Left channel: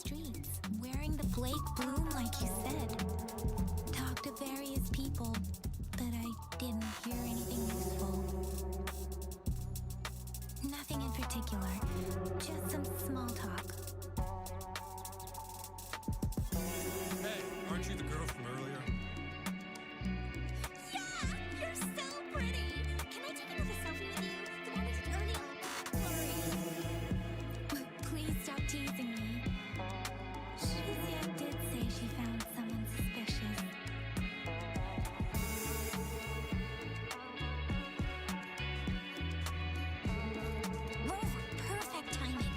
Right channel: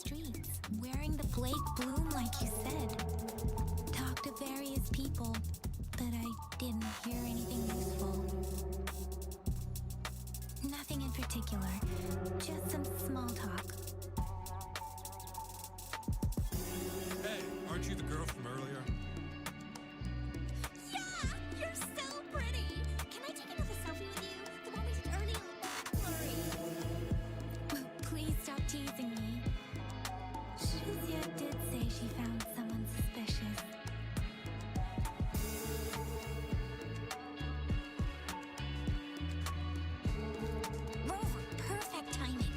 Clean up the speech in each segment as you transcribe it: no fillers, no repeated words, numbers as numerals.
streets, wearing the Blake bloom like you said. Talked to various people, but I didn't hear anything useful. Nothing in particular, just some small talk. Hey, aren't you the girl from earlier? Yeah, you're so pretty. Can I take another selfie with you? The one we did earlier with Blurry. Please stop teasing me. Shizia did say she found someone suspicious. Rover, perfect timing.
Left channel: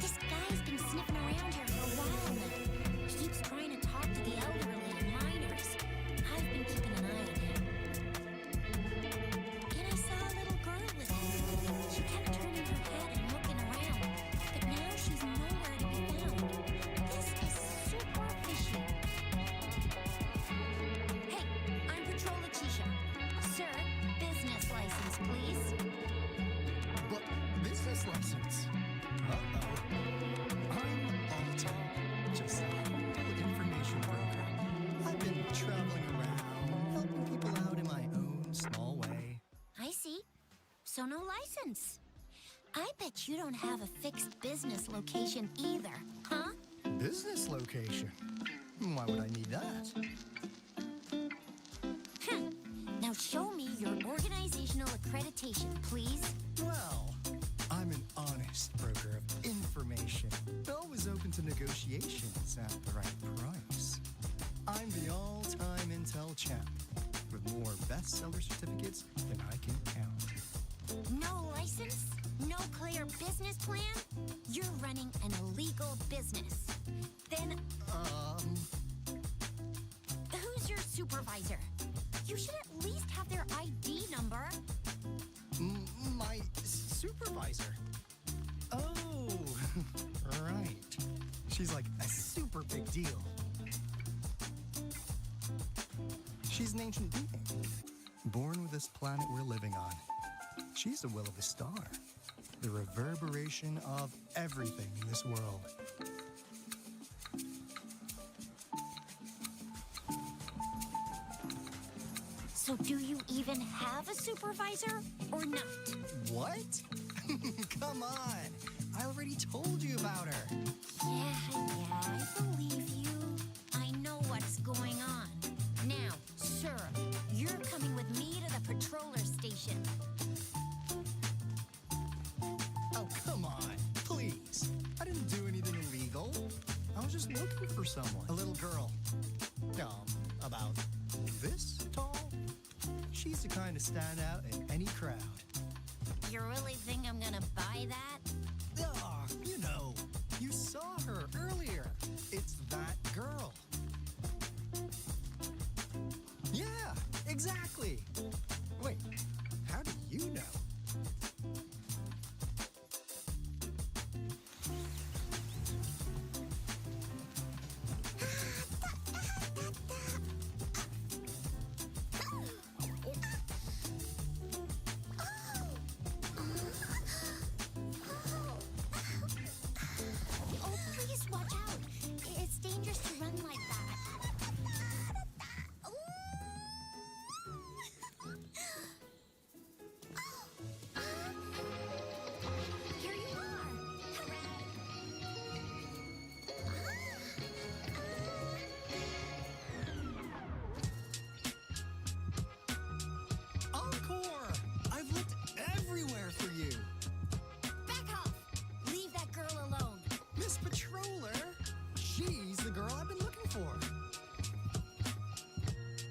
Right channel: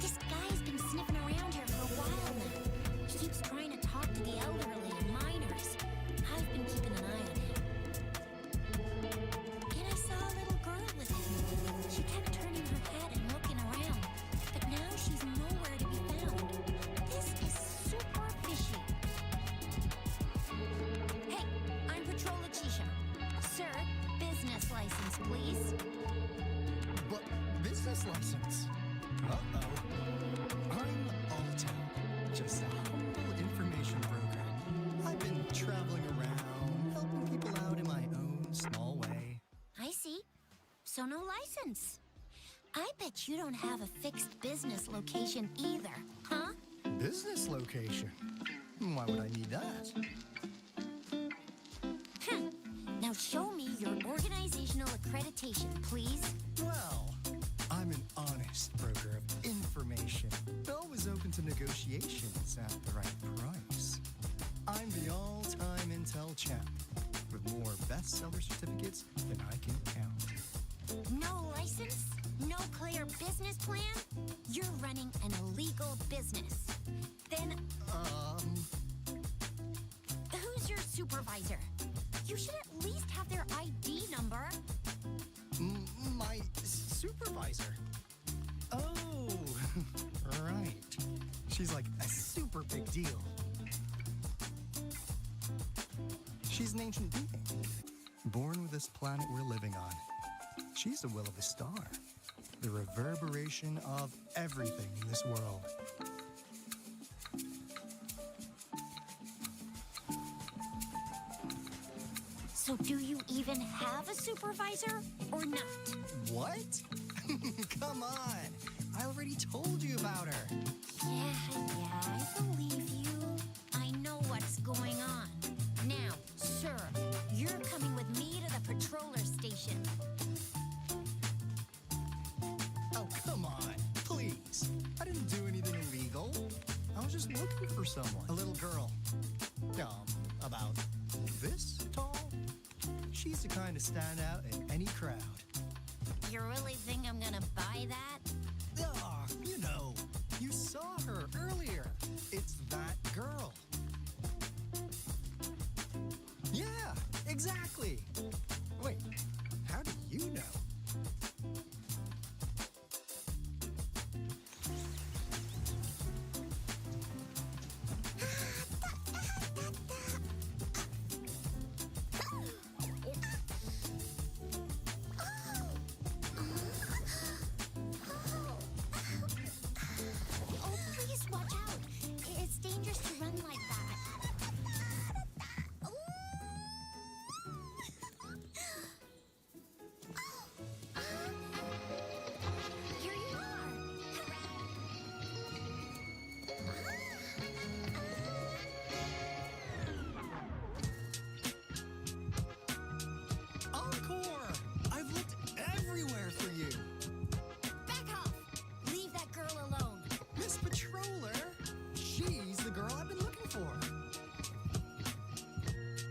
This guy's been sniffing around here for a while now. He keeps trying to talk to the elderly and minors. I've been keeping an eye on him. And I saw a little girl with him. She kept turning her head and looking around, but now she's nowhere to be found. This is super fishy. Hey, I'm Patrol Letitia. Sir, business license, please. What? Business license? Uh-oh. I'm Alto, just a humble information broker. I've been traveling around, helping people out in my own small way. I see. So no license. I bet you don't have a fixed business location either, huh? Business location? Why would I need that? Now show me your organizational accreditation, please. Well, I'm an honest broker of information, always open to negotiations at the right price. I'm the all-time intel champ, with more bestseller certificates than I can count. No license? No clear business plan? You're running an illegal business. Then who's your supervisor? You should at least have their ID number. My supervisor? Oh, right. She's like a super big deal. She's an ancient being, born with this planet we're living on. She's the will of the star, the reverberation of everything in this world. So do you even have a supervisor or not? What? Come on. I already told you about her. Yeah, I believe you. I know what's going on. Now, sir, you're coming with me to the patroller station. Oh, come on. Please. I didn't do anything illegal. I was just looking for someone. A little girl. About this tall. She's the kind to stand out in any crowd. You really think I'm gonna buy that? Ah, you know. You saw her earlier. It's that girl. Yeah, exactly. Wait, how do you know? Oh, please watch out. It's dangerous to run like that. Here you are. Encore! I've looked everywhere for you. Back off. Leave that girl alone. Miss Patroller, she's the girl I've been looking for.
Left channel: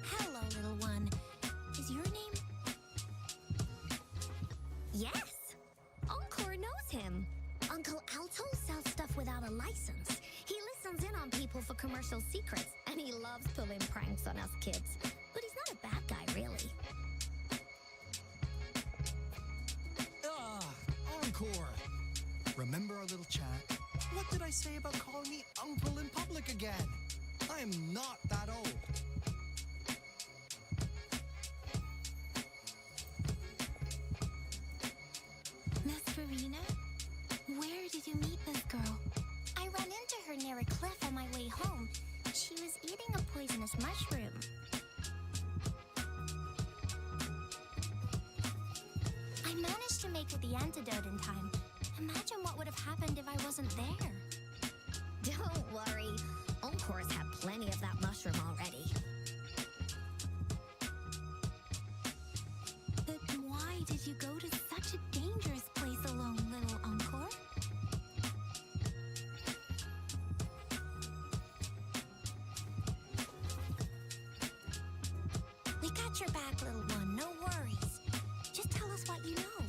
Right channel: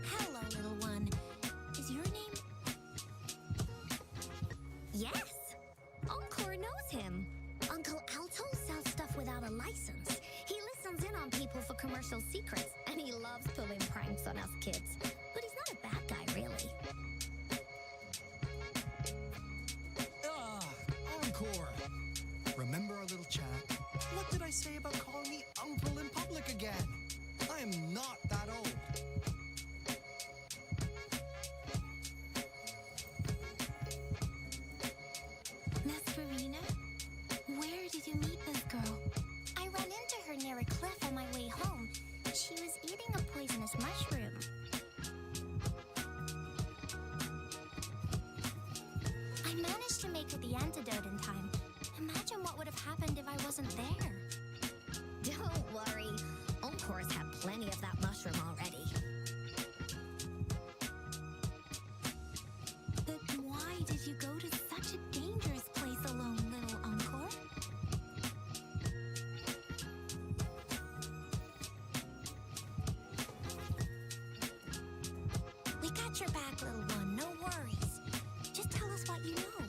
Hello, little one. Is your name? Yes. Encore knows him. Uncle Alto sells stuff without a license. He listens in on people for commercial secrets, and he loves pulling pranks on us kids. But he's not a bad guy, really. Encore! Remember our little chat? What did I say about calling me uncle in public again? I am not that old. Miss Farina, where did you meet this girl? I ran into her near a poisonous mushroom. I managed to make it the antidote in time. Imagine what would have happened if I wasn't there. Don't worry. Encore's had plenty of that mushroom already. But why did you go to such a dangerous place alone, little Encore? We got your back, little one. No worries. Just tell us what you know.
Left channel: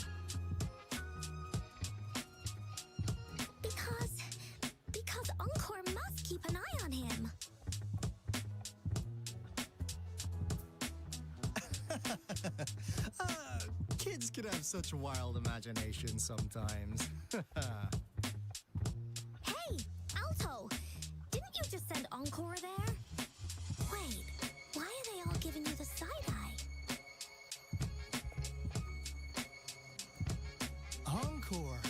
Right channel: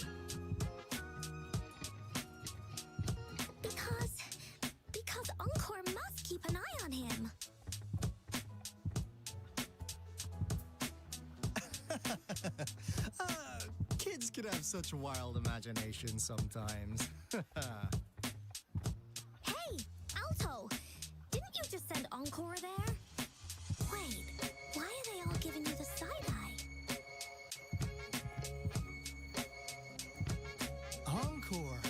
Because Encore must keep an eye on him. Kids can have such wild imaginations sometimes. Hey, Alto! Didn't you just send Encore there? Wait, why are they all giving you the side-eye? Encore.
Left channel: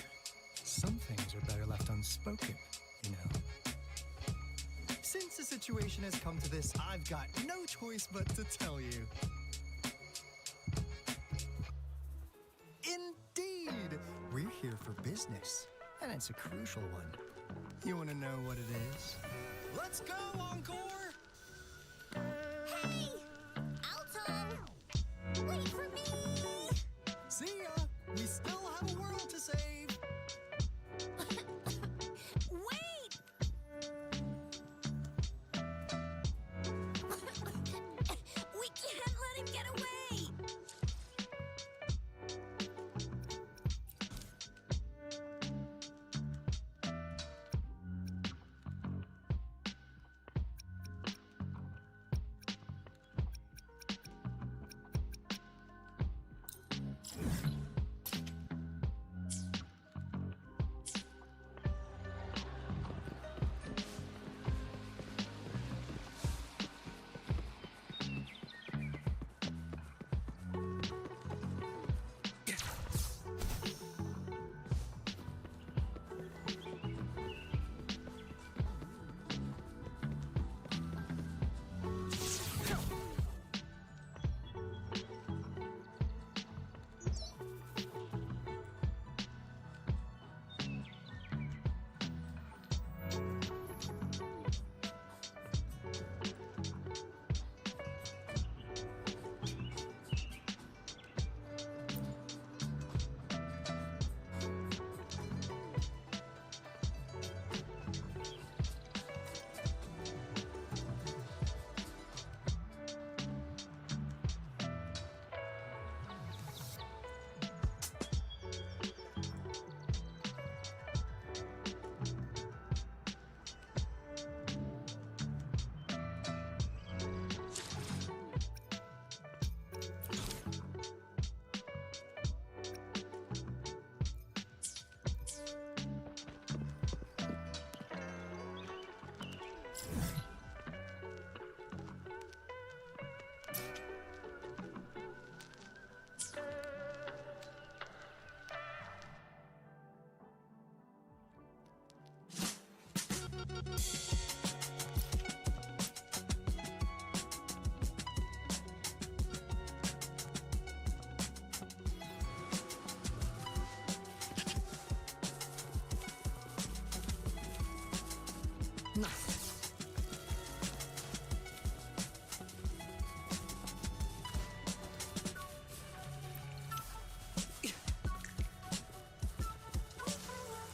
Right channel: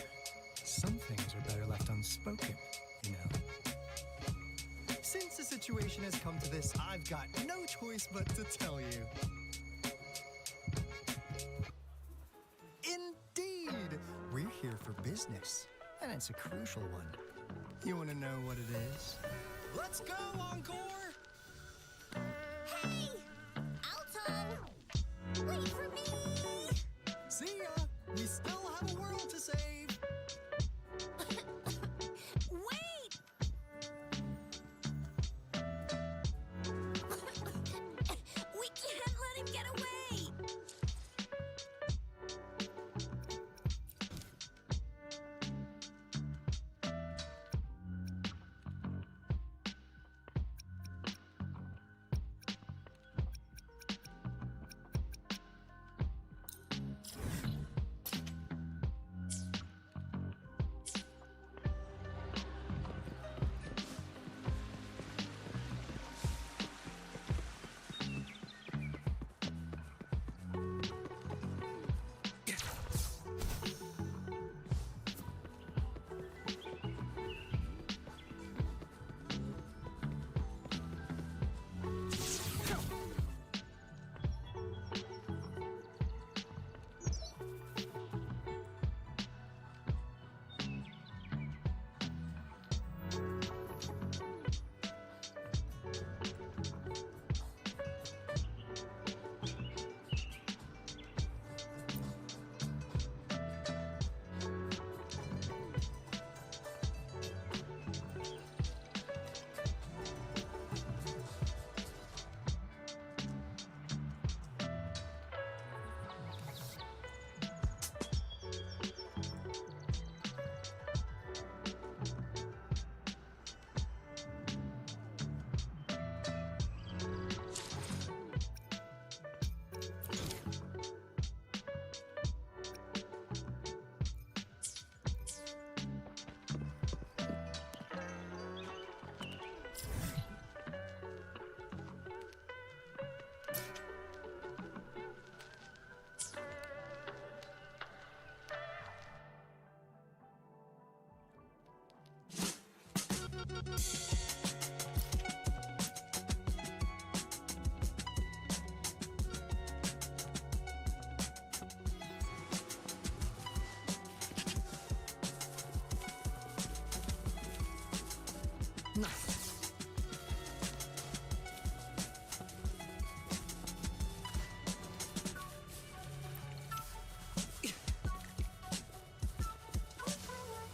Some things are better left unspoken, you know. Since the situation has come to this, I've got no choice but to tell you. Indeed! We're here for business, and it's a crucial one. You want to know what it is? Let's go, Encore! Hey! Alto! Wait for me! See ya! We still have a world to save! Wait! We can't let him get away!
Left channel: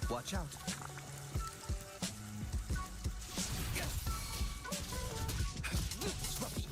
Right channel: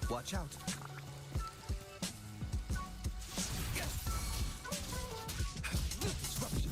Watch out. Disruption.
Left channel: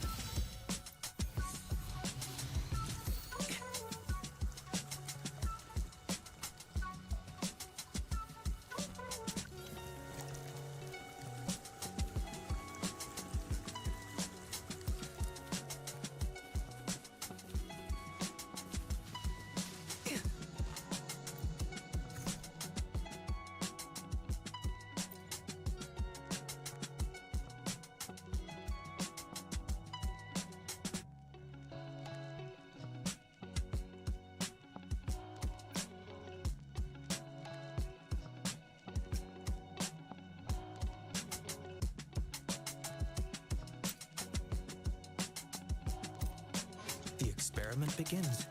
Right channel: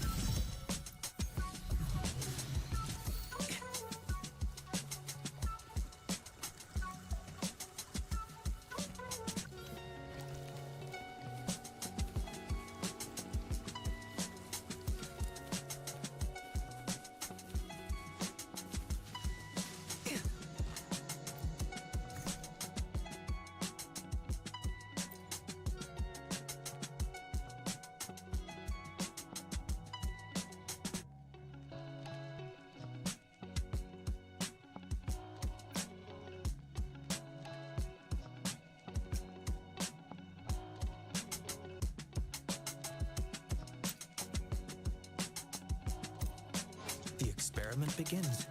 The experiment begins.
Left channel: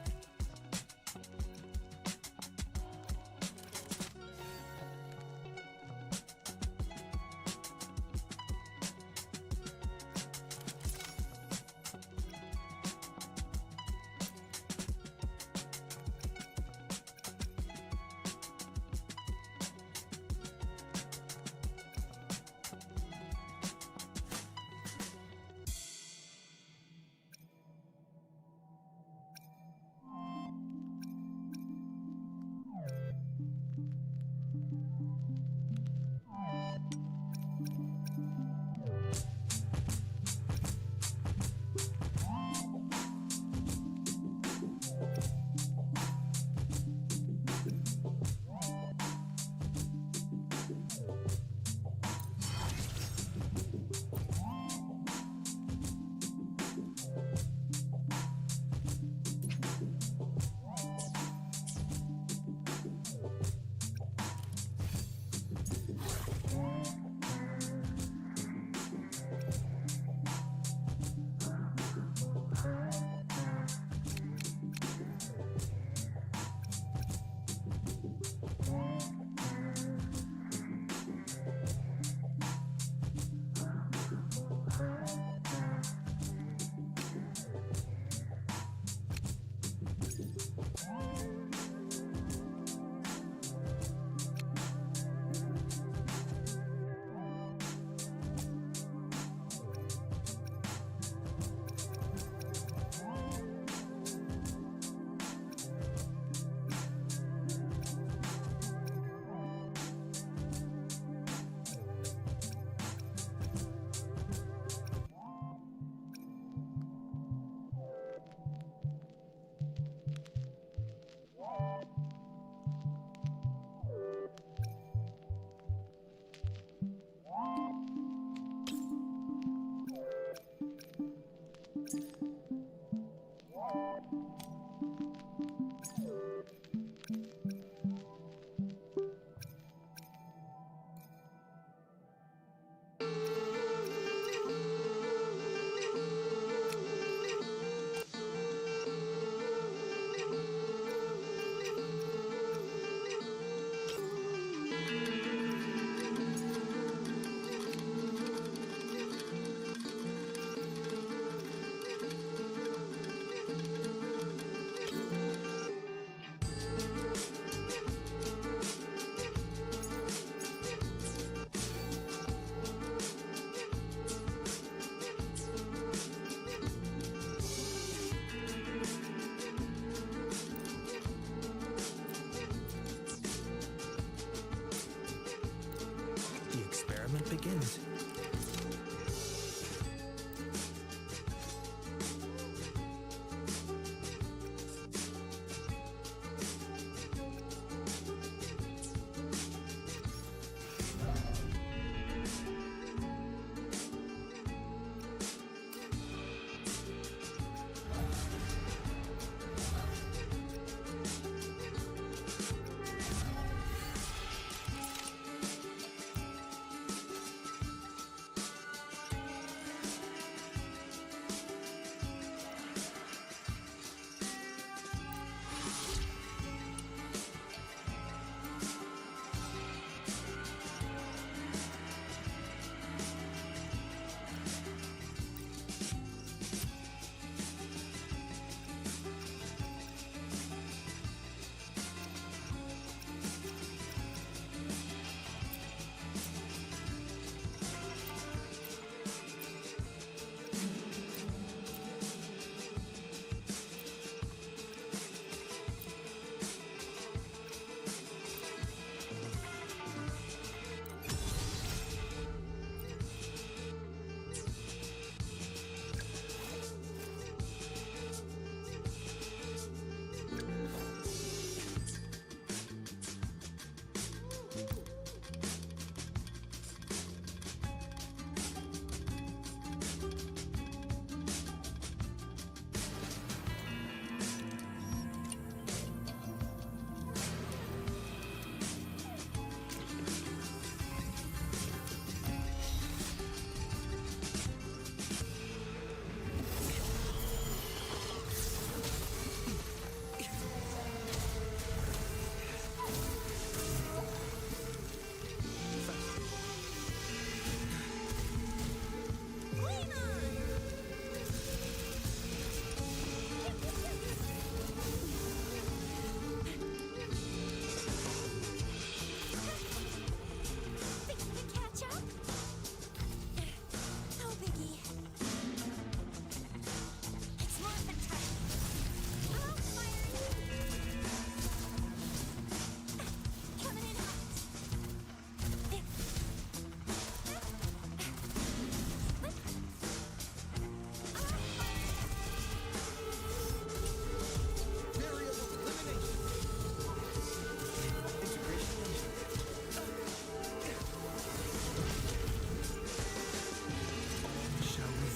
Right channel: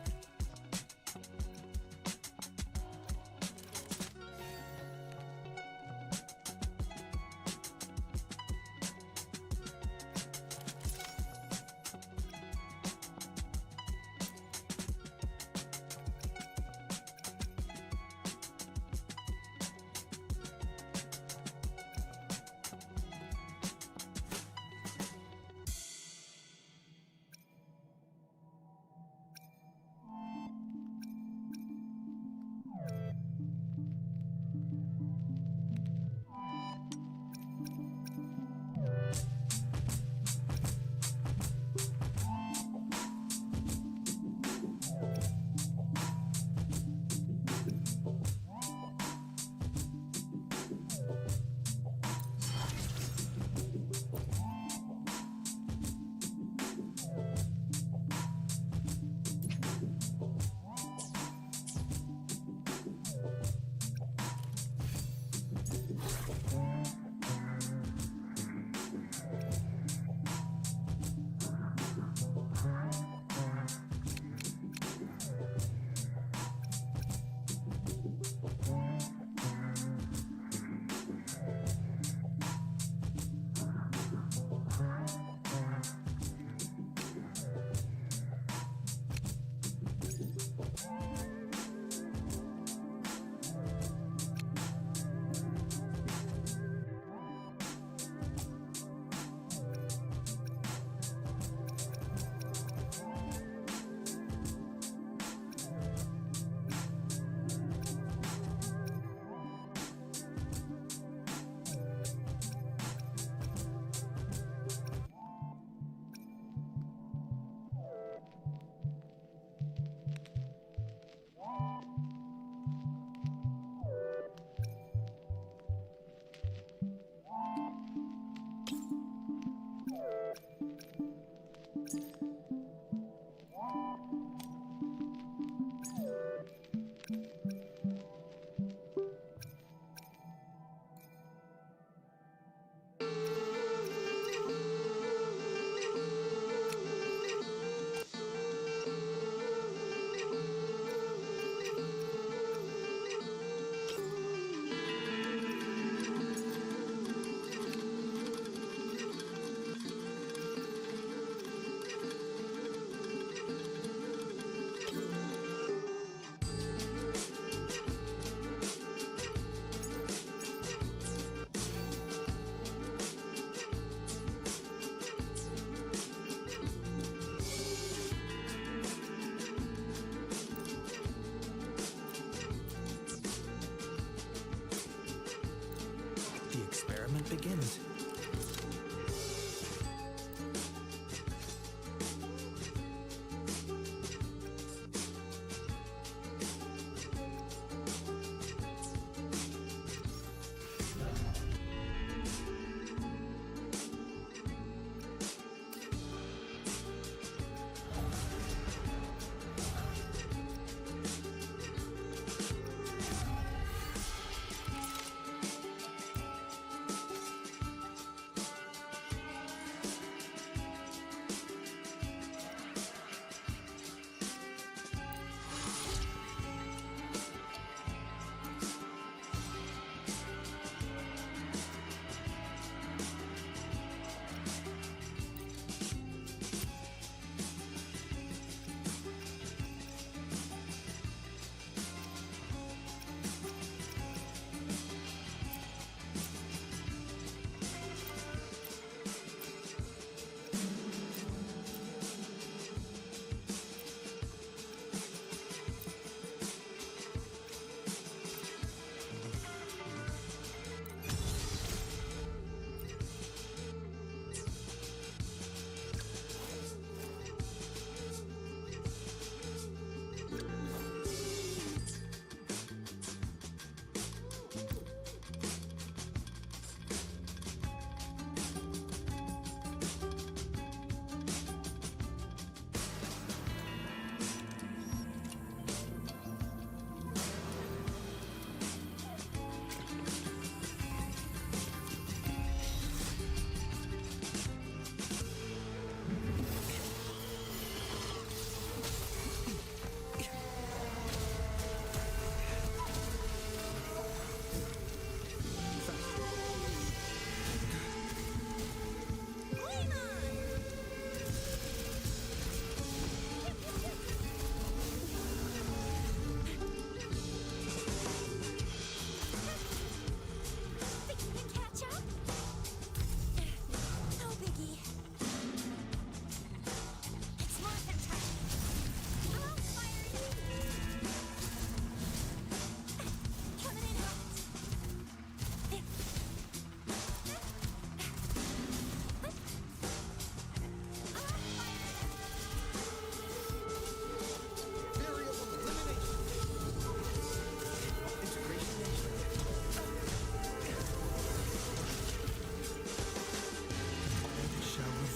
The experiment begins.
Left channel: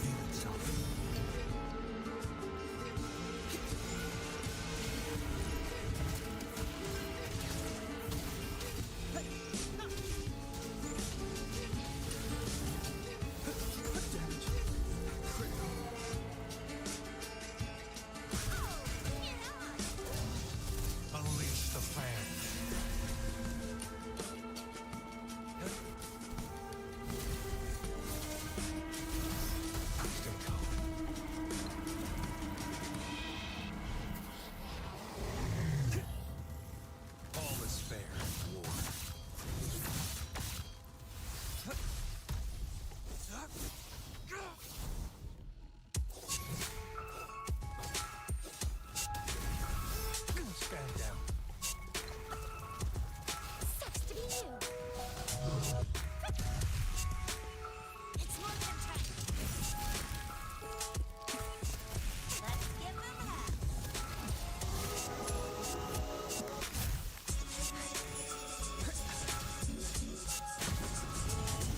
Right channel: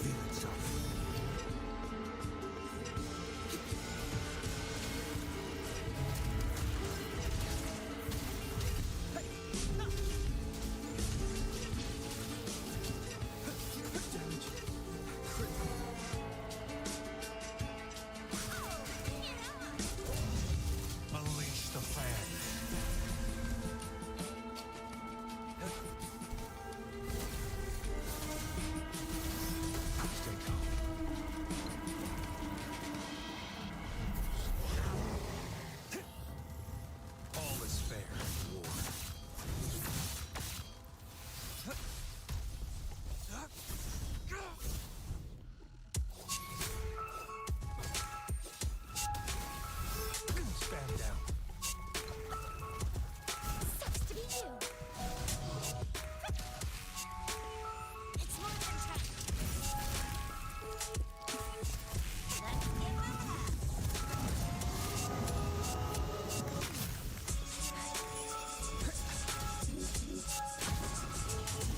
reveal itself. Damage. Critical. Oh, bring it on! Unleash the fan. Stay calm. All is fair in war. Stand down. Sucks to be you. It's more than time. Let's give him that.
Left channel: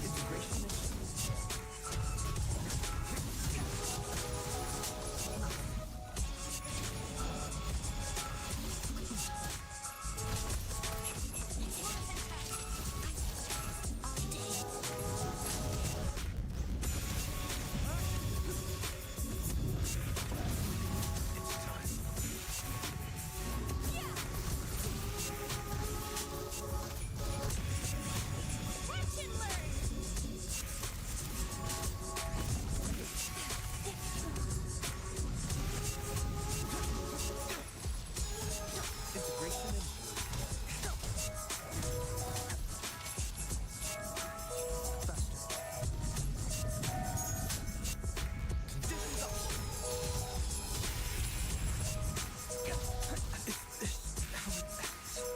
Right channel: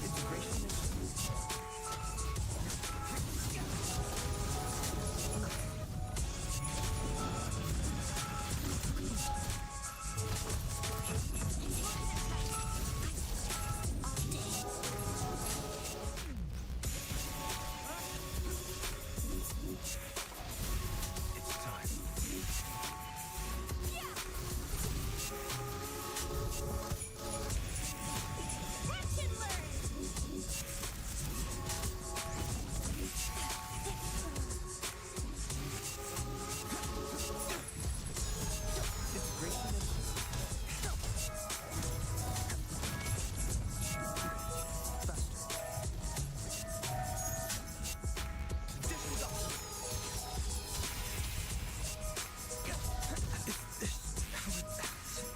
Integration is It's more than time. All day. it's time. Yeah. Watch and learn. Integration is faster. Conditions up. Is this how it ends?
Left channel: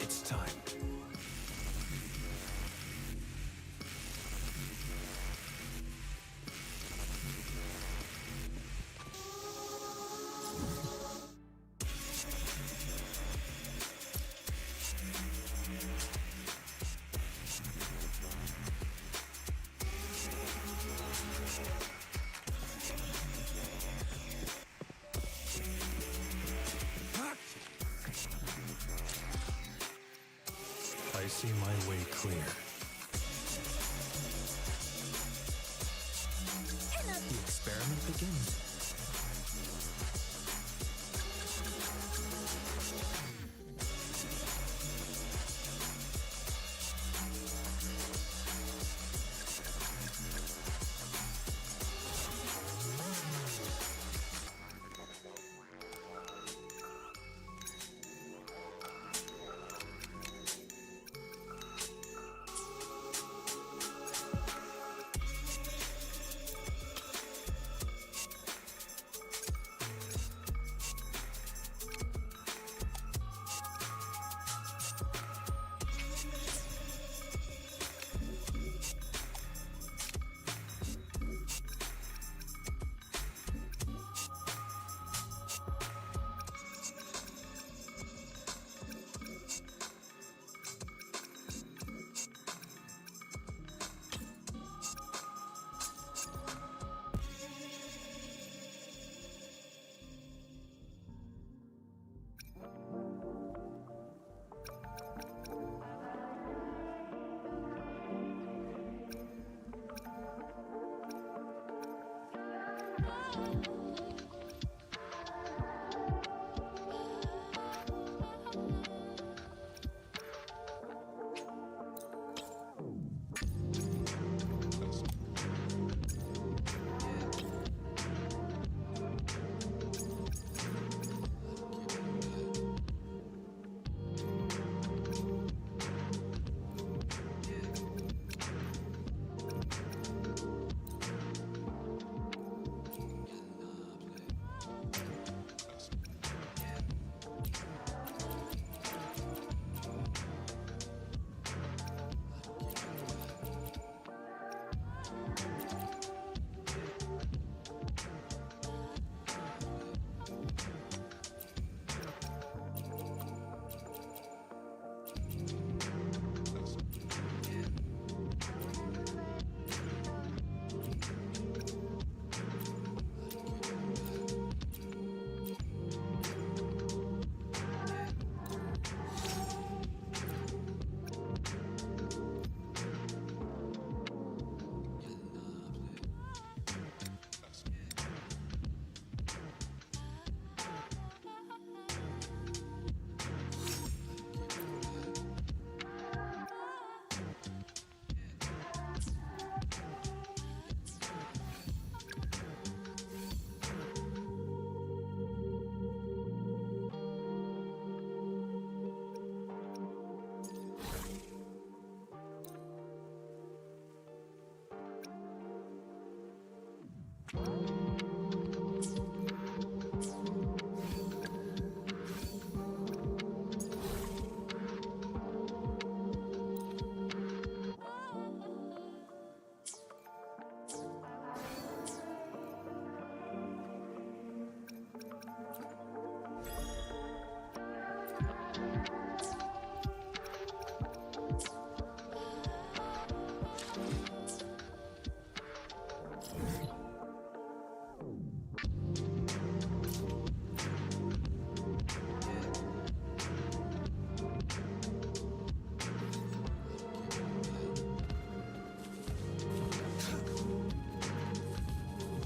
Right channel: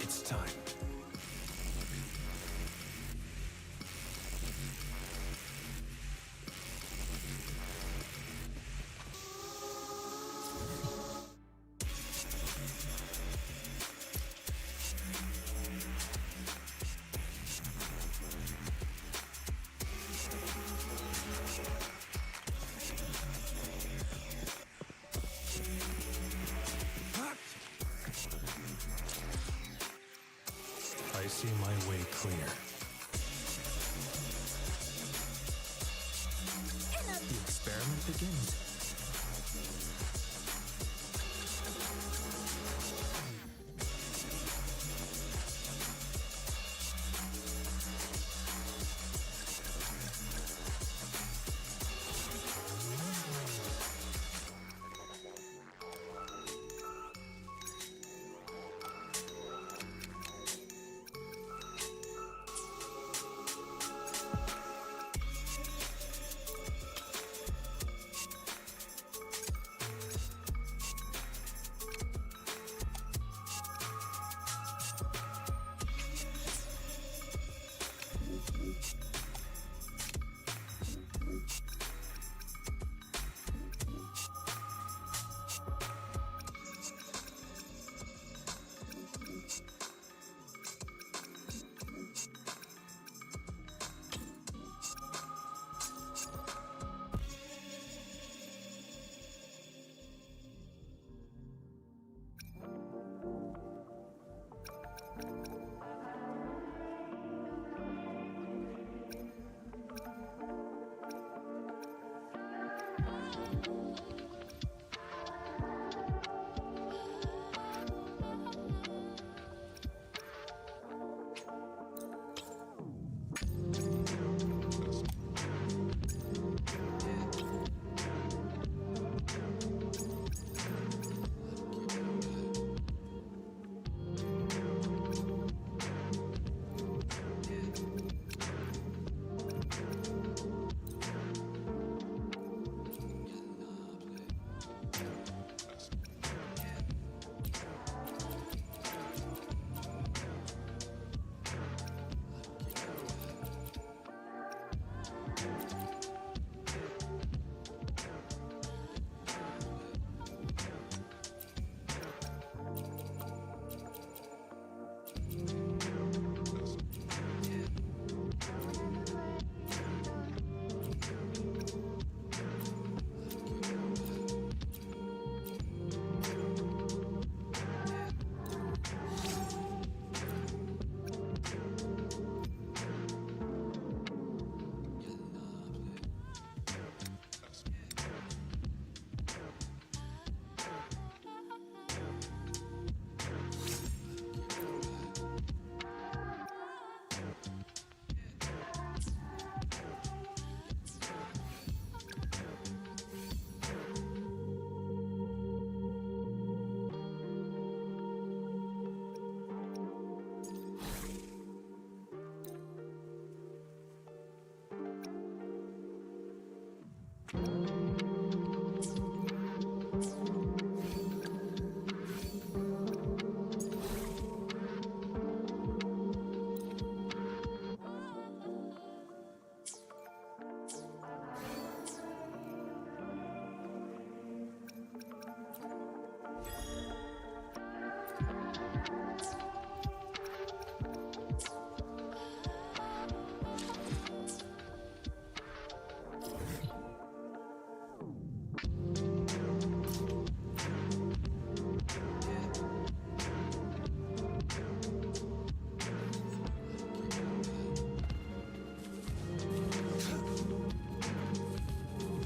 It's time. I see my way clear. The experiment begins.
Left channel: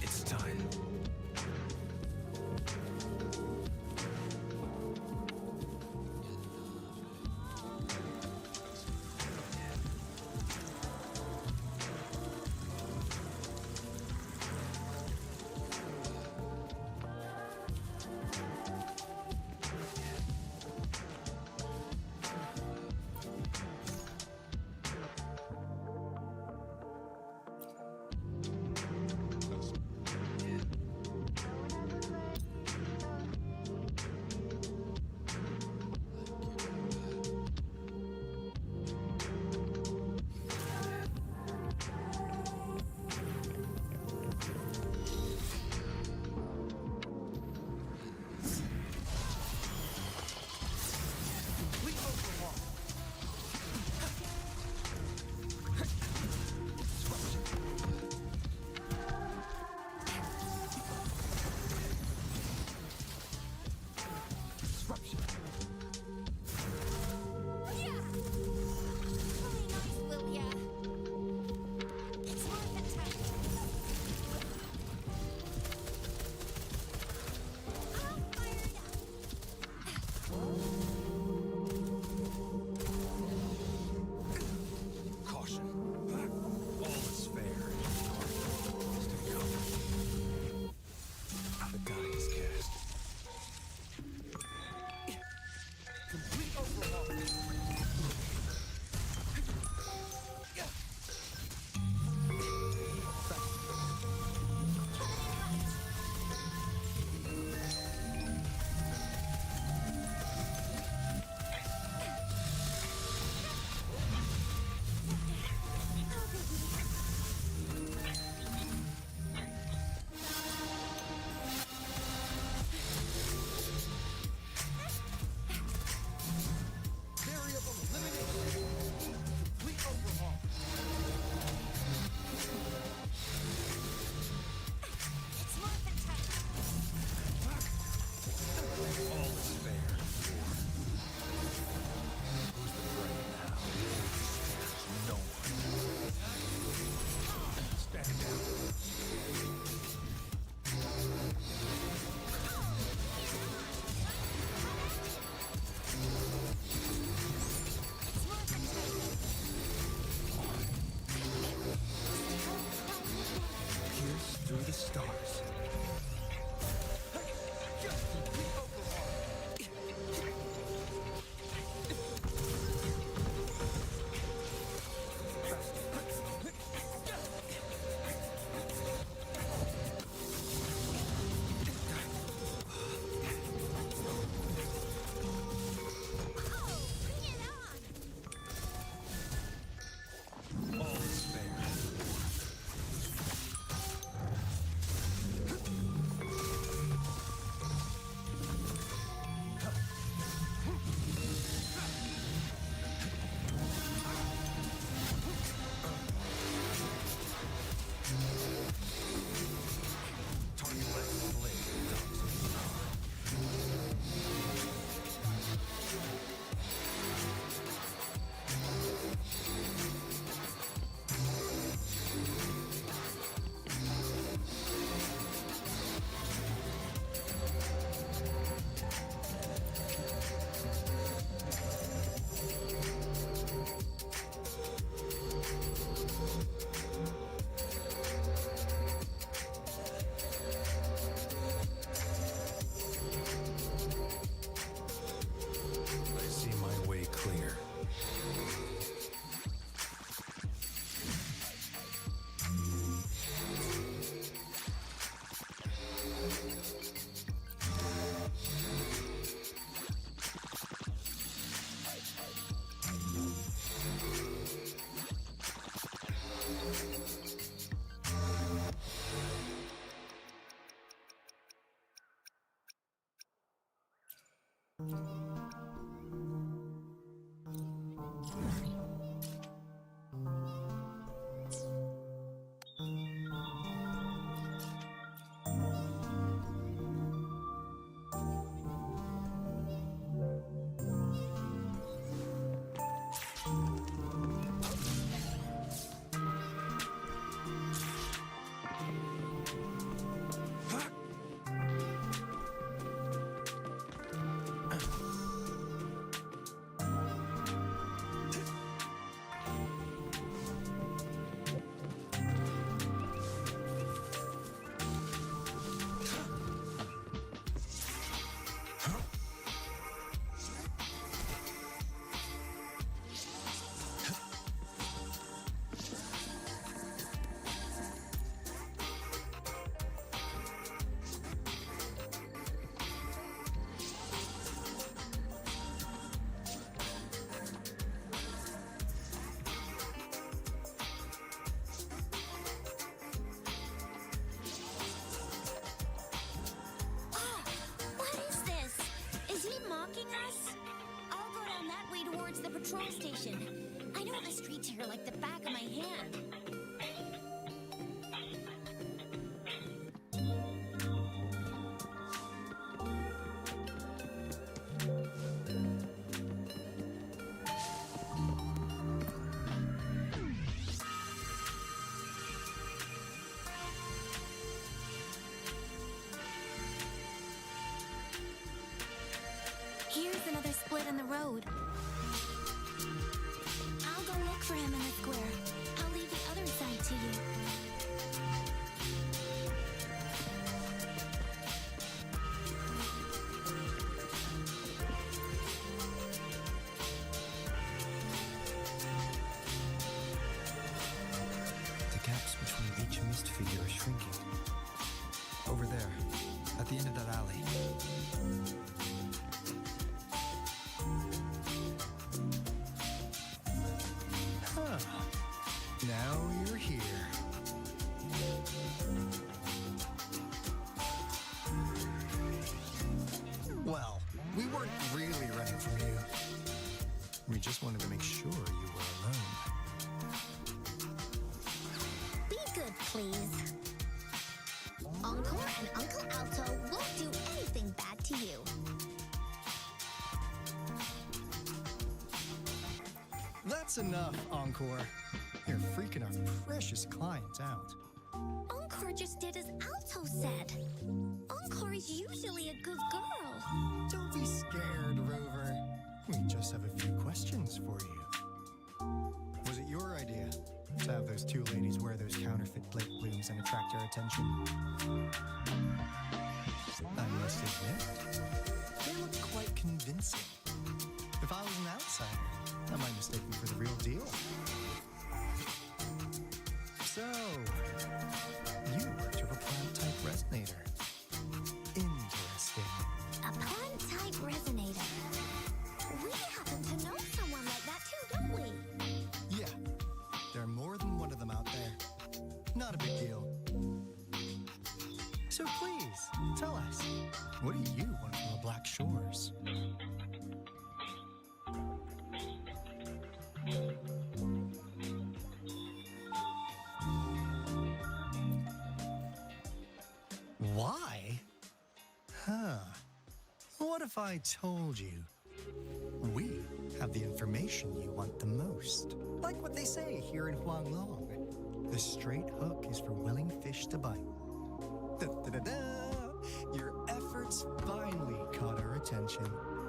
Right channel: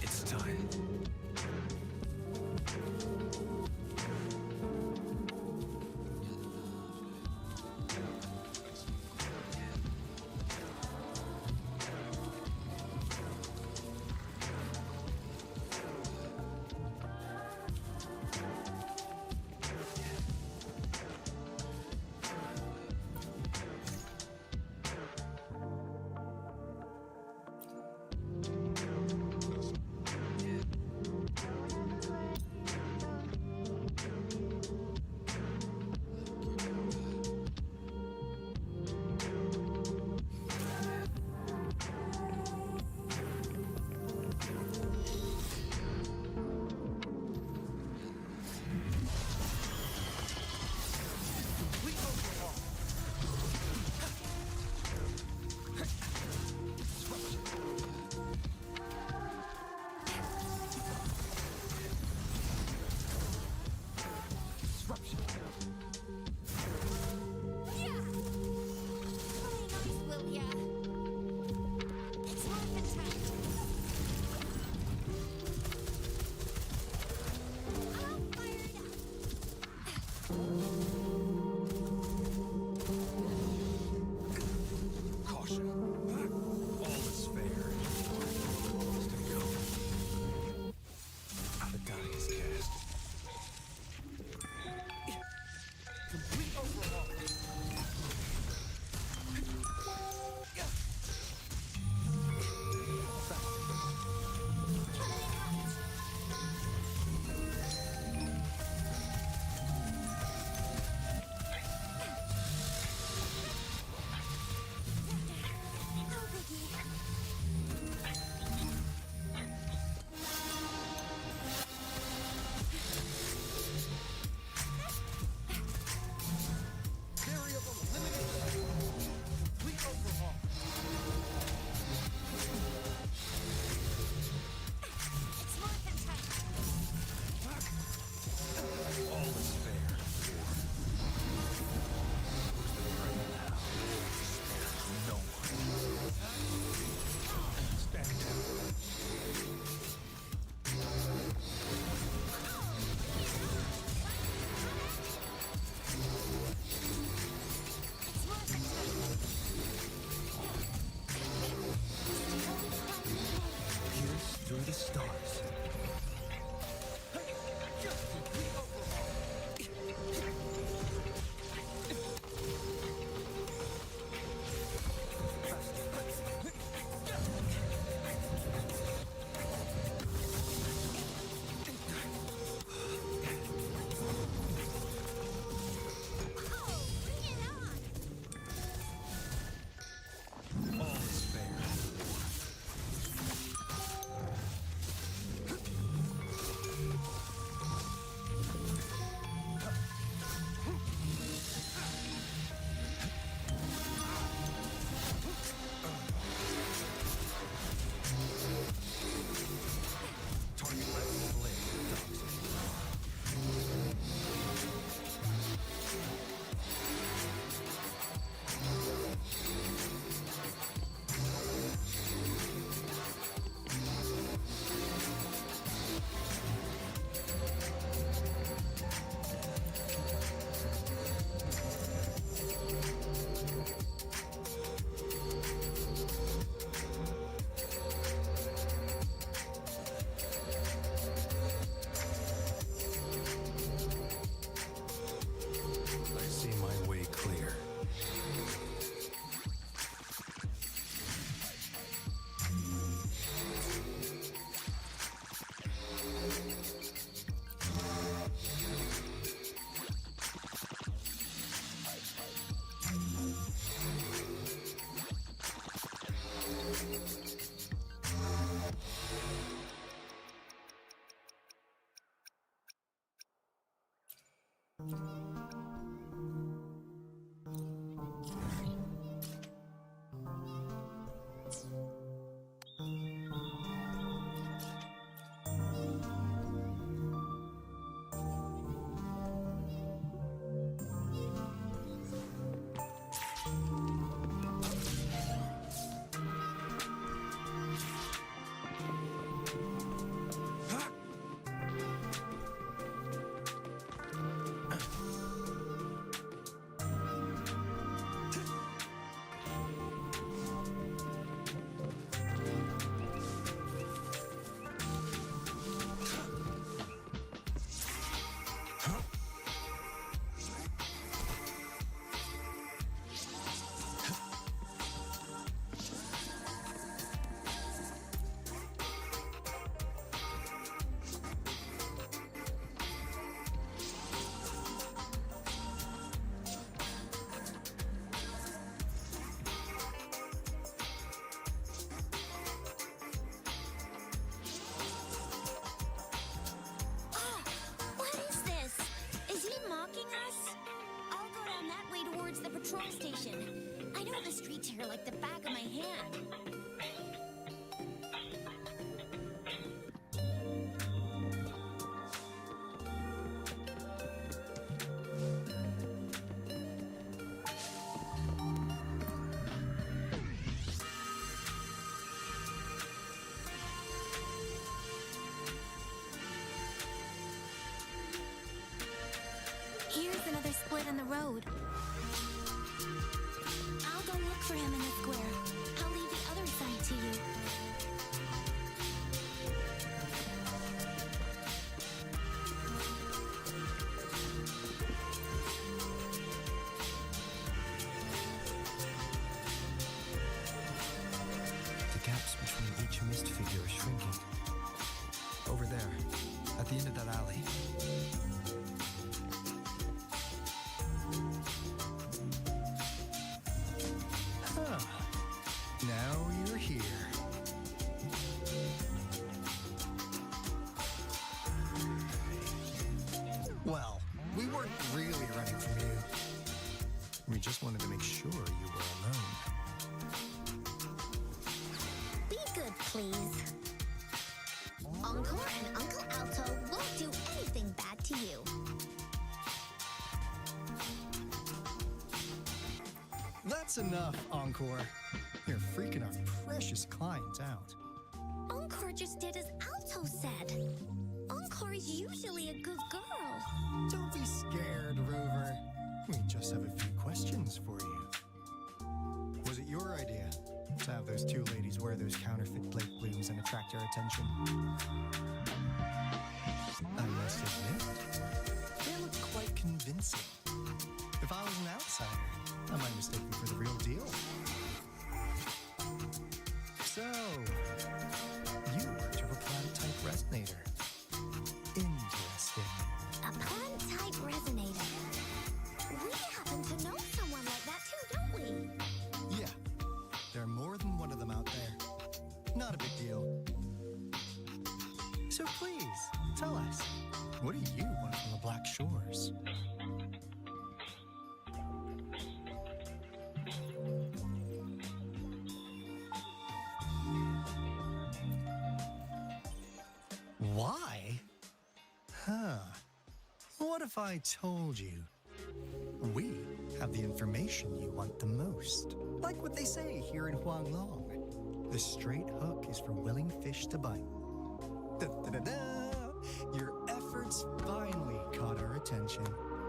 It's time. Complete overhaul. Disruption. Really nice, will ya? It's morphin' time. I'm fired up. Caution. All is fair. Stay calm. The die is cast. Complete overhaul. Coming in hot. Oh, biggie. Variable elimination. Complete overhaul. It's morphin' time. All is fair. War. Who's the prey now? War spares no one. Stand down. Oh, bring it on. Time to cut action. It's morphin' time. Still climbing there. Pierce through the stars. Complete overhaul. Oh, bring it on. All is fair. Target let slip, dogs of war. I see my way clear. hurry towards the patrol station. I know the streets here like the back of my hand. Here's another split in the road. I'll go look for him in the square. I'll leave the other side to you. The gaps between each mist figure are shrinking. Over there, at the end of that alley. Now you're here. Well, we weren't really running from you. We just wanted to make sure you were alone. Be good, please. Encore and Uncle Alto won't do anything bad to you. That's enough, Encore. You're freaking our precious clients out. Encore just did as Alto said. Encore is usually a good girl. Don't be scared, Rover. We just have a few questions for you. Was it your idea to have those two ladies wear those counterfeit Blake blooms and attract our attention? I must admit, they look quite convincing. If I was an outsider, I might mistake them for the real deal. So, you worked with a plant-type resonator. Interesting. A plant-type resonator. We happen to know someone like that too, don't we? Yeah, there are more than one of them out there. Not a big deal. So please, tell us, what do you want from the Black Shores? Why? What if I told you we have the information you want the most? Like what they say here in Huanglong. The straight hook is for willing fish to bite. Da-da-da-da! Your efforts finally caught our attention.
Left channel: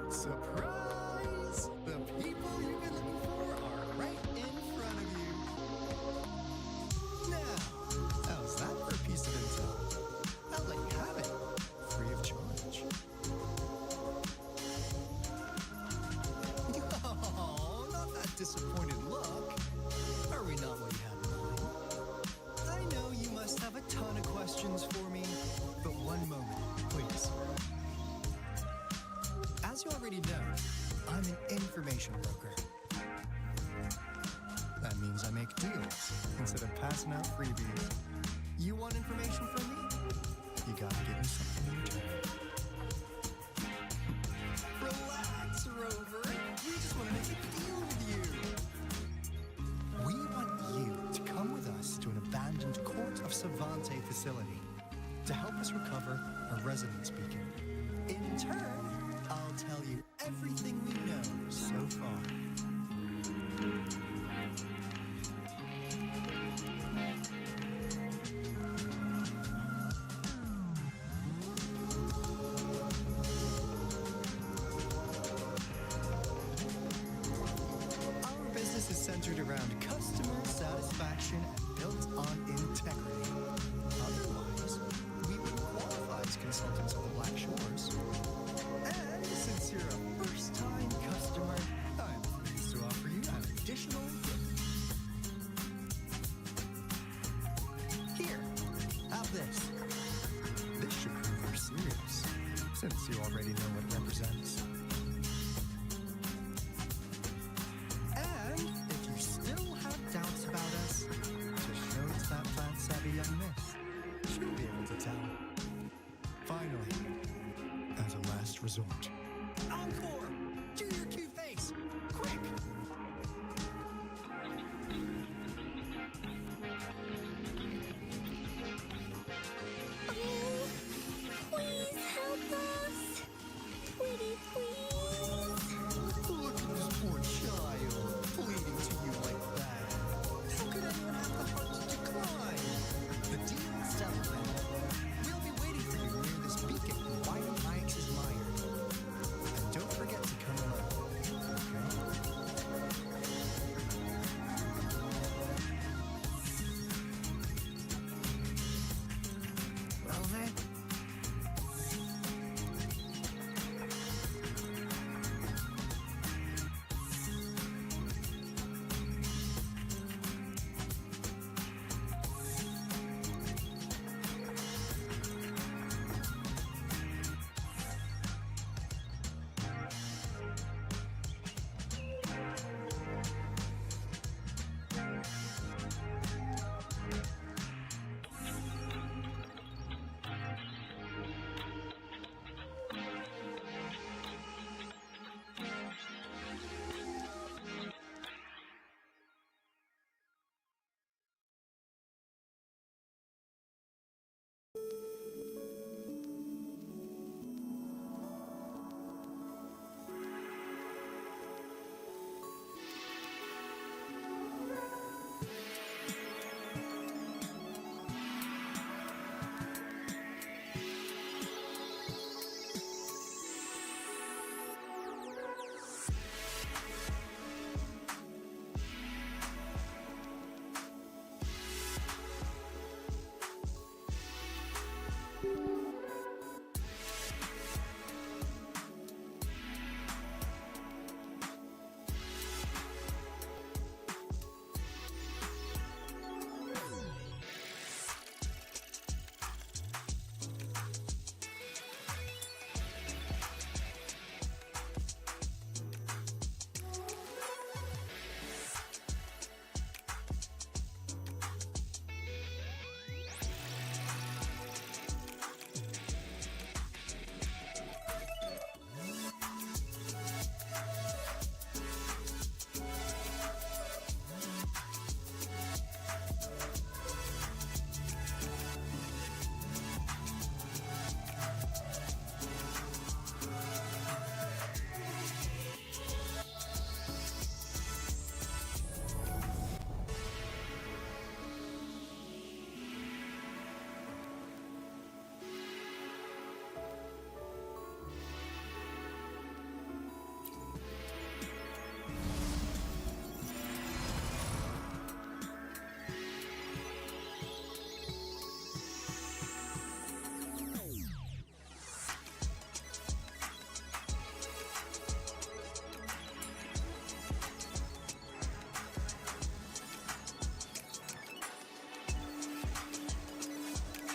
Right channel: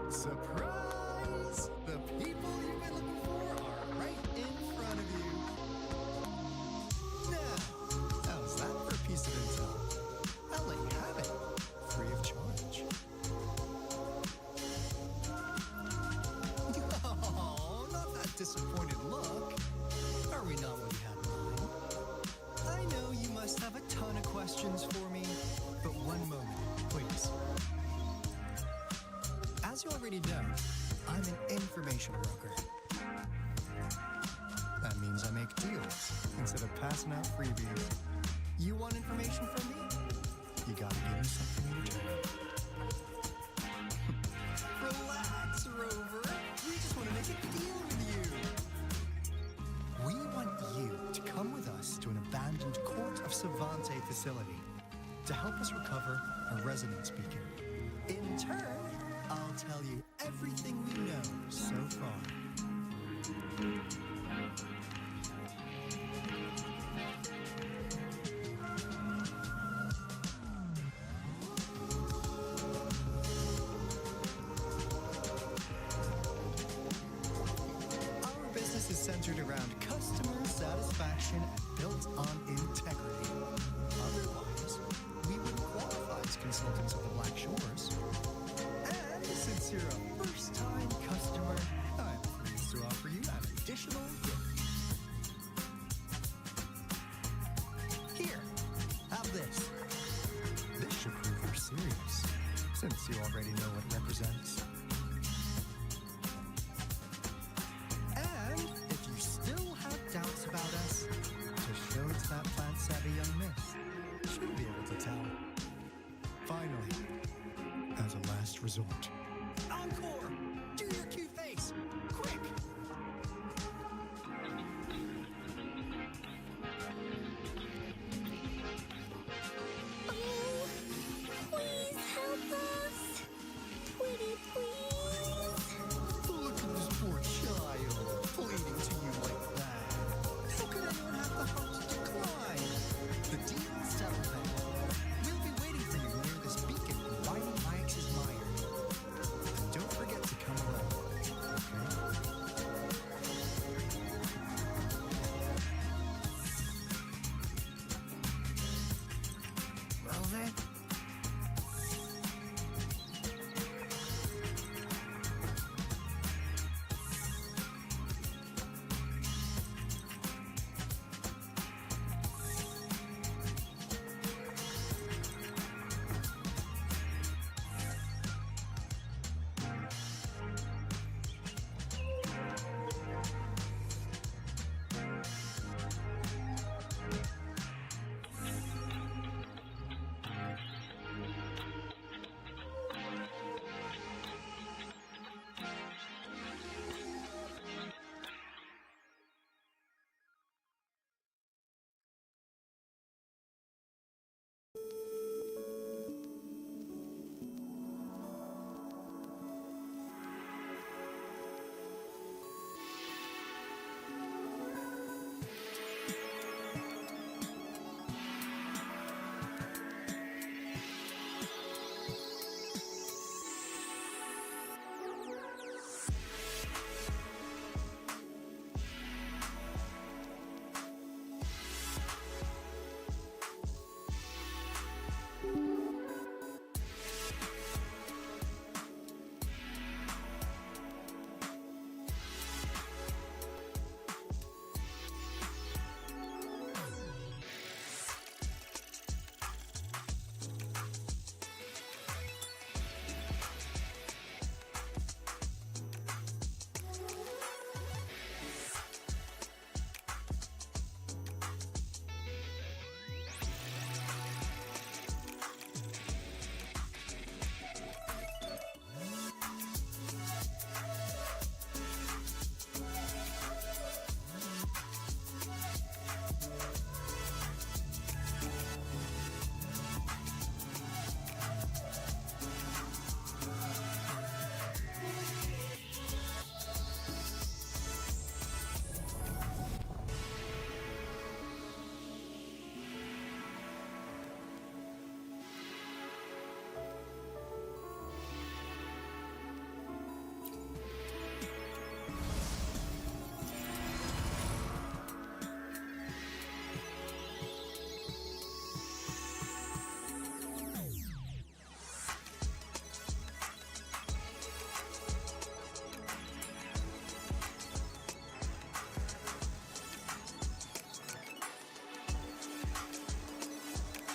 Surprise! The people you've been looking for are right in front of you. Now, how's that for a piece of intel? I'll let you have it, free of charge. Oh, not that disappointed look. Are we not what you had in mind? I know you must have a ton of questions for me, but one moment, please. As you already know, I'm an information broker. That means I make deals instead of passing out freebies. You want information from me? You gotta give me something in return. Relax, Rover. We just want to make a deal with you. We want you to come with us to an abandoned Court of Savante facility to help us recover a resonance beacon. In turn, I'll tell you everything we know so far. Business is centered around customer satisfaction and built on integrity. Otherwise, we wouldn't qualify as consultants of the Black Shores. And since you're a first-time customer, I'm pleased to offer you an additional gift. Here, have this. This should prove you're serious, since you already know what it represents. Doubts about us, just show it to that plant-savvy young miss. She'll be able to tell. Finally, as a last resort, Encore! Do your cute face! quick! Oh, please help us. Pretty please. Look at this poor child, pleading to you like that. How could anyone have the heart to decline? The deal's settled then. We'll be waiting for you near this beacon in Whining Ix's Mire. And don't forget to come alone, okay? Rover?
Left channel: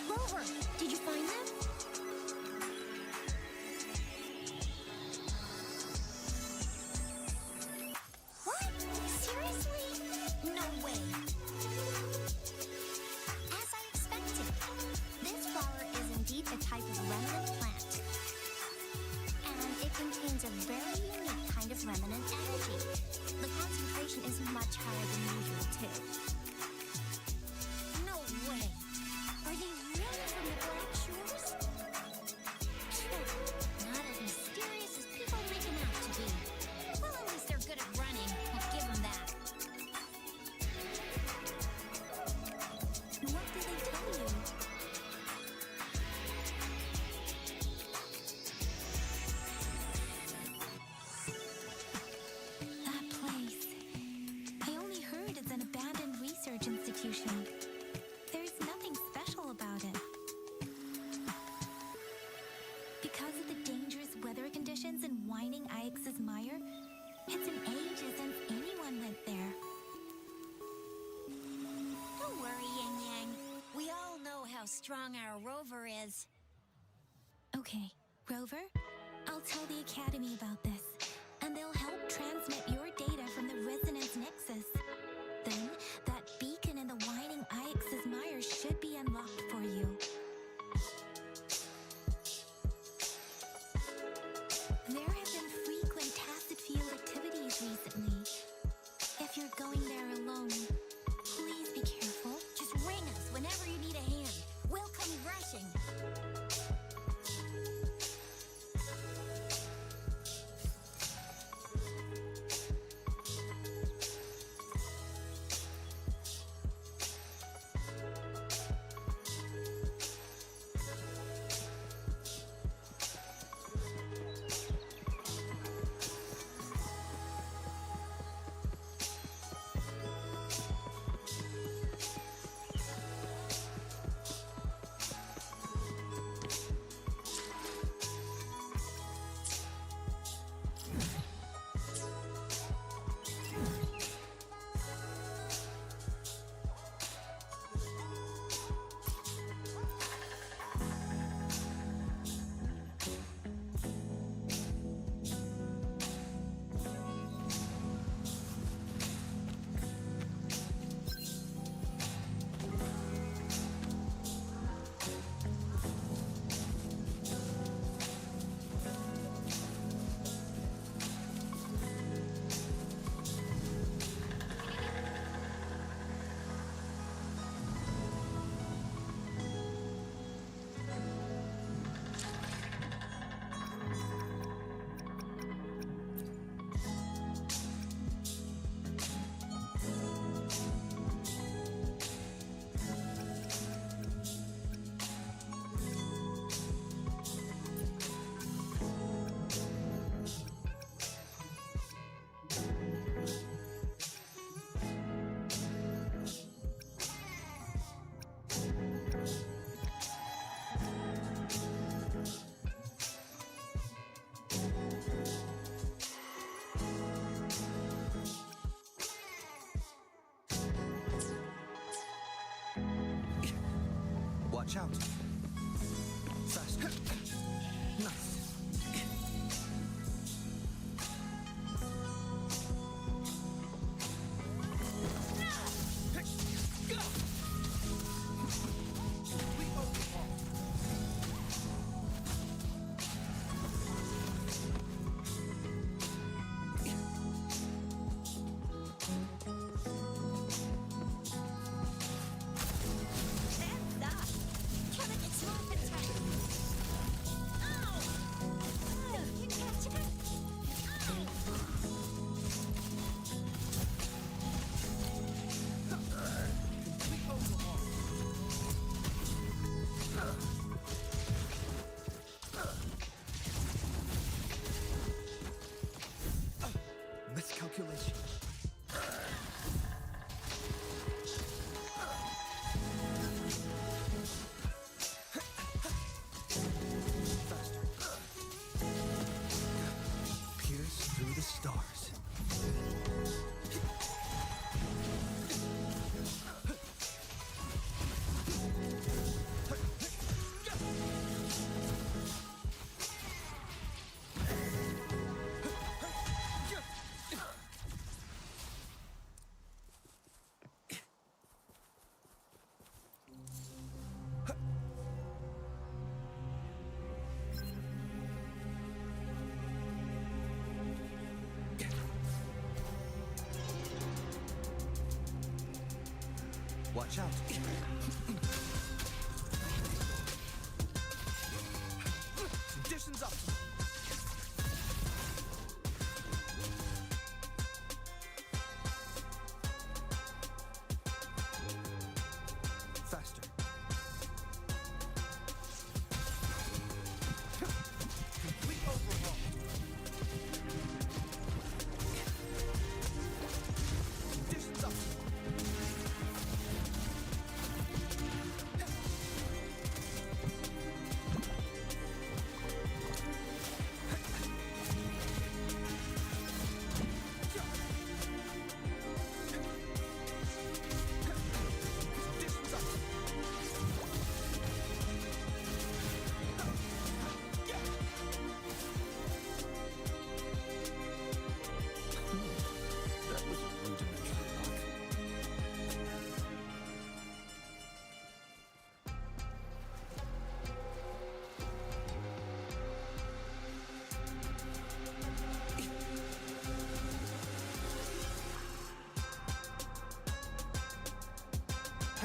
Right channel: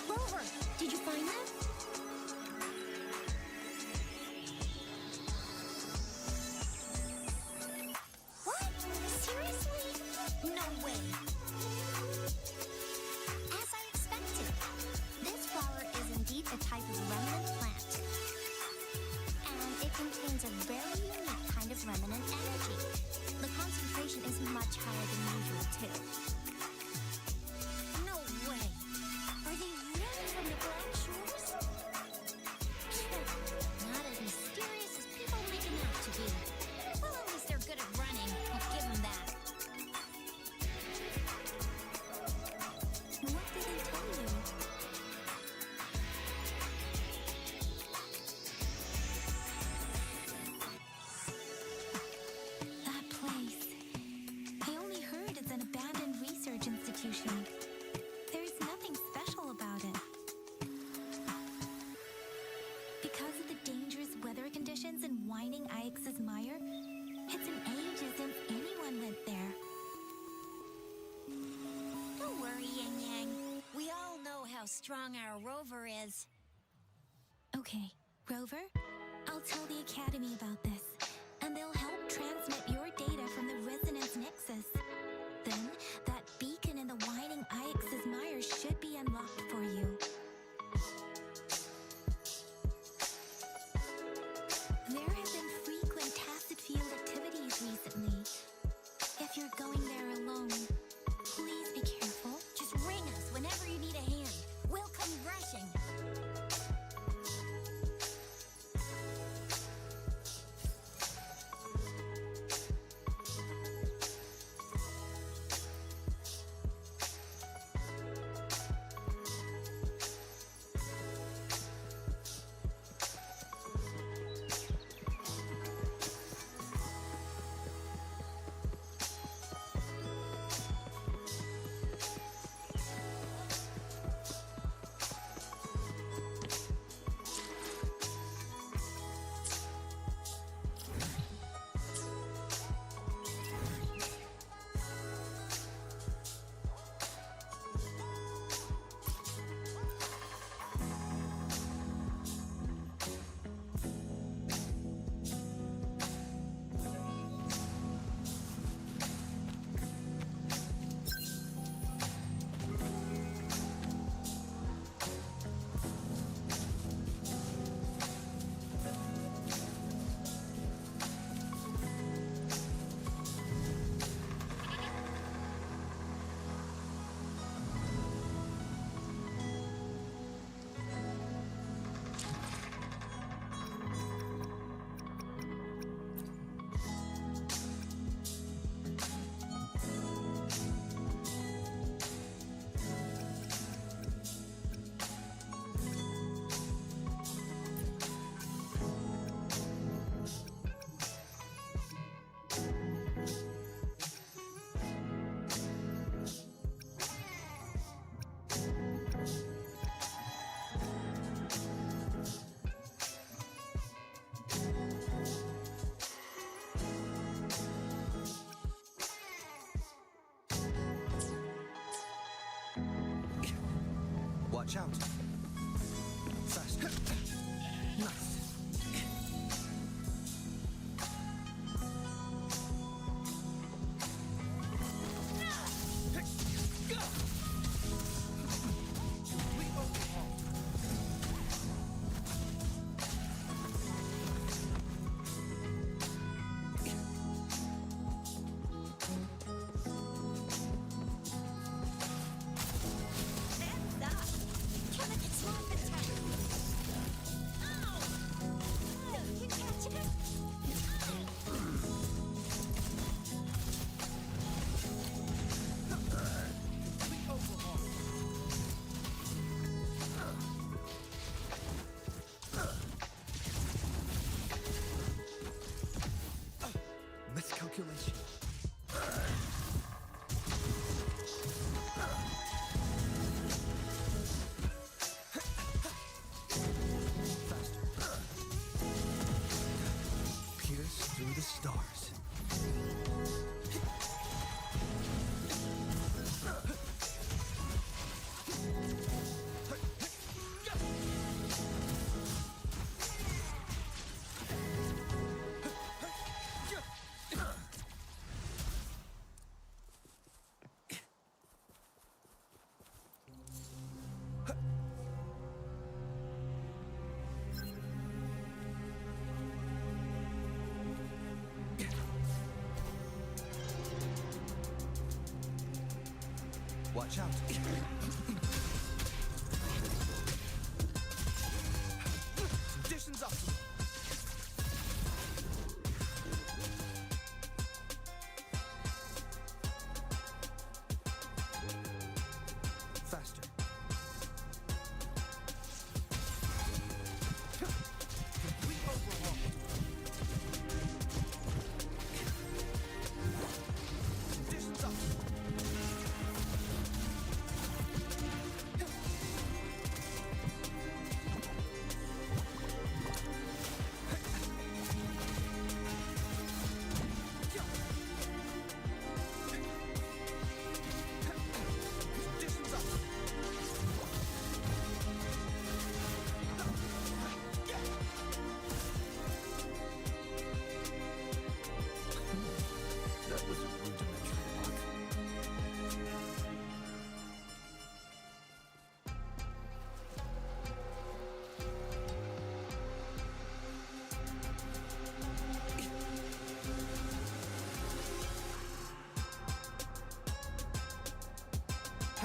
Rover, did you find them? What? Seriously? No way. As I expected, this flower is indeed a type of remnant plant. And it contains a very unique kind of remnant energy. The concentration is much higher than usual, too. No way. Are they really from the Black Shores? Not as mysterious as people make them out to be. Well, at least they're good at running. I'll give them that. What did they tell you? That place. I only heard it's an abandoned research institution. There's nothing special about it. Because of the dangerous weather conditions in Whining Ix's Mire, it's been ages since anyone went there. Don't worry, Yang Yang. We all know how strong our rover is. Okay, Rover, I'll tell the Academy about this, and they'll help transmit your data from the Resonance Nexus. Then, that beacon in the Whining Ix's Mire should be unlocked for you. There have been frequent tacit field activities place recently. If you're going there alone, please be careful. Just ring us whenever you need a hand. We'll come rushing. Watch out. Faster. Nice. Complete overhaul. Complete overhaul. Miscalculation. Faster. Pierce through the stars. Watch out. Conditions optimal. Faster. Complete overhaul. Conditions optimal.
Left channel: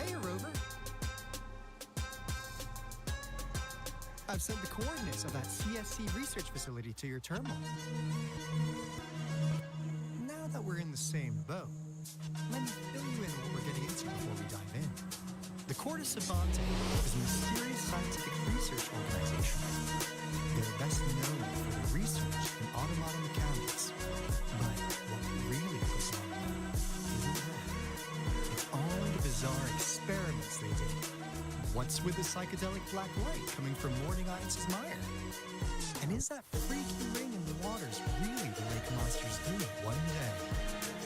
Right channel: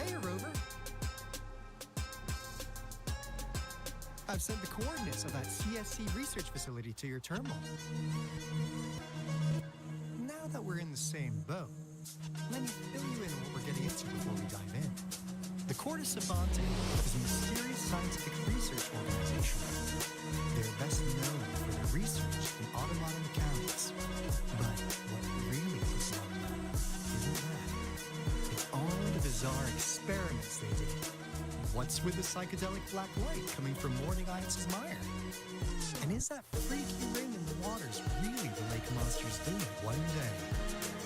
Hey, Rover. I've sent the coordinates of that CSC research facility to your terminal. Now that we're in the same boat, let me fill you in on what we're getting into before we dive in. The Corte Savante is a mysterious scientific research organization. They're best known for their research in automata mechanics. But what really puts them on the map isn't that. It's all the bizarre experiments they did. What's with the psychedelic black light coming from Morning Iance's mire? And is that freaky ring in the waters really the lake monster's doing? One day,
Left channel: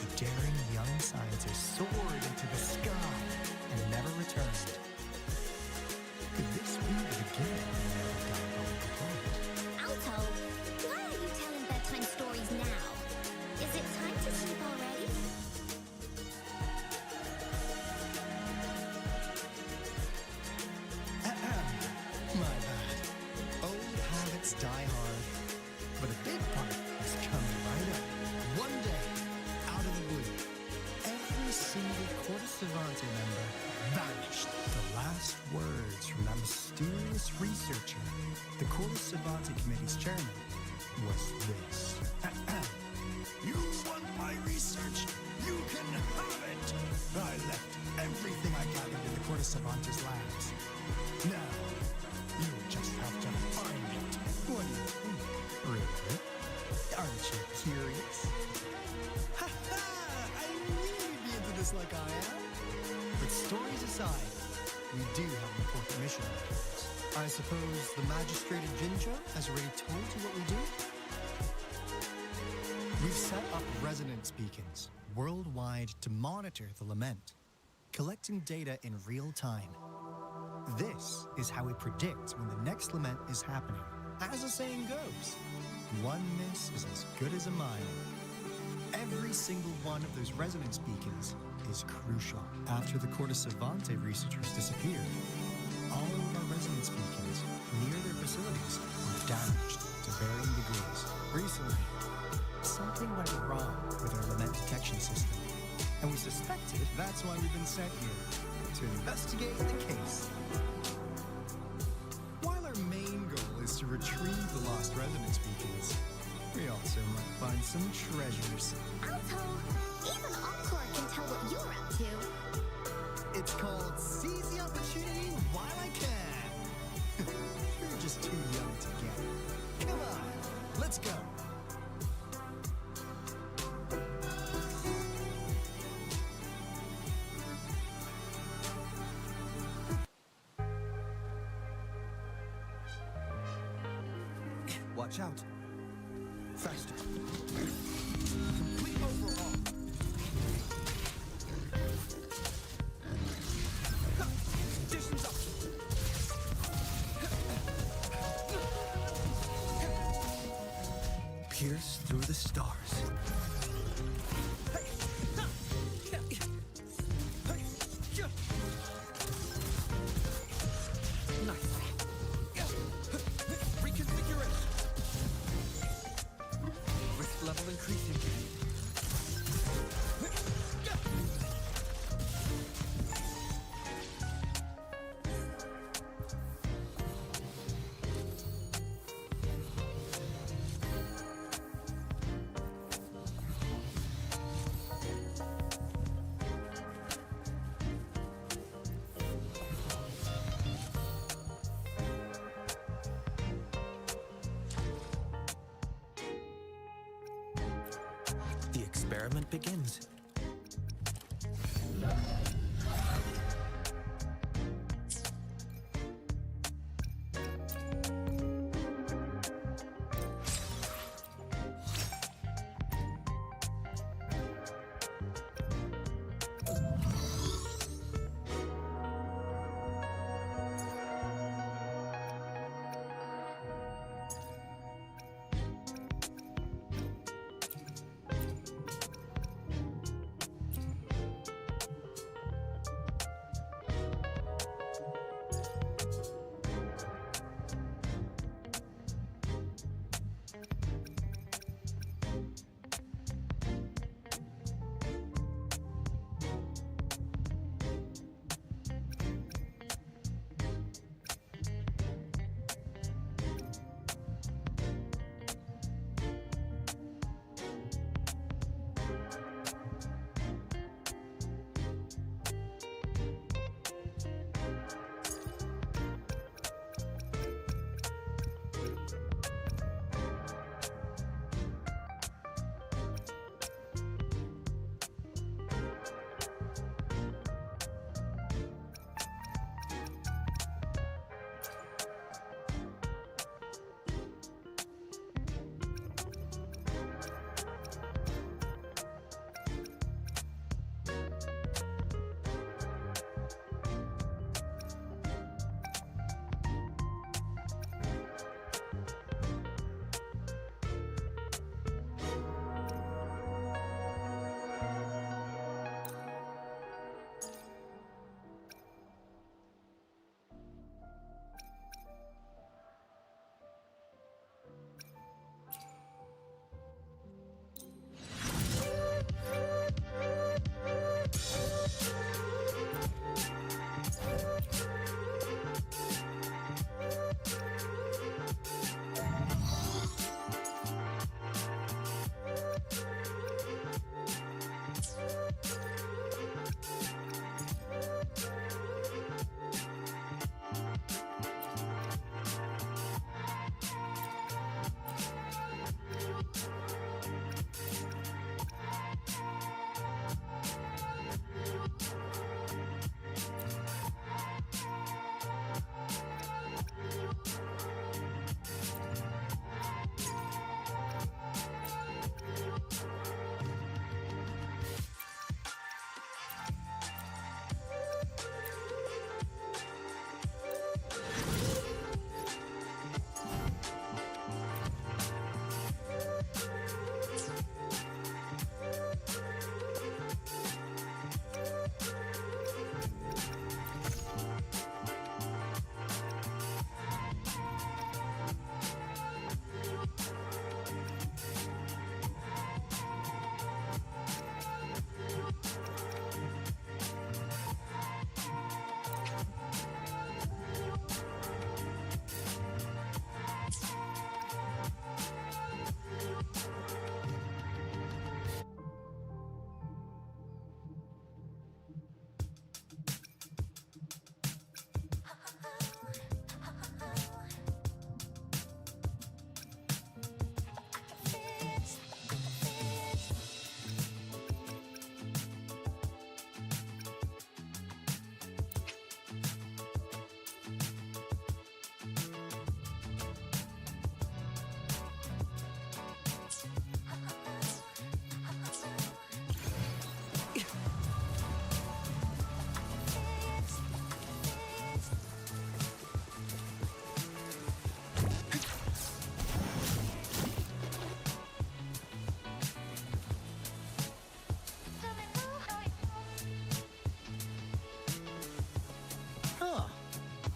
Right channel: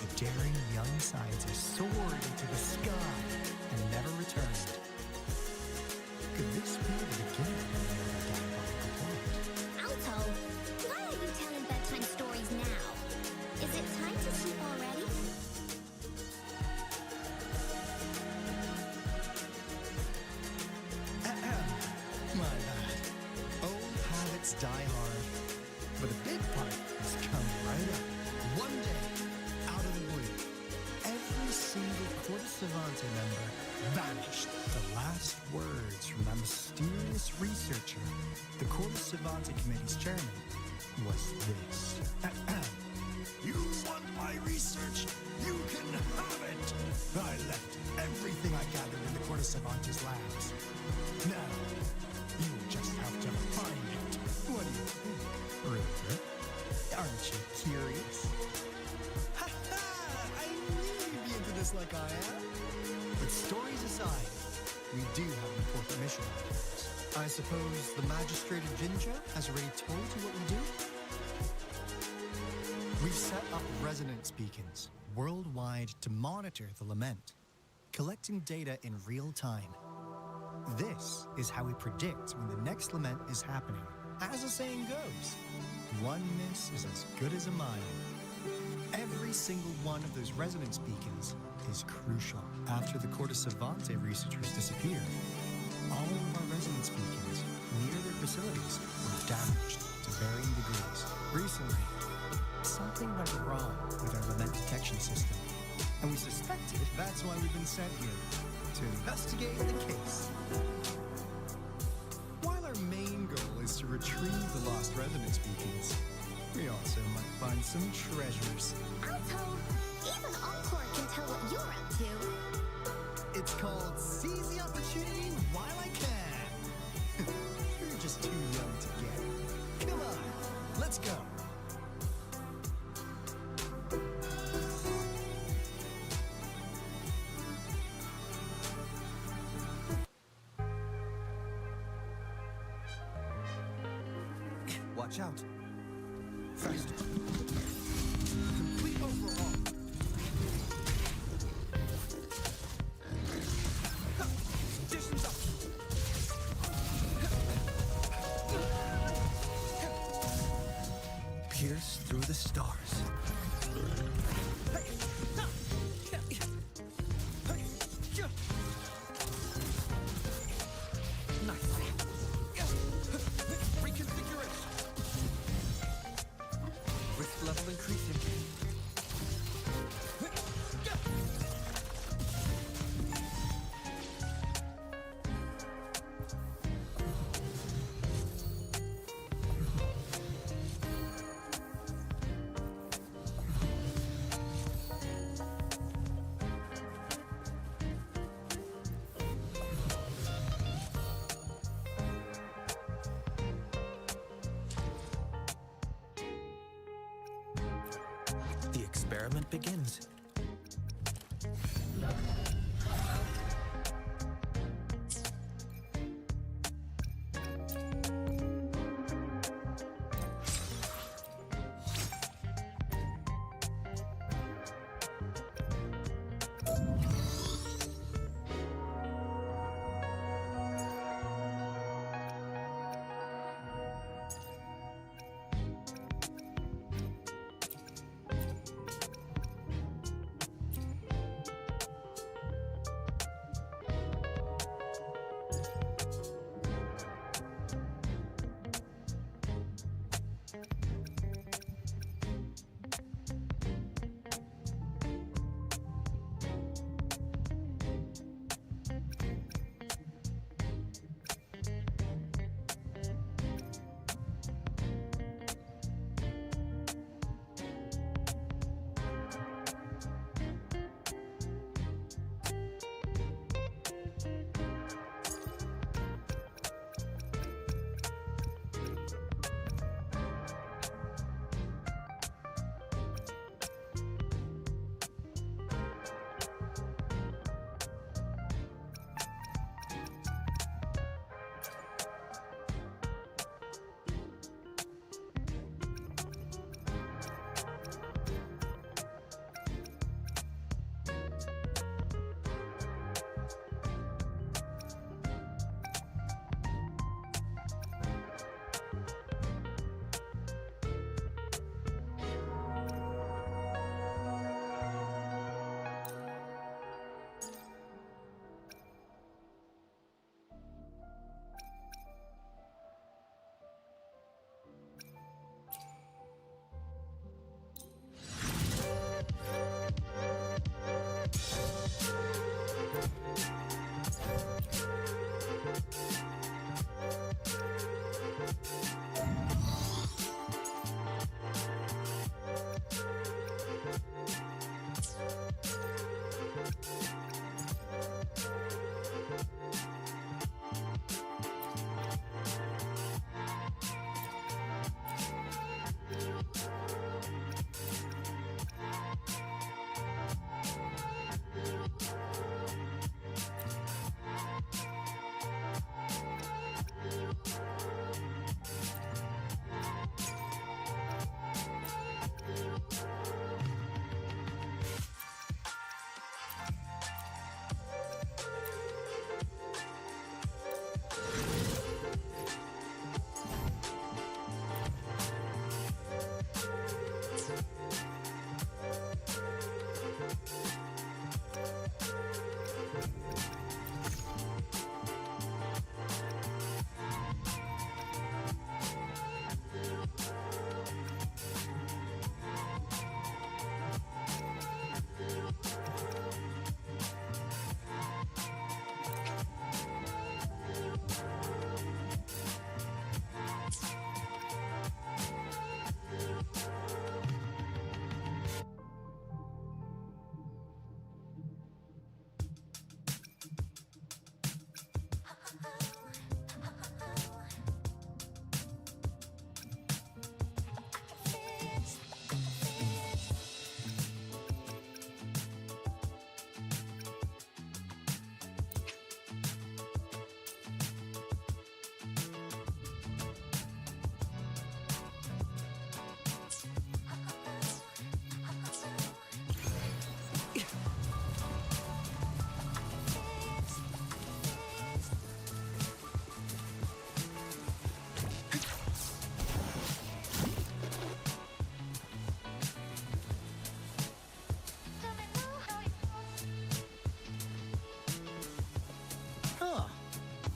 a daring young scientist soared into the sky and never returned. Could this be the beginning of another diabolical plot? Alto, why are you telling bedtime stories now? Is it time to sleep already? My bad. Old habits die hard. But a big part is coming right up. One day, out of the blue, every single Corte Savante member vanished. The last words from that mysterious researcher, the Corte Savante Committee's chairman, was this. You want my research? You can have it! I left everything I gathered in the Corte Savante's labs. Now, you'll just have to find it. What do you think, Rover? Aren't you curious? Ha ha! I knew you'd be into this like I am. But stories aside, we do have an important mission on our hands. I suppose the magistrate of Jinjo has already told you what we do? We've set up resonance beacons worldwide to monitor the lament, collecting data in real time. This is how we predict when the next lament is happening. As the saying goes, one miss is as good as a mile. Every single one of those resonance beacons is crucial. After the Corte Savante researchers disappeared, all of our resonance beacons near their facilities were damaged to varying degrees. Recently, something went wrong with our lament detection system, and we suspected that's why we've been sent here, to investigate the case. While our main goal is to retrieve the lost resonance beacons, we also might find some treasures. Alto, even Encore can tell what you're up to. It's called Seize the Opportunity While I Can. You're just too young to get it. Come on, let's go. Watch out. Faster. Complete overhaul. Conditions optimal. Pierce through the stars. Nice. Reconfiguration. Risk level increasing. The experiment begins.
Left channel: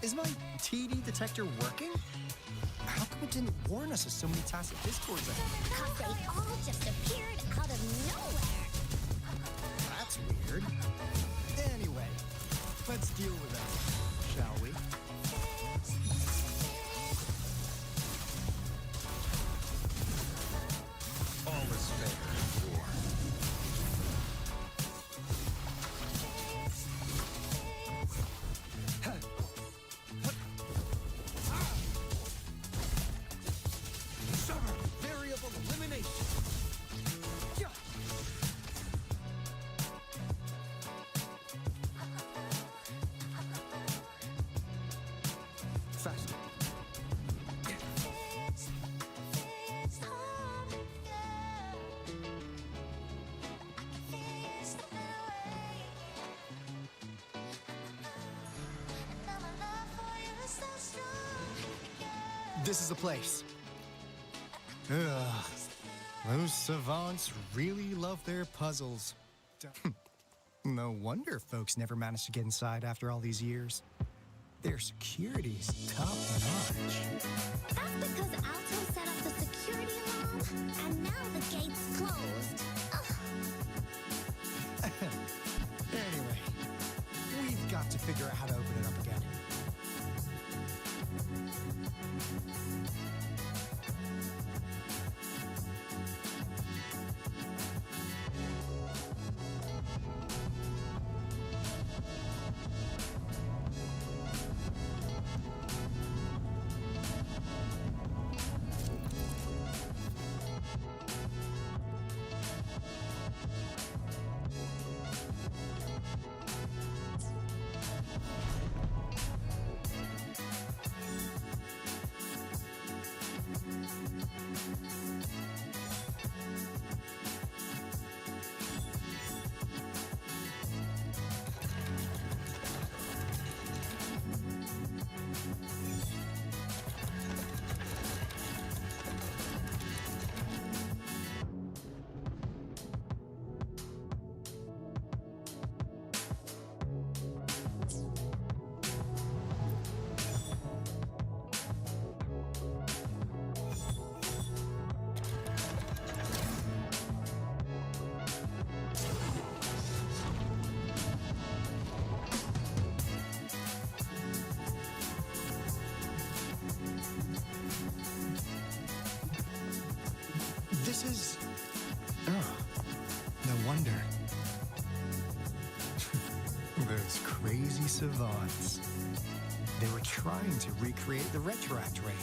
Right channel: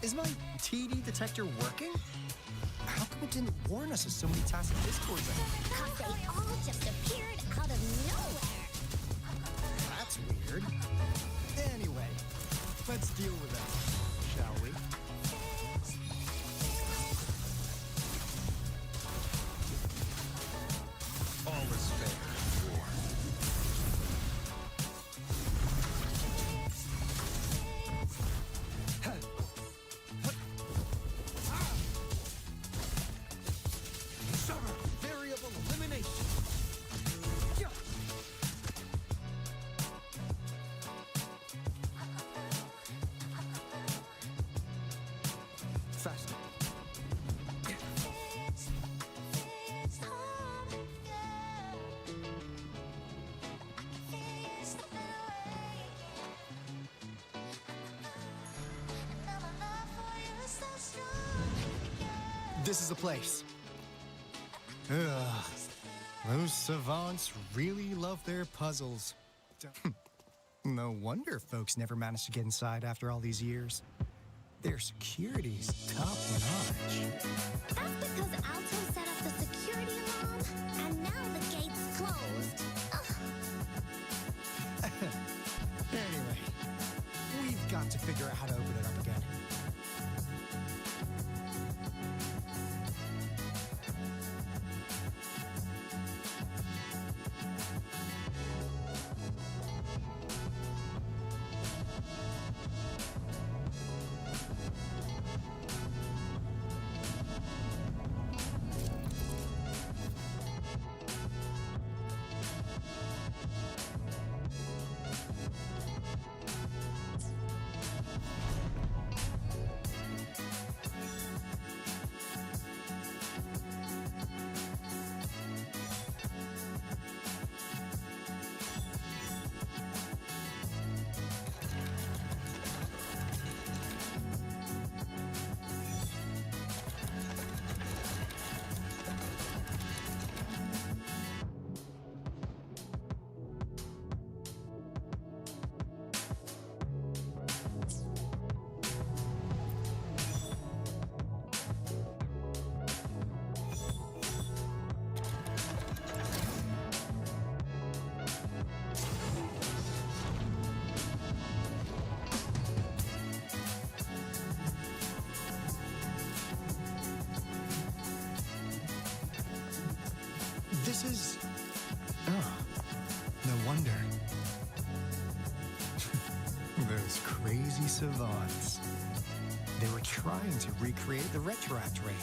Is my TD detector working? How come it didn't warn us of so many tacit discords ahead? Because they all just appeared out of nowhere. That's weird. Anyway, let's deal with that, shall we? All is fair in war. Variable elimination. Faster. This is the place. Ugh. Those savants really love their puzzles. No wonder folks never managed to get inside after all these years. Their security's top-notch. That's because Alto set up the security alarm, and now the gate's closed. Ugh. Anyway, we've got to figure out how to open it up again. This is... Oh, no wonder. Those crazy savants. They were trying to recreate the retroact rain.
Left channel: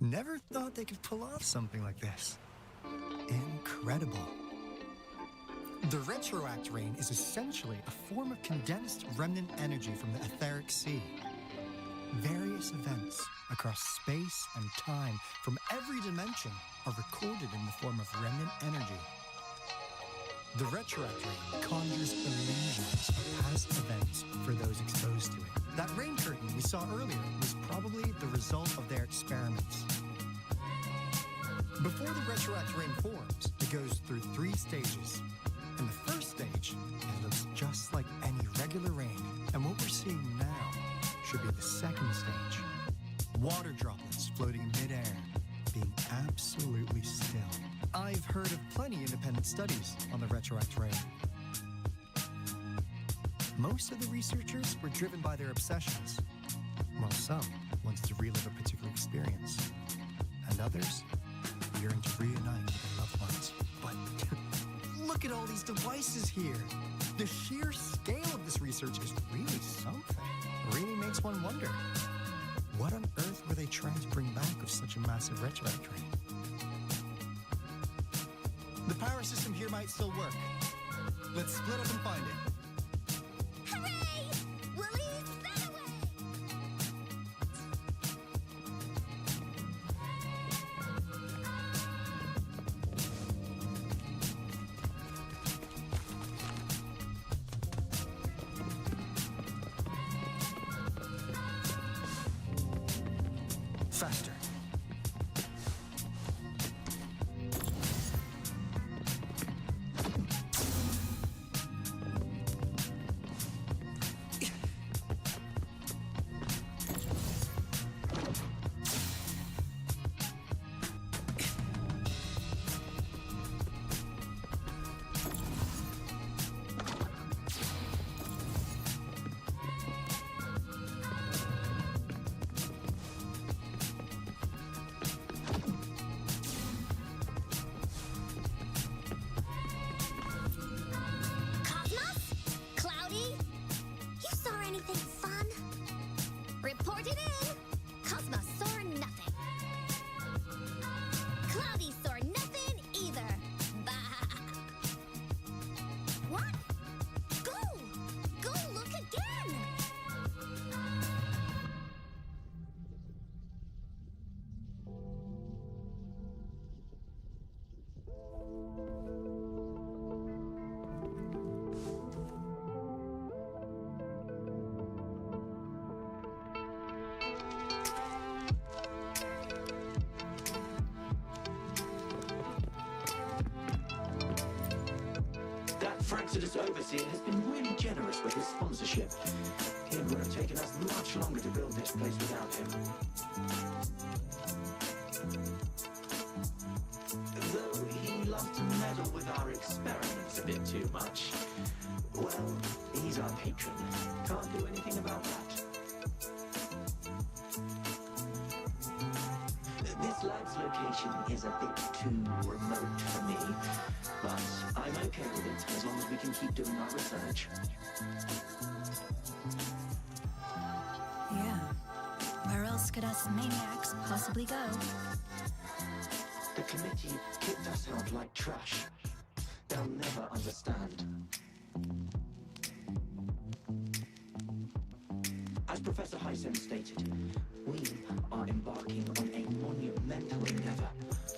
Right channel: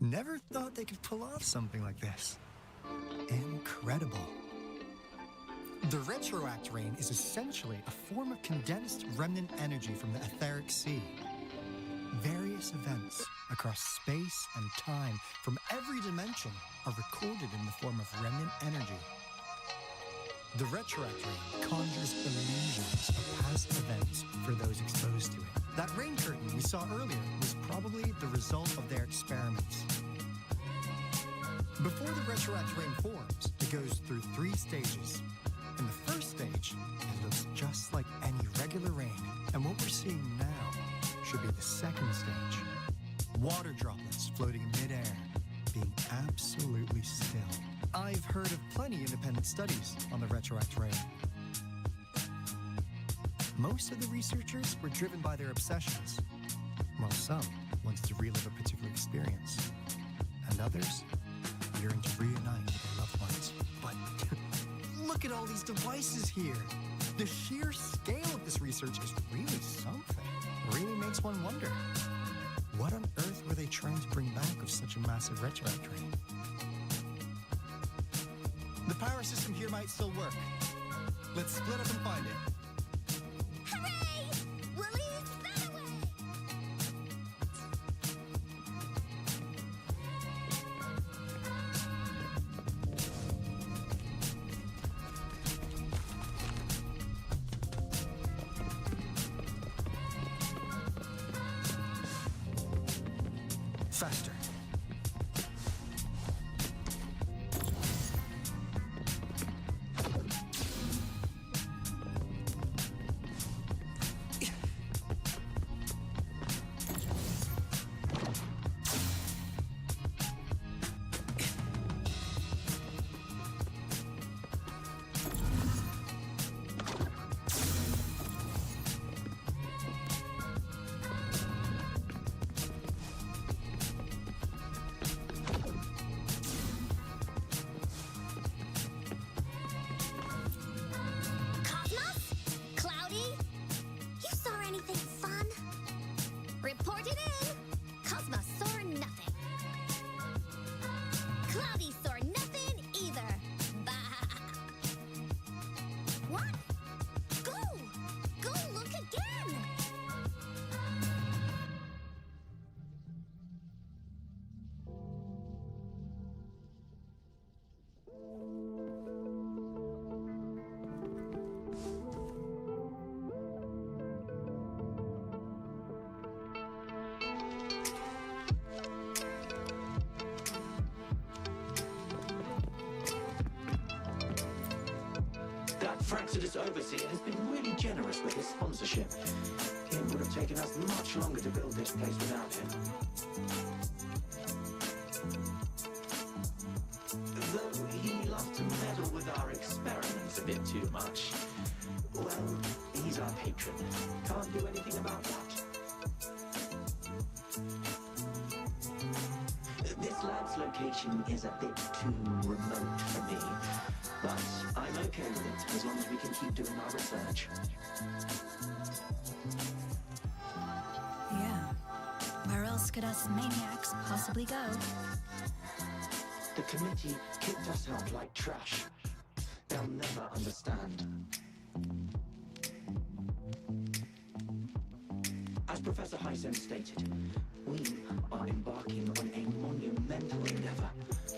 Never thought they could pull off something like this. Incredible. The retroact rain is essentially a form of condensed remnant energy from the etheric sea. Various events across space and time from every dimension are recorded in the form of remnant energy. The retroact rain conjures illusions of past events for those exposed to it. That rain curtain we saw earlier was probably the result of their experiments. Before the retroact rain forms, it goes through 3 stages. In the first stage, it looks just like any regular rain, and what we're seeing now should be the second stage. Water droplets floating in midair, being absolutely still. I've heard of plenty independent studies on the retroact rain. Most of the researchers were driven by their obsessions, while some wanted to relive a particular experience, and others yearned to reunite with their loved ones. But look at all these devices here. The sheer scale of this research is really something. Really makes one wonder. What on earth were they trying to bring back with such a massive retroact rain? The power system here might still work. Let's split up and find it. Hooray! Willie's that away! Faster. Frank's overseer has been really generous with his sponsorship. It would have taken us much longer to build this place without him. Though he loves to meddle with our experiments a bit too much. Well, he's our patron. Can't do anything about that. This lab's location is a bit too remote for me, but I'm okay with it as long as we can keep doing our research. Yeah. Where else could us maniacs possibly go? The committee kicked us out like trash. They'll never understand. As Professor Hysen stated, we are embarking on a monumental endeavor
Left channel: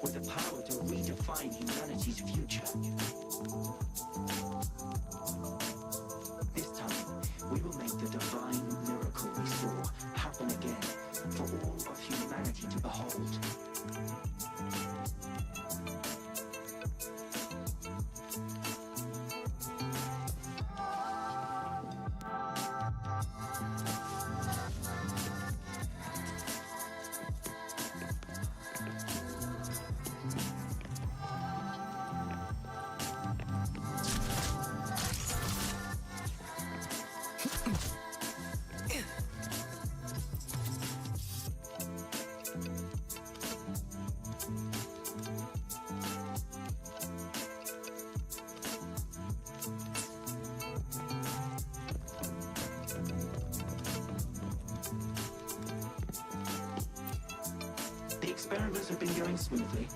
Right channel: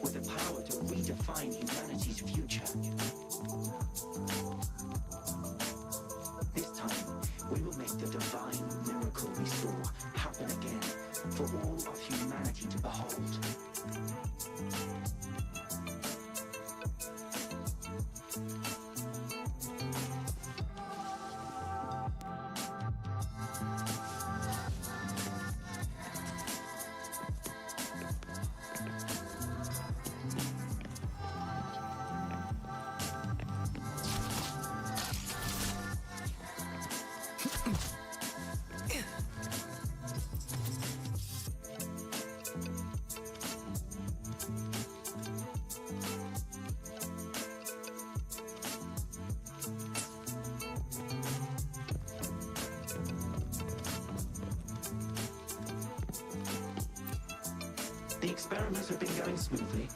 with the power to redefine humanity's future. This time, we will make the divine miracle we saw happen again for all of humanity to behold. The experiments have been going smoothly,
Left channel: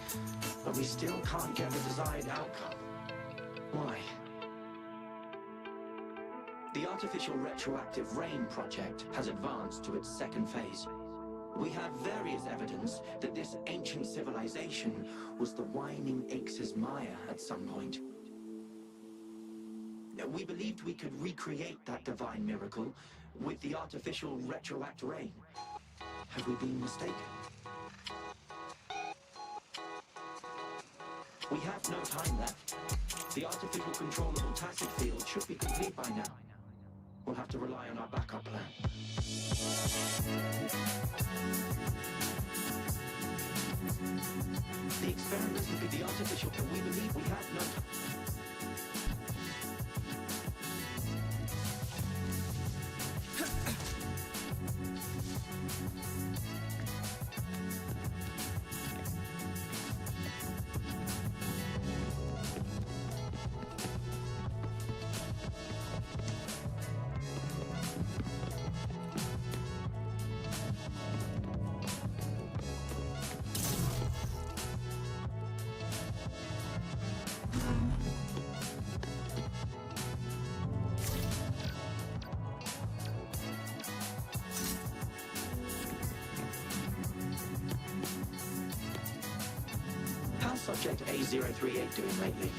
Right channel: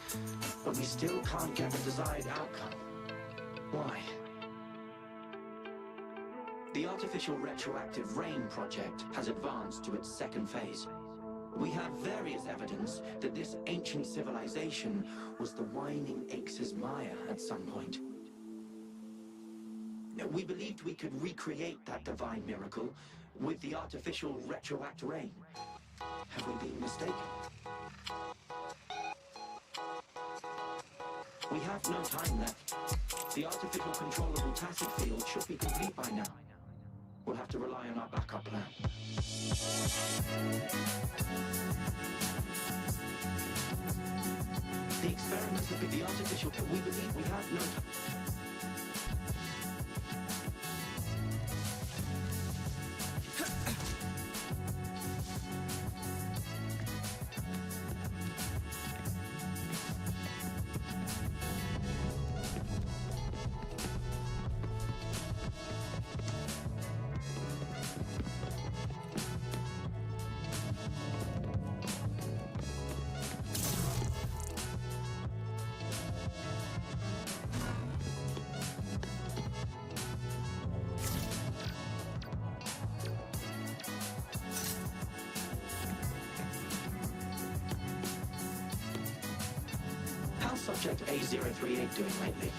but we still can't get the desired outcome. Why? The artificial retroactive rain project has advanced to its second phase. We have various evidence that this ancient civilization was the Whining Aches' Maya at some point. We believed we could recreate that divine miracle with the artificial retroact rain. Have we been mistaken? We have no time left. The artificial controllable tacit field should be complete by now. We'll have to rely on our backup plan. The experiments have been the artificial, but we believe we have no time. How's Subject A038 doing lately?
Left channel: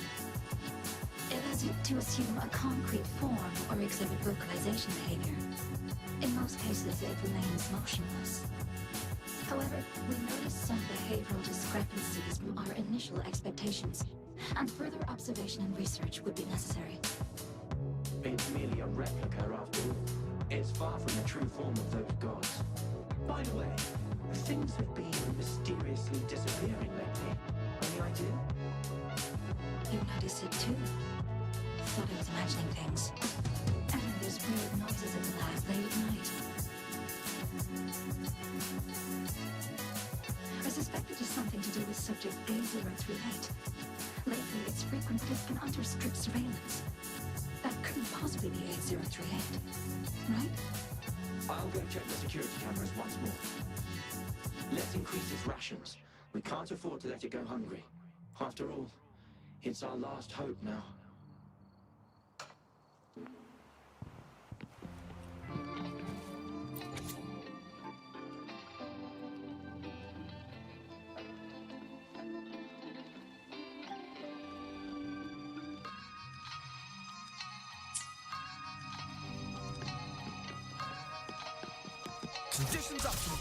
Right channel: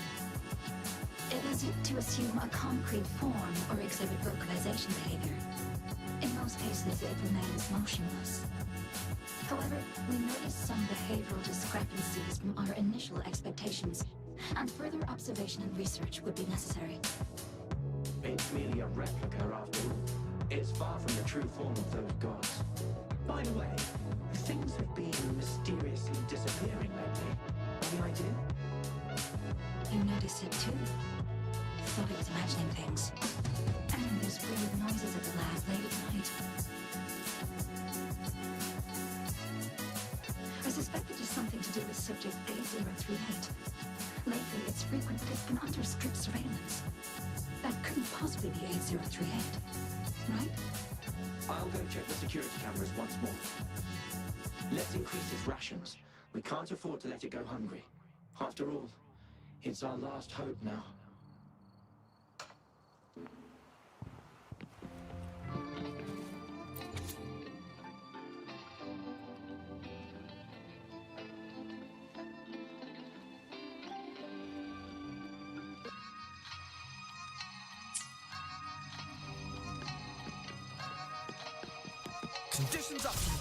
It has yet to assume a concrete form or exhibit vocalization behavior. In most cases, it remains motionless. However, we noticed some behavioral discrepancies from our initial expectations, and further observation and research would be necessary. It's merely a replica after all. It's far from the true form of those gods. By the way, things have been mysteriously disappearing lately. Any idea? You noticed it too? Thought I was imagining things. And there's weird noises at the lab late at night. I suspect it is something to do with subject A038. Lately, it's frequent, but it's been under strict surveillance. That couldn't possibly be A038, right? I'll go check the security cameras once more. Let's increase its rations. We can't afford to let it go hungry. After all, it's our last hope now. Conditions optimal.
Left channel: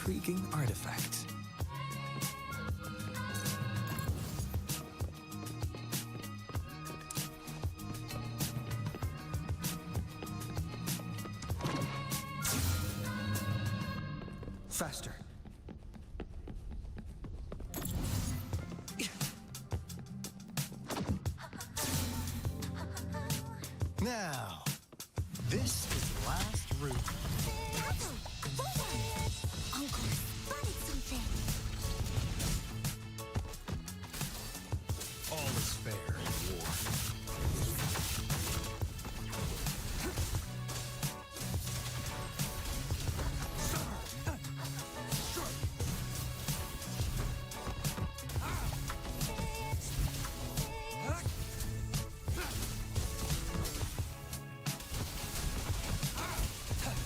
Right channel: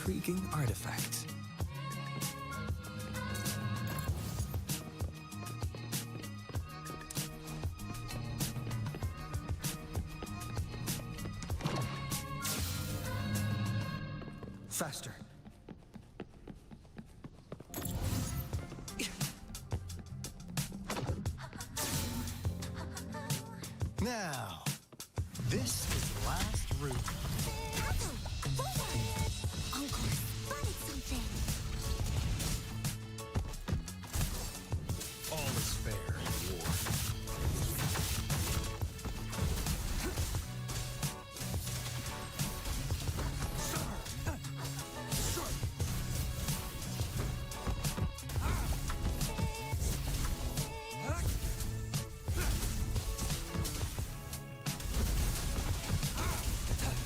intriguing artifact. Faster. Now, this is the last route. Taco, forward! Uncle spotted something. All is fair in war.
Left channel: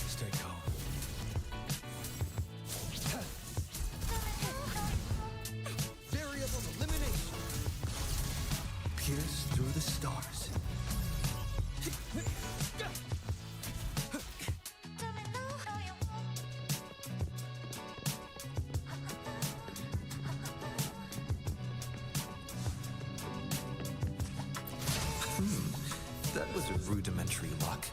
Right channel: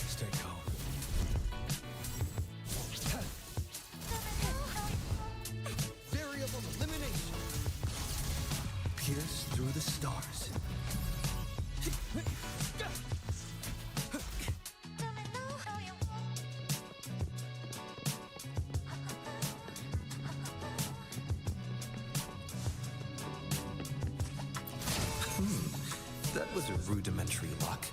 Stay calm. Variable elimination. Pierce through the stars. That was a rudimentary lock.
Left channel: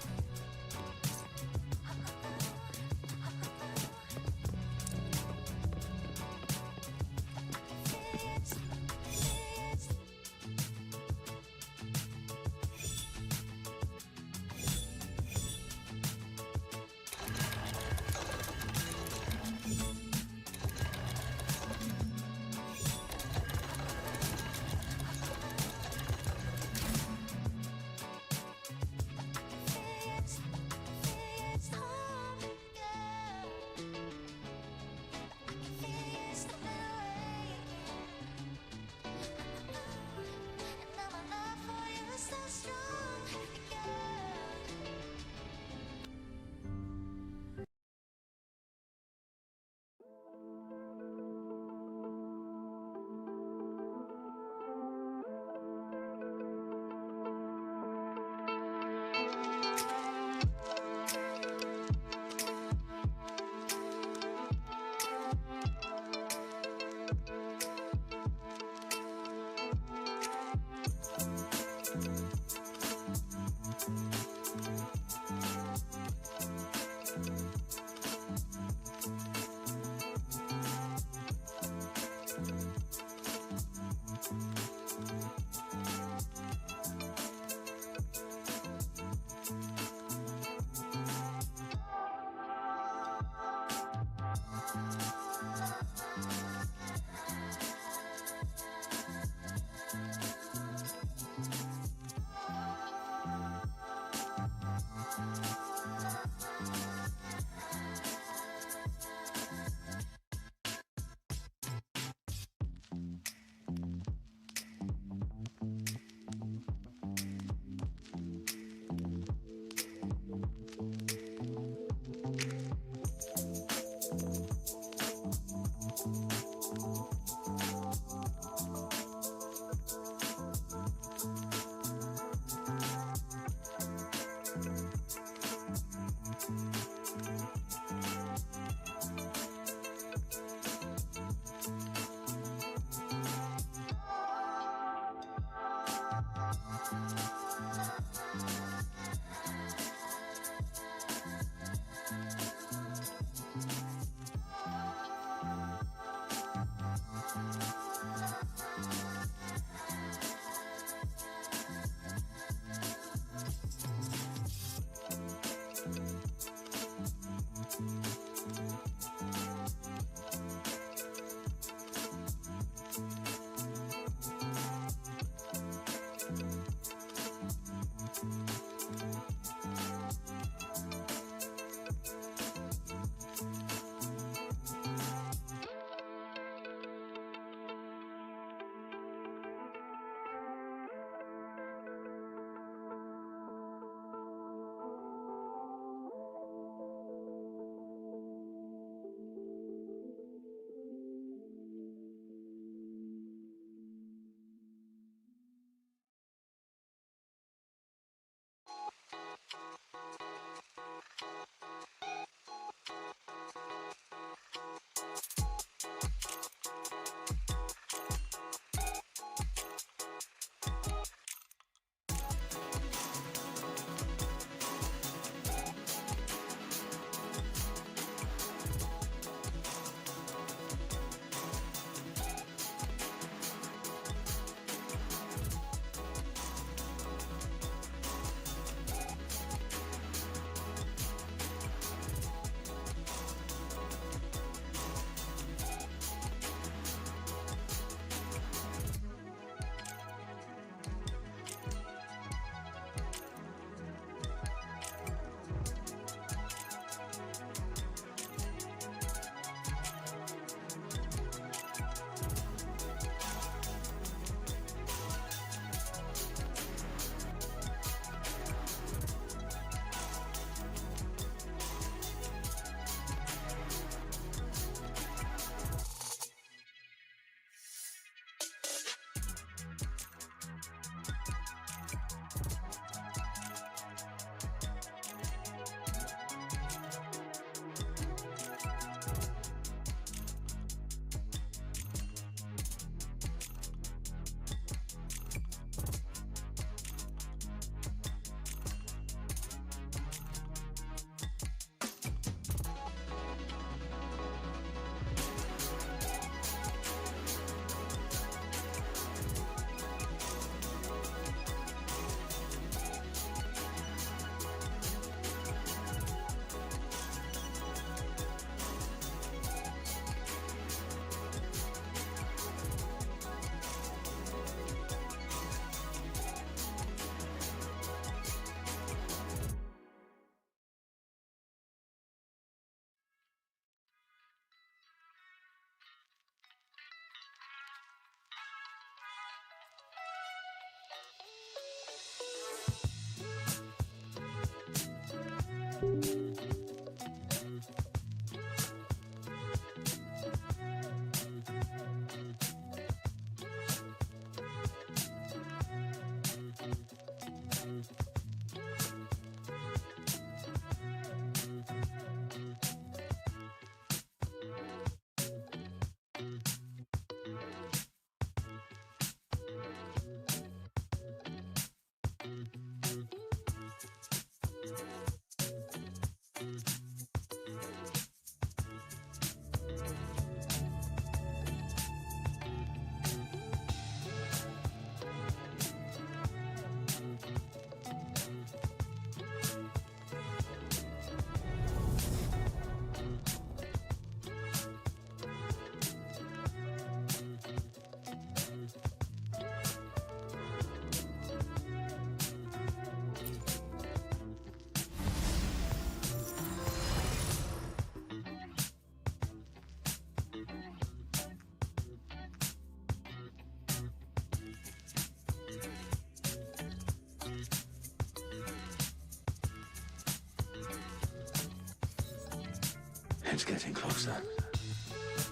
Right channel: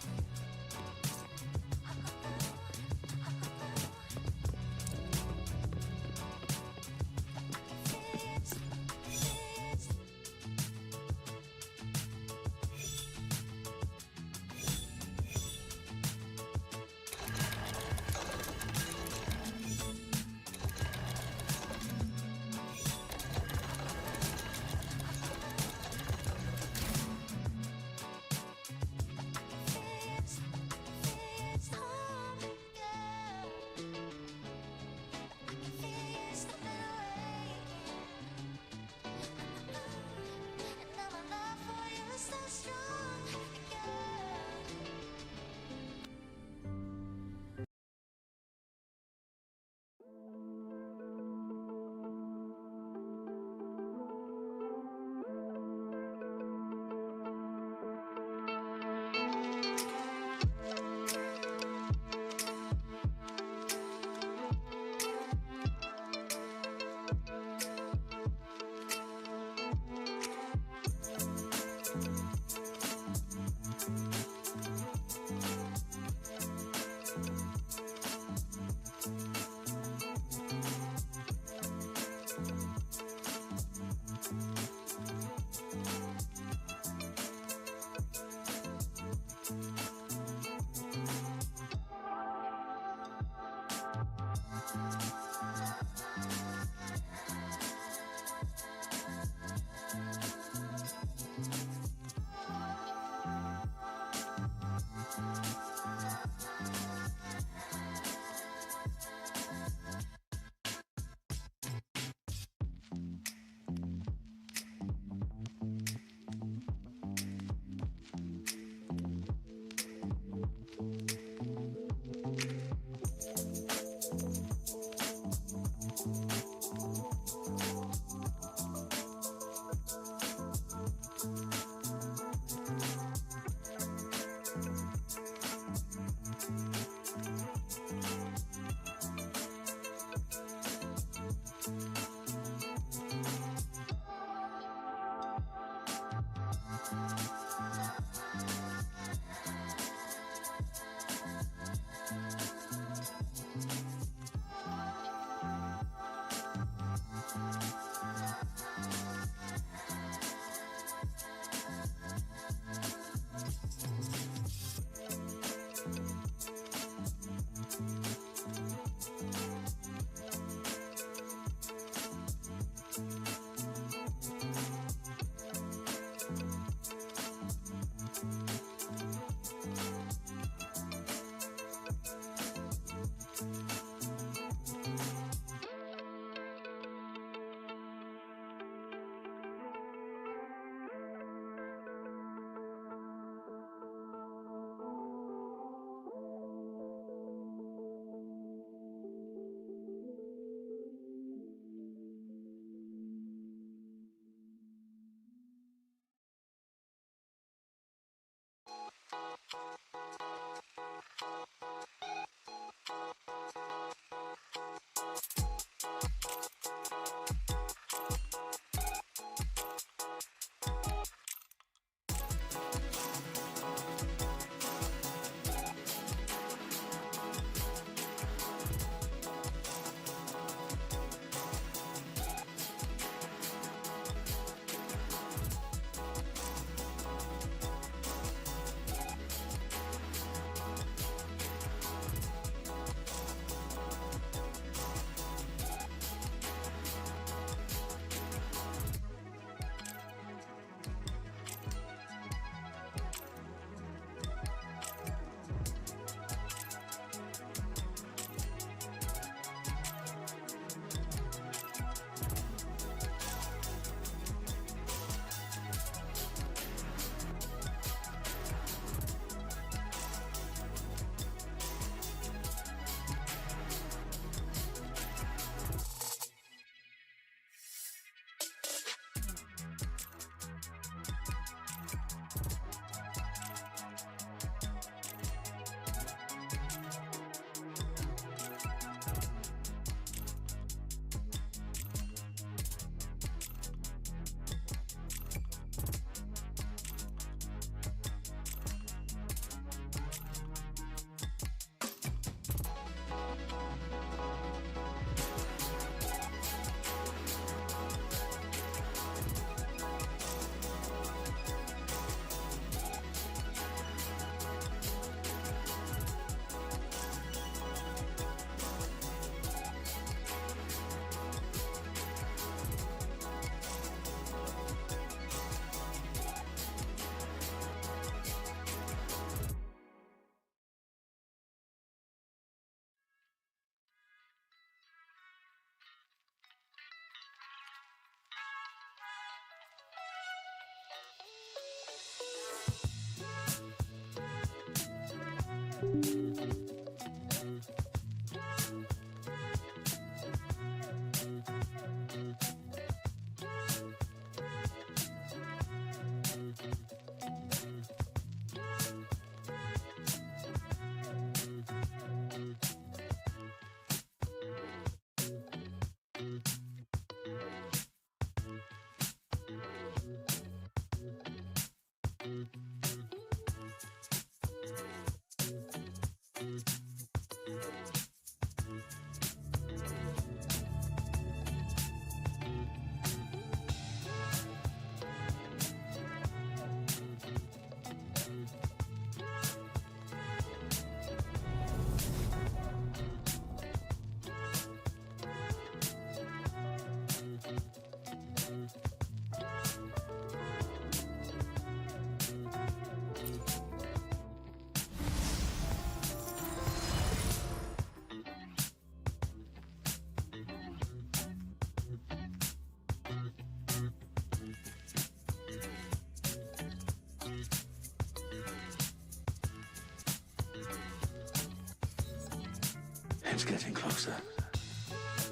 It's getting closer.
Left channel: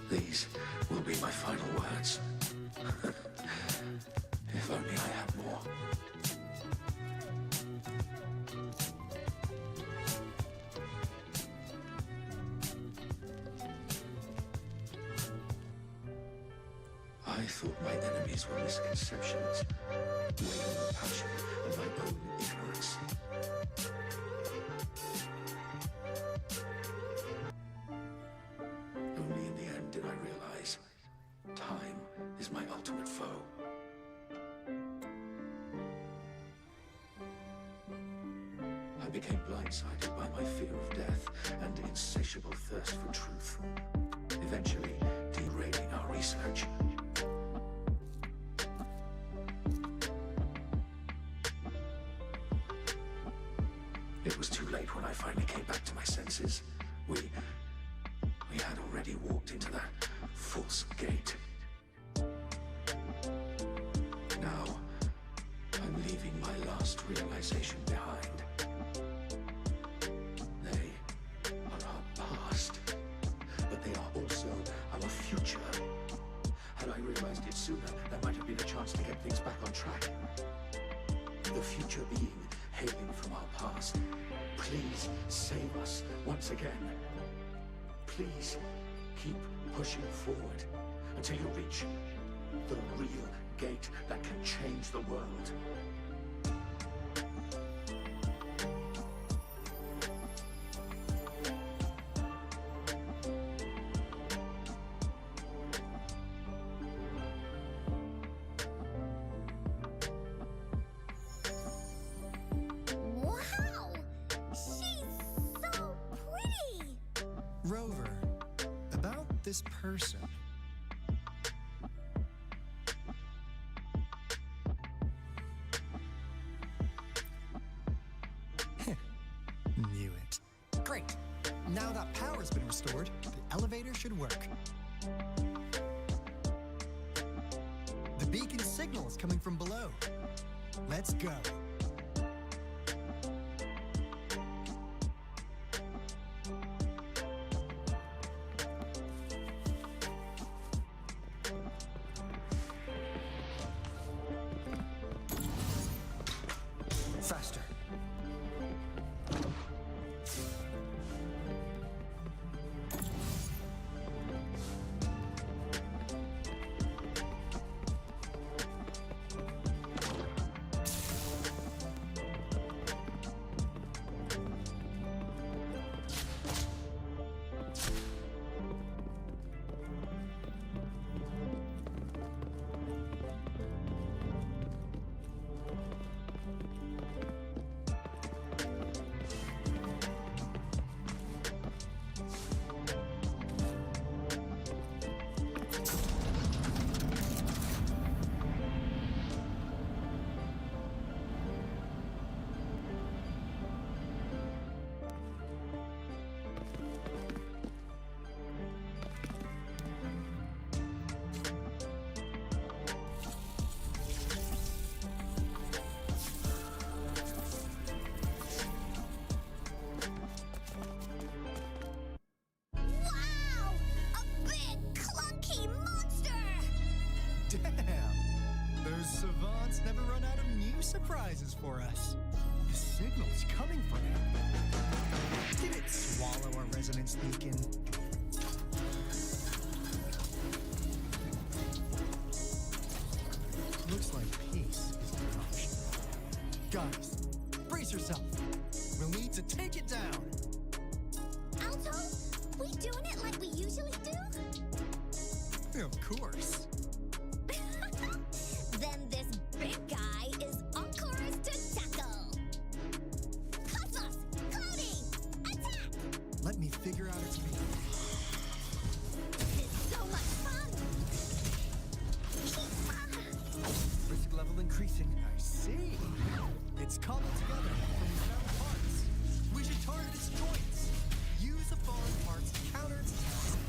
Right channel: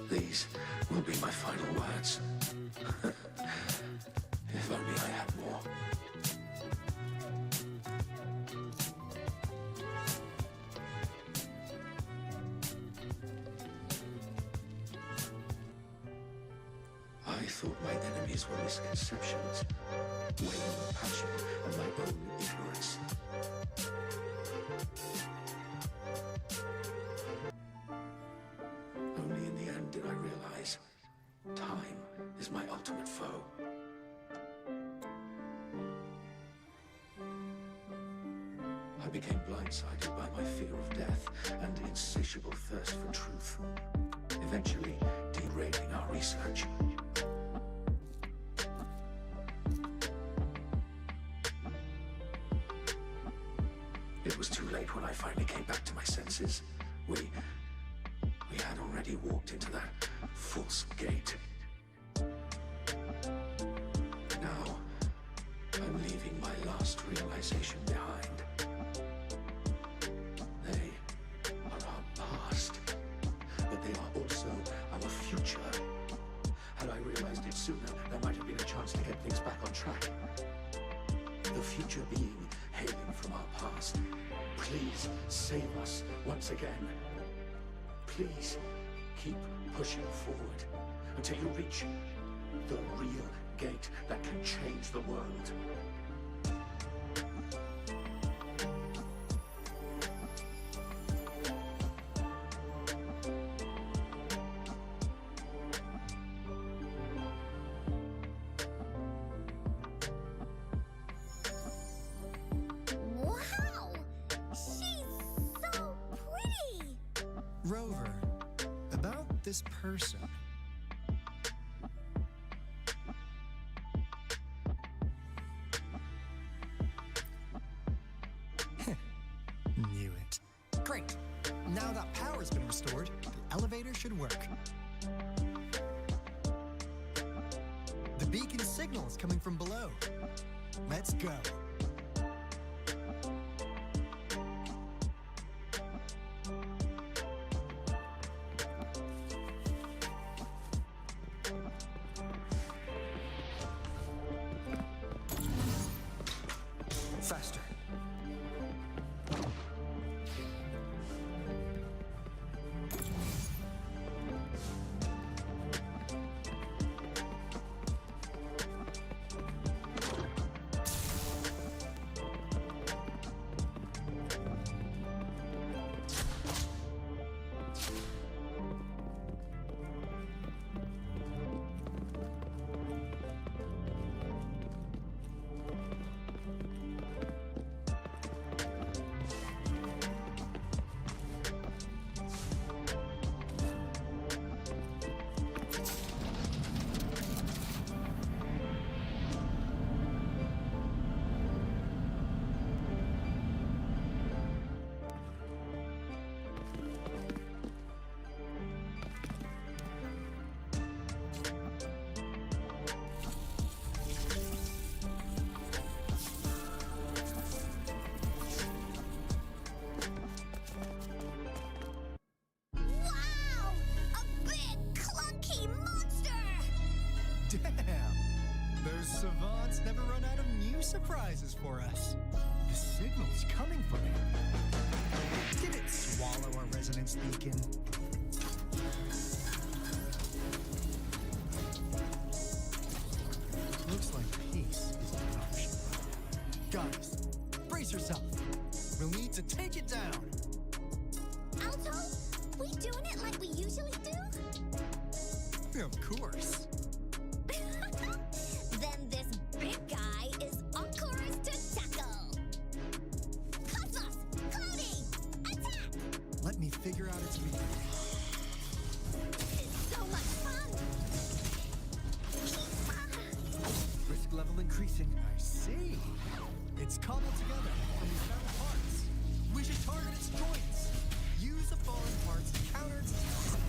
These will be my final words. If only I had more. I thought my enemies were misconceptions, waning passion, and my own ignorance. Only in the end did I realize time is my ultimate foe. I became blindsided by my fear of death and insatiable thirst for truth, eventually derailing our research. It was too late when I finally came back to my senses. We had already walked into that false gate. Now, I'm leaving my last realization behind. They are our past, but they are also our future. Had I realized it sooner, there might have been a chance to get things back on track. The future being hailing from our past. Please save us once again. Please keep pushing forward until you reach the real gate that can change the world. Wow! She's so pretty! Rover, about this person. Knew it. Great. Now that power's been restored, the elevator should work. The beacon signal is coming from below. Let's go. Faster. Wow! A big, clunky monster! Damn! Those savants never run out of new surprises for us. The signal's coming from it. Did it swallow our resonance beacon? Looks like peace is an option. Guys, brace yourself. We'll need to take it down. Alto, we doing it like we usually do? Of course. Then this big guy is on course to tackle. Cosmos, Cloudy, attack! Let me figure out its weakness. It's so much fun! Risk level increasing. I see. It's cobbled together from these metal parts. We should target its joints. Use the fallen parts to counter its attacks and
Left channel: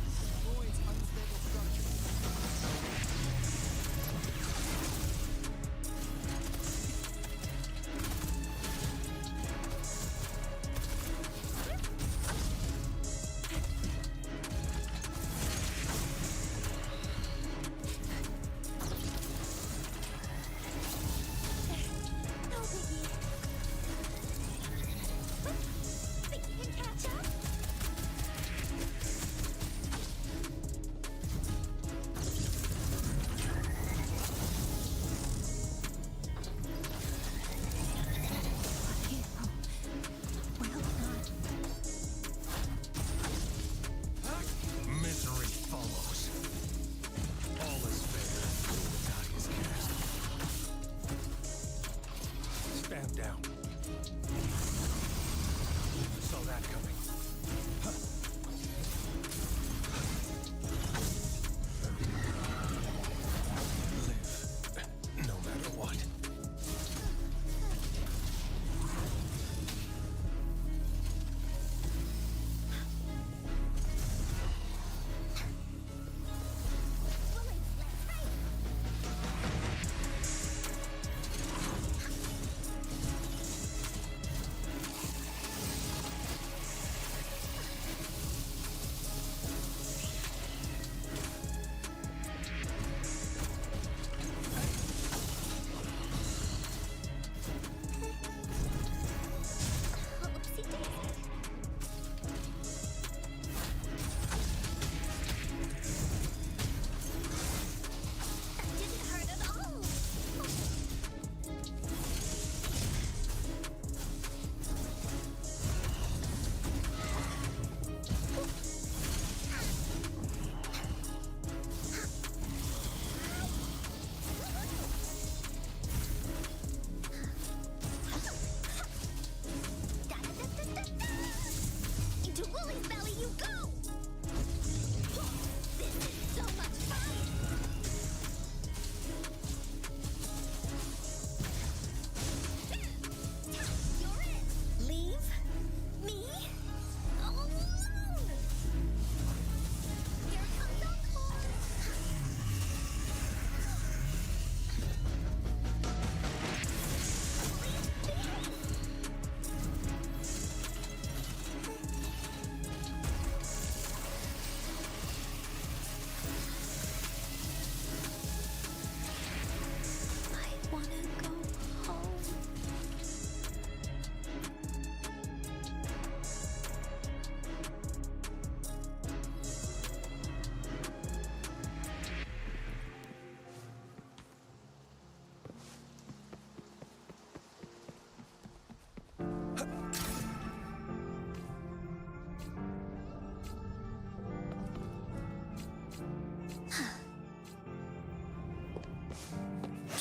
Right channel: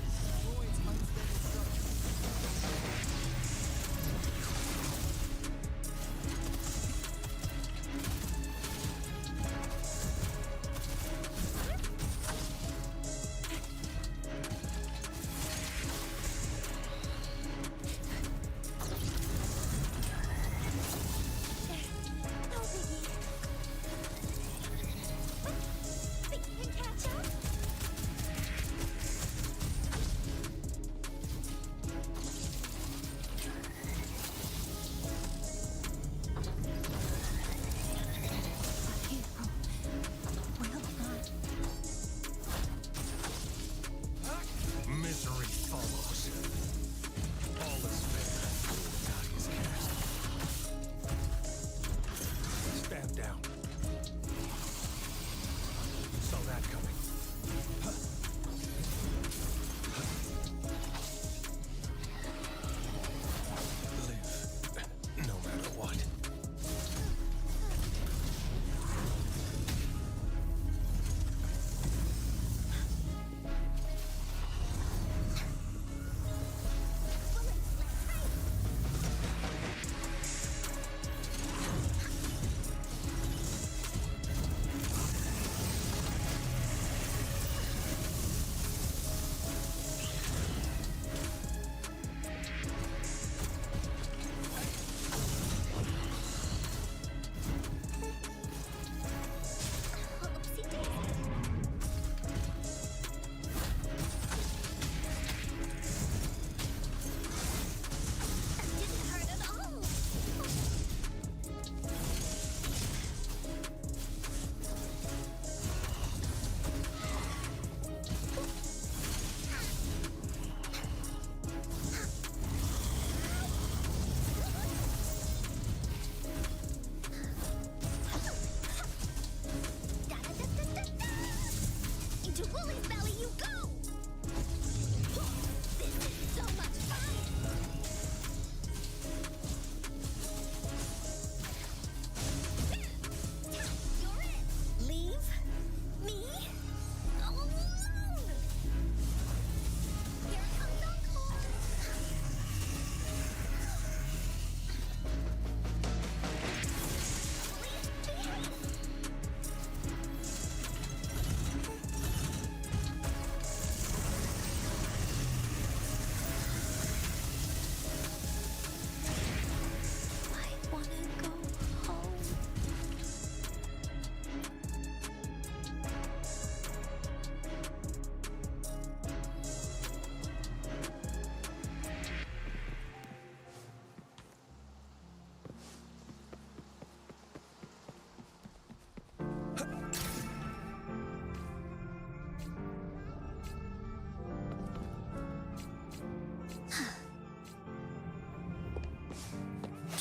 destroy its unstable structure. Ignorant follows. All is fair. The die is cast. Stand down. Saw that coming. Live, no matter what. Oopsie daisy. That didn't hurt at all. Da-da-da-da-da-da! Into Woolly's belly you go! This is so much fun! You're it! Leave me alone! Here comes Encore! Woolly, behave! I wanna go home.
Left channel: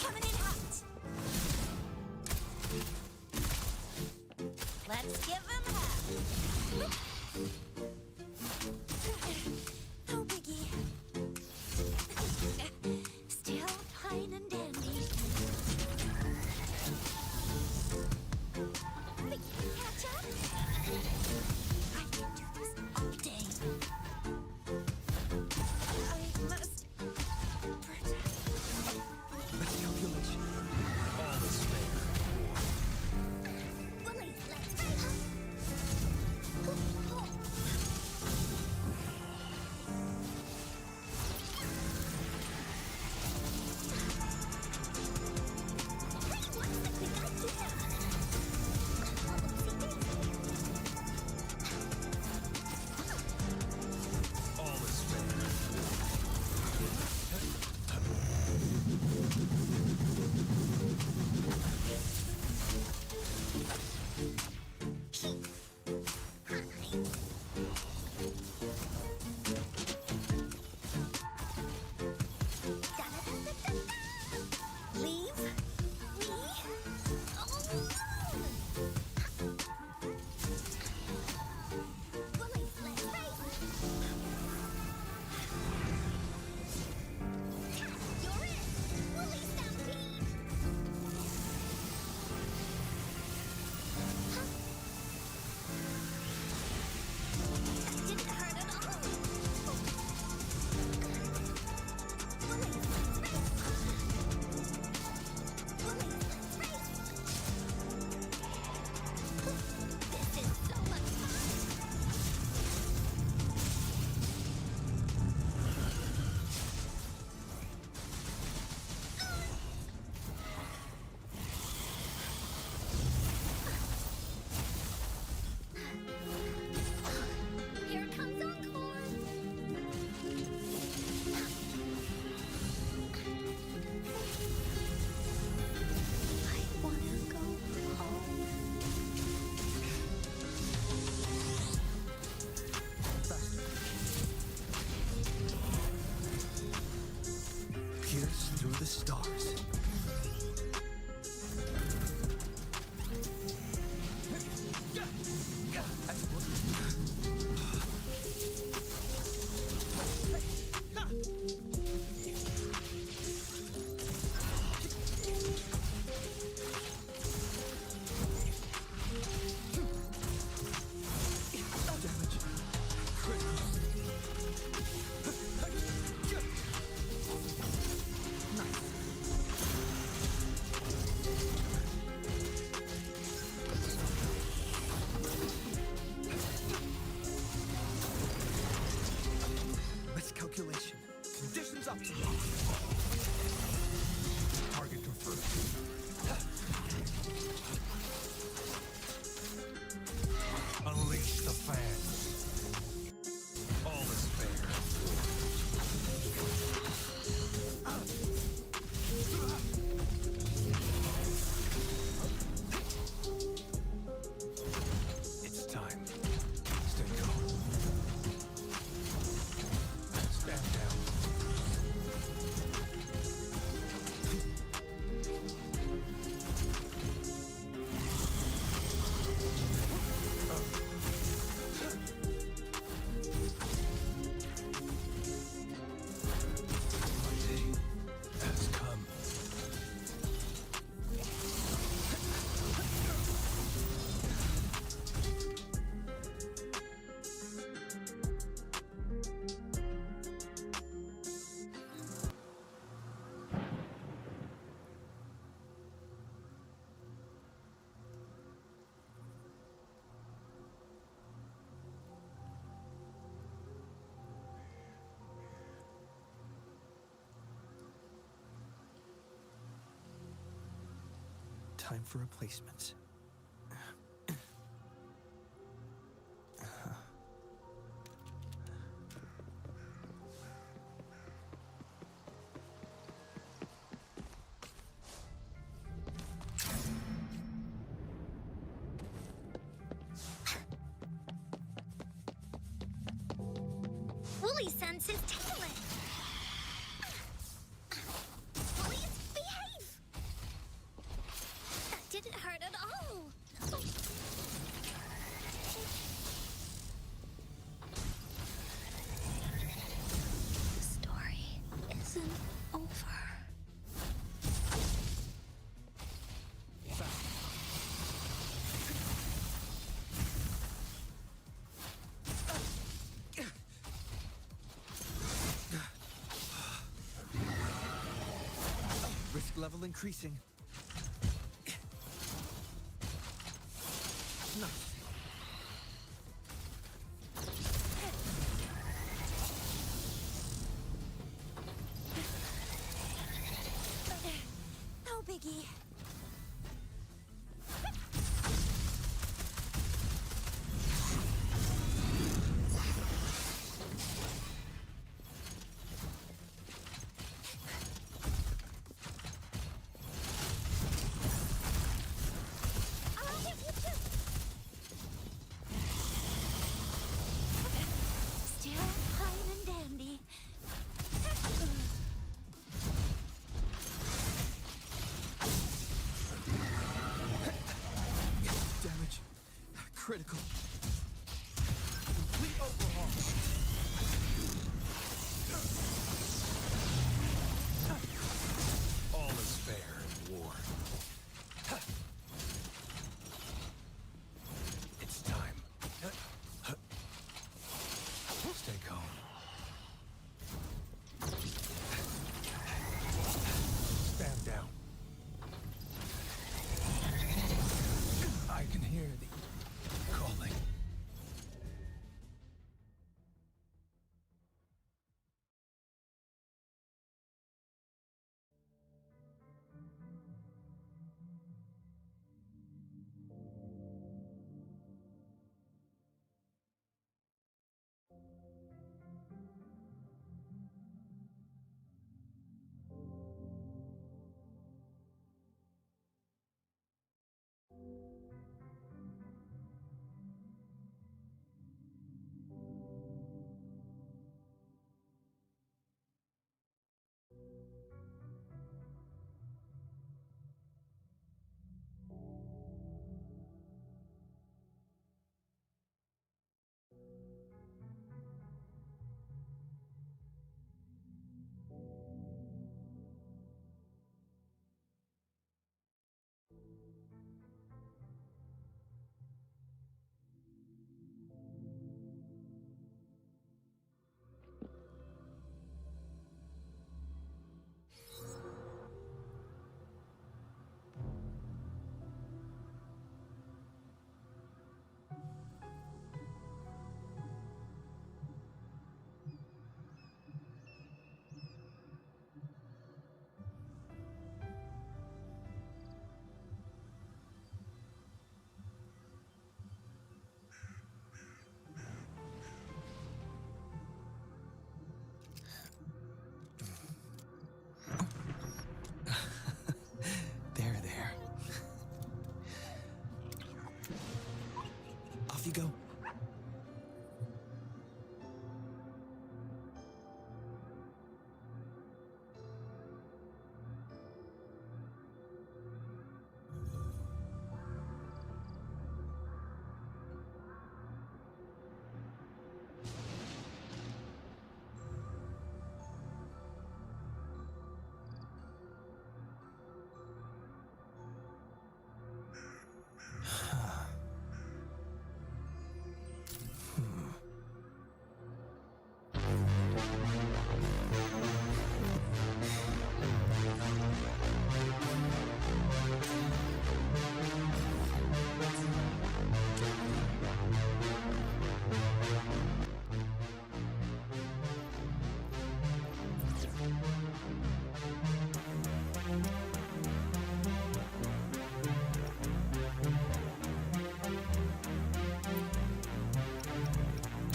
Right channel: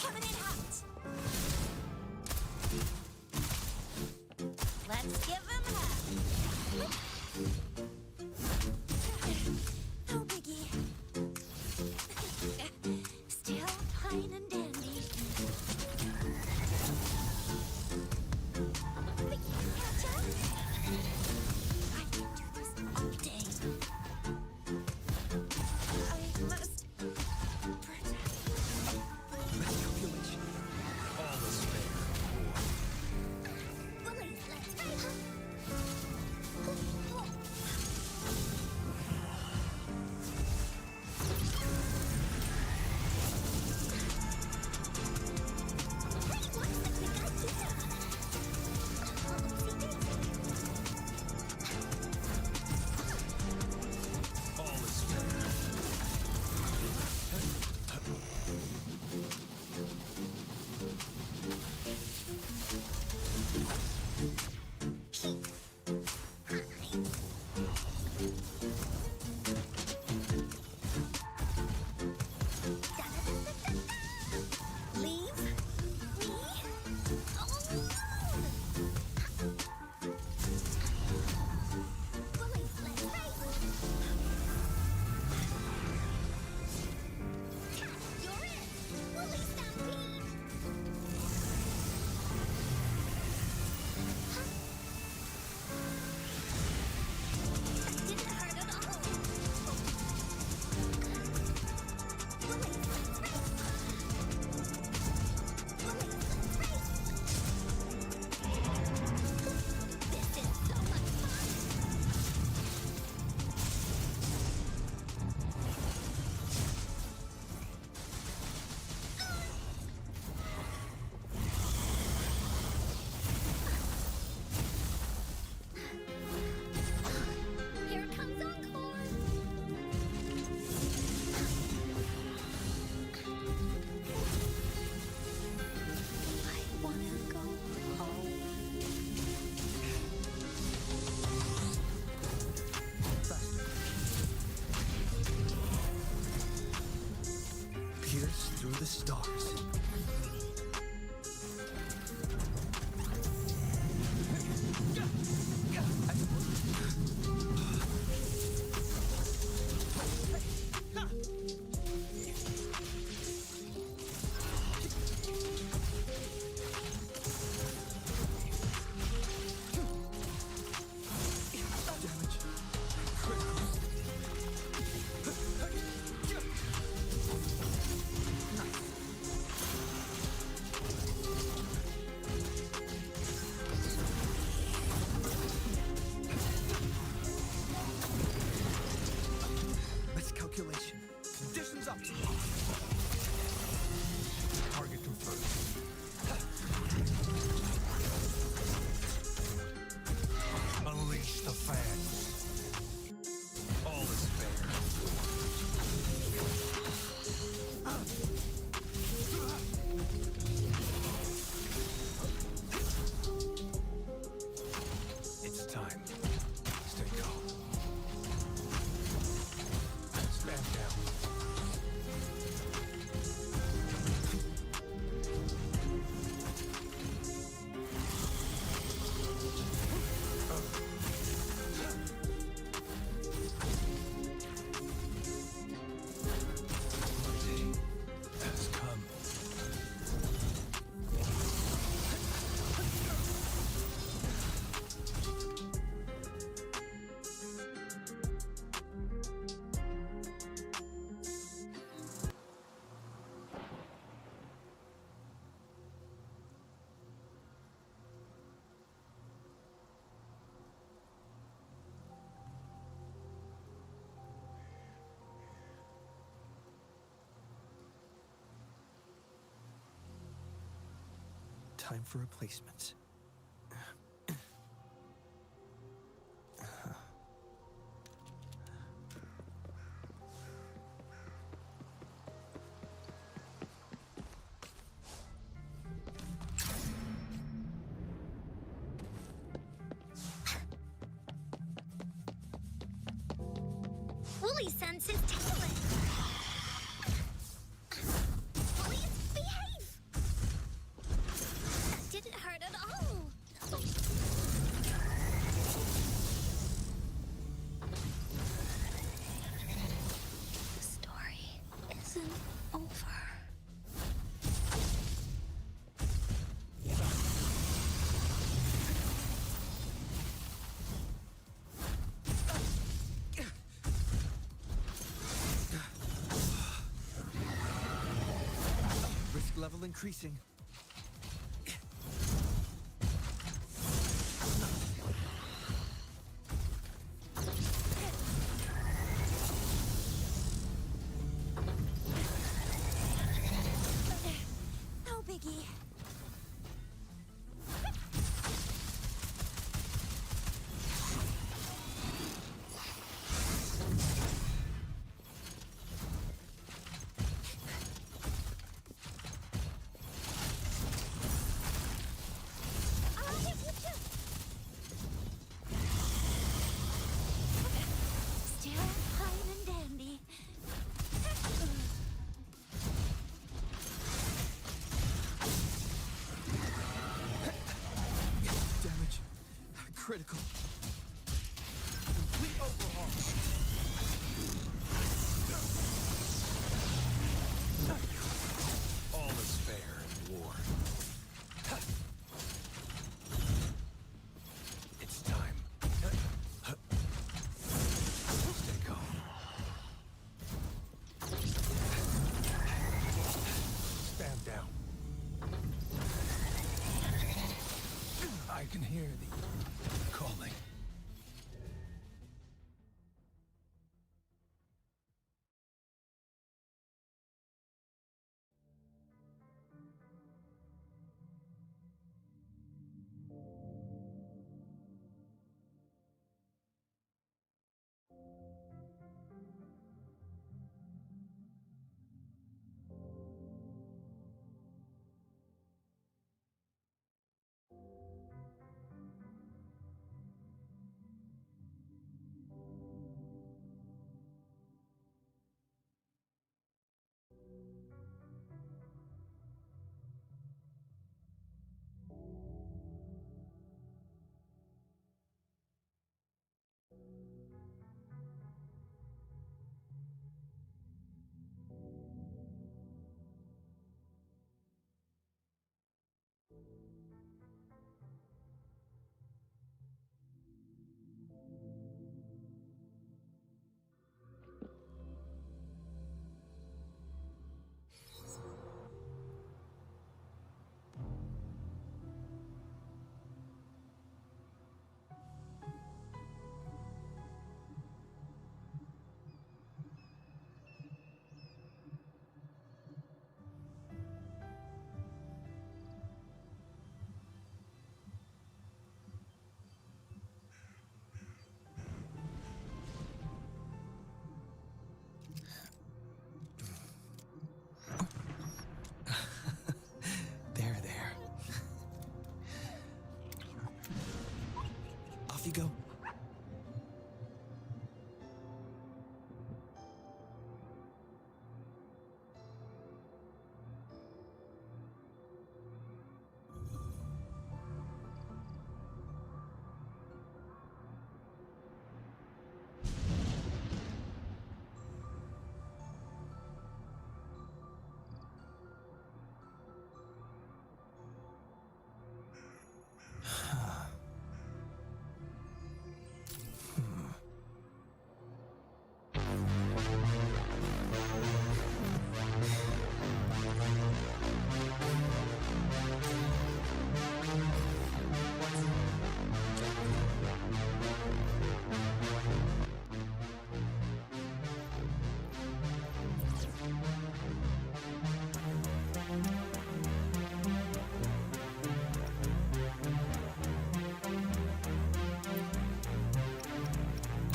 Coming in hot. pierce through the stars. Damage. Critical. Nice. Miscalculation. Conditions optimal. Target confirmed. Unleash the fans. All is fair. It's time. Stay calm. Stand down. My day has come. Time for replacements. Wooly sends his tail in. Please behave. That didn't hurt at all. The story isn't over. Risk level increasing. No biggie. Off you go.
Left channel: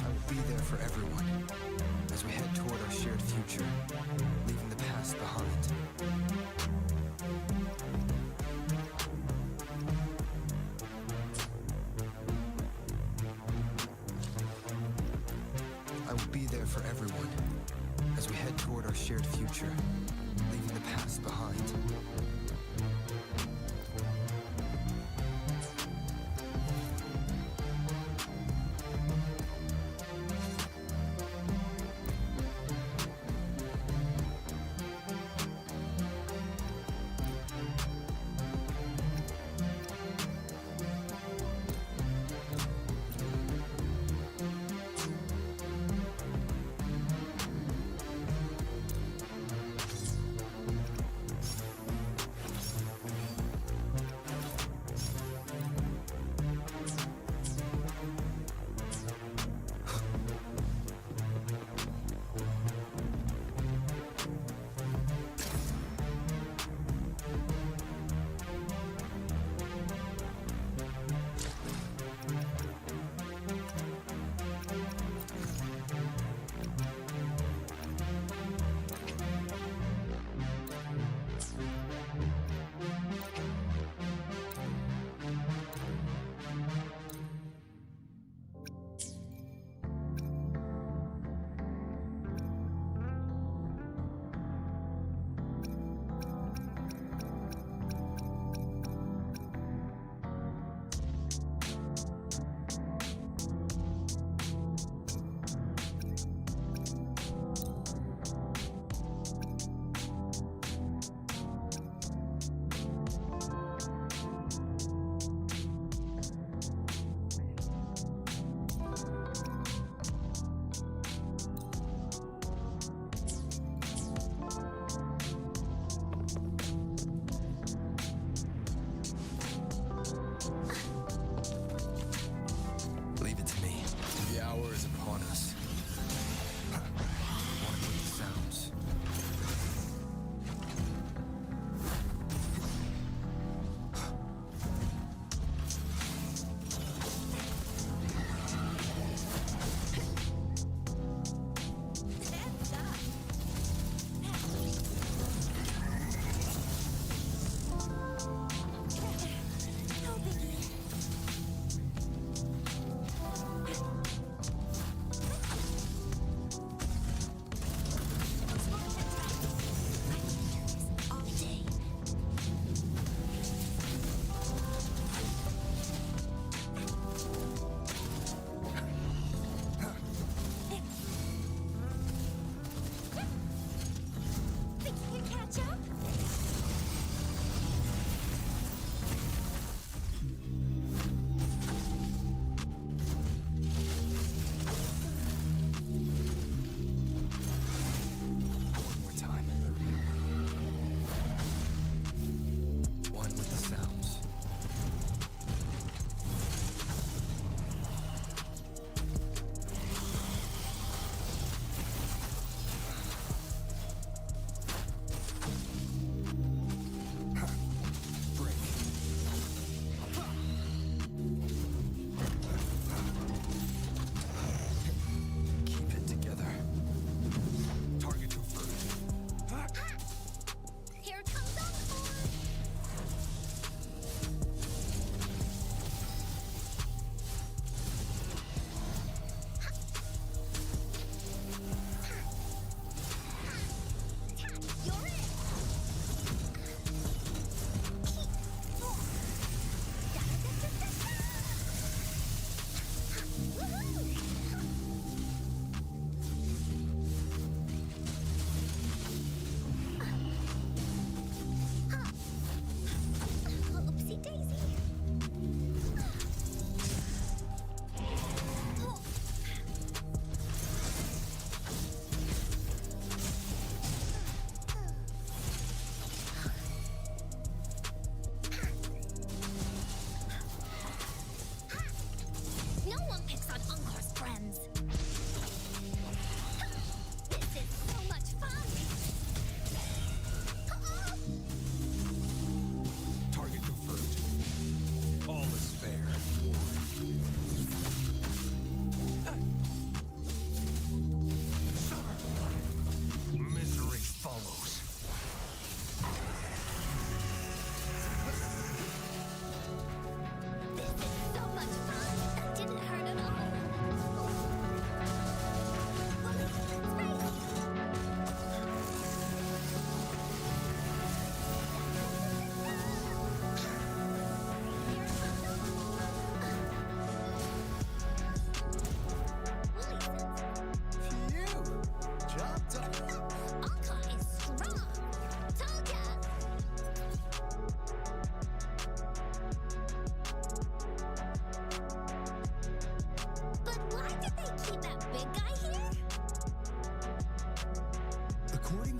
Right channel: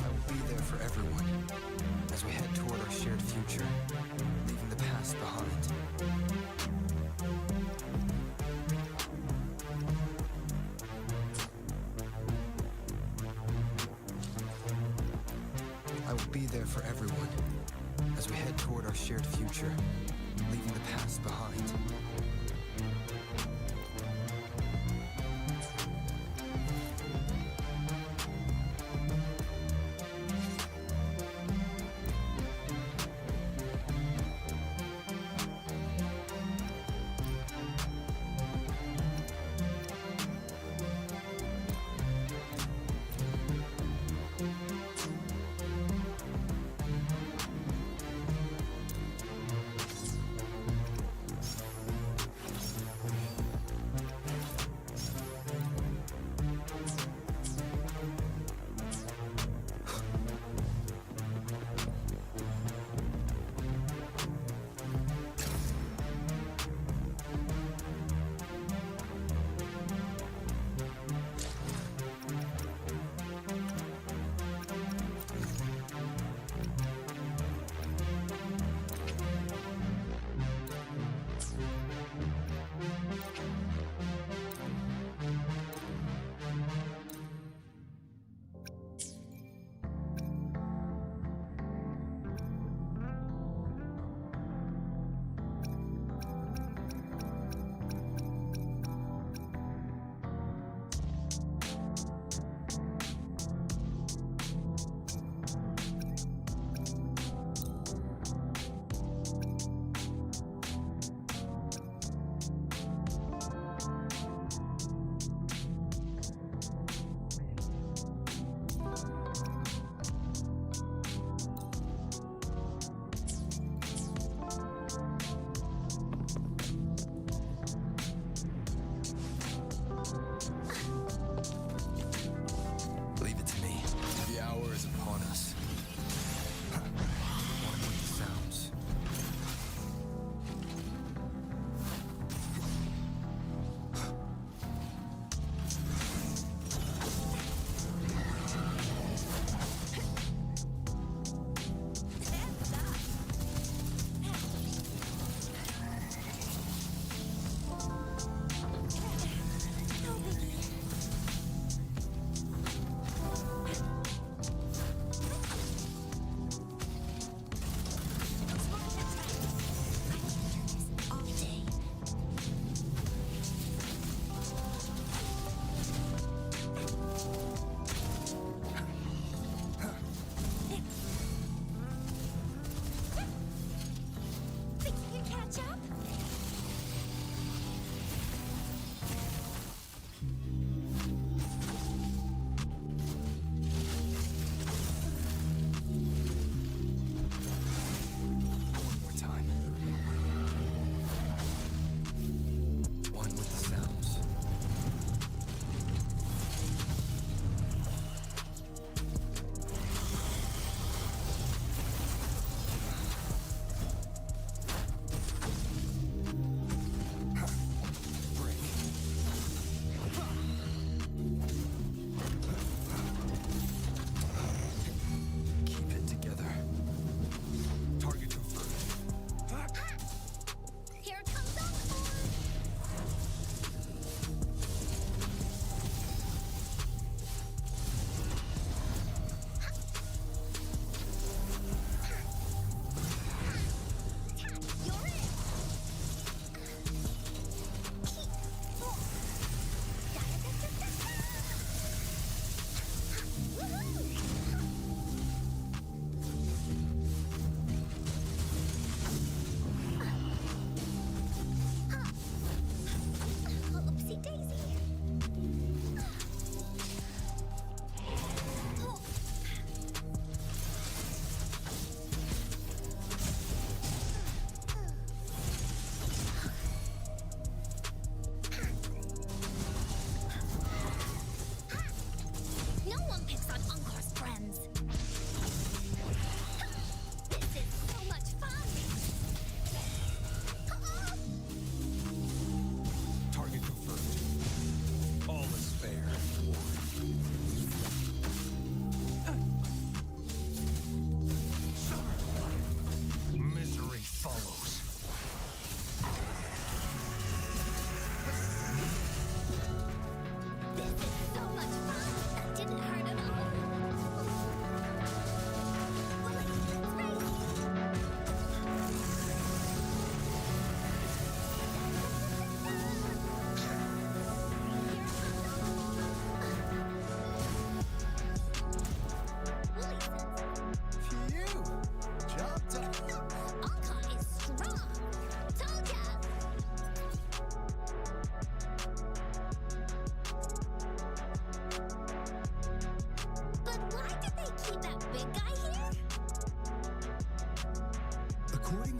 I will be there for everyone as we head toward our shared future, leaving the past behind. I will be there for everyone as we head toward our shared future, leaving the past behind. Leave it to me. The hour is upon us. One with the sounds. No biggie. Smoke that track.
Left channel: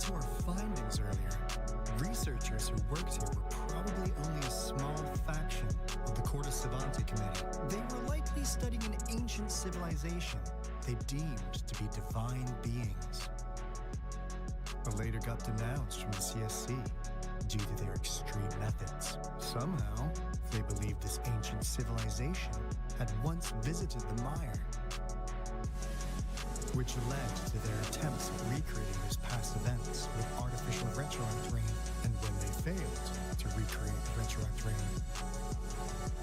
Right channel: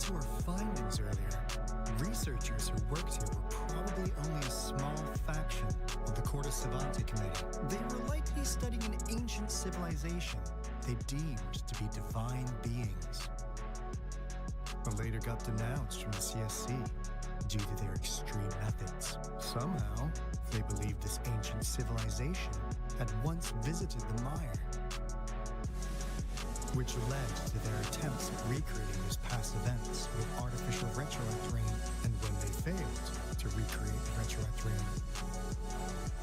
to our findings earlier, researchers who worked here were probably only a small faction of the Corte Savante Committee. They were likely studying an ancient civilization they deemed to be divine beings, but later got denounced from the CSC due to their extreme methods. Somehow, they believed this ancient civilization had once visited the mire, which led to their attempts at recreating those past events with artificial retroact rain, and when they failed to recreate the retroact rain,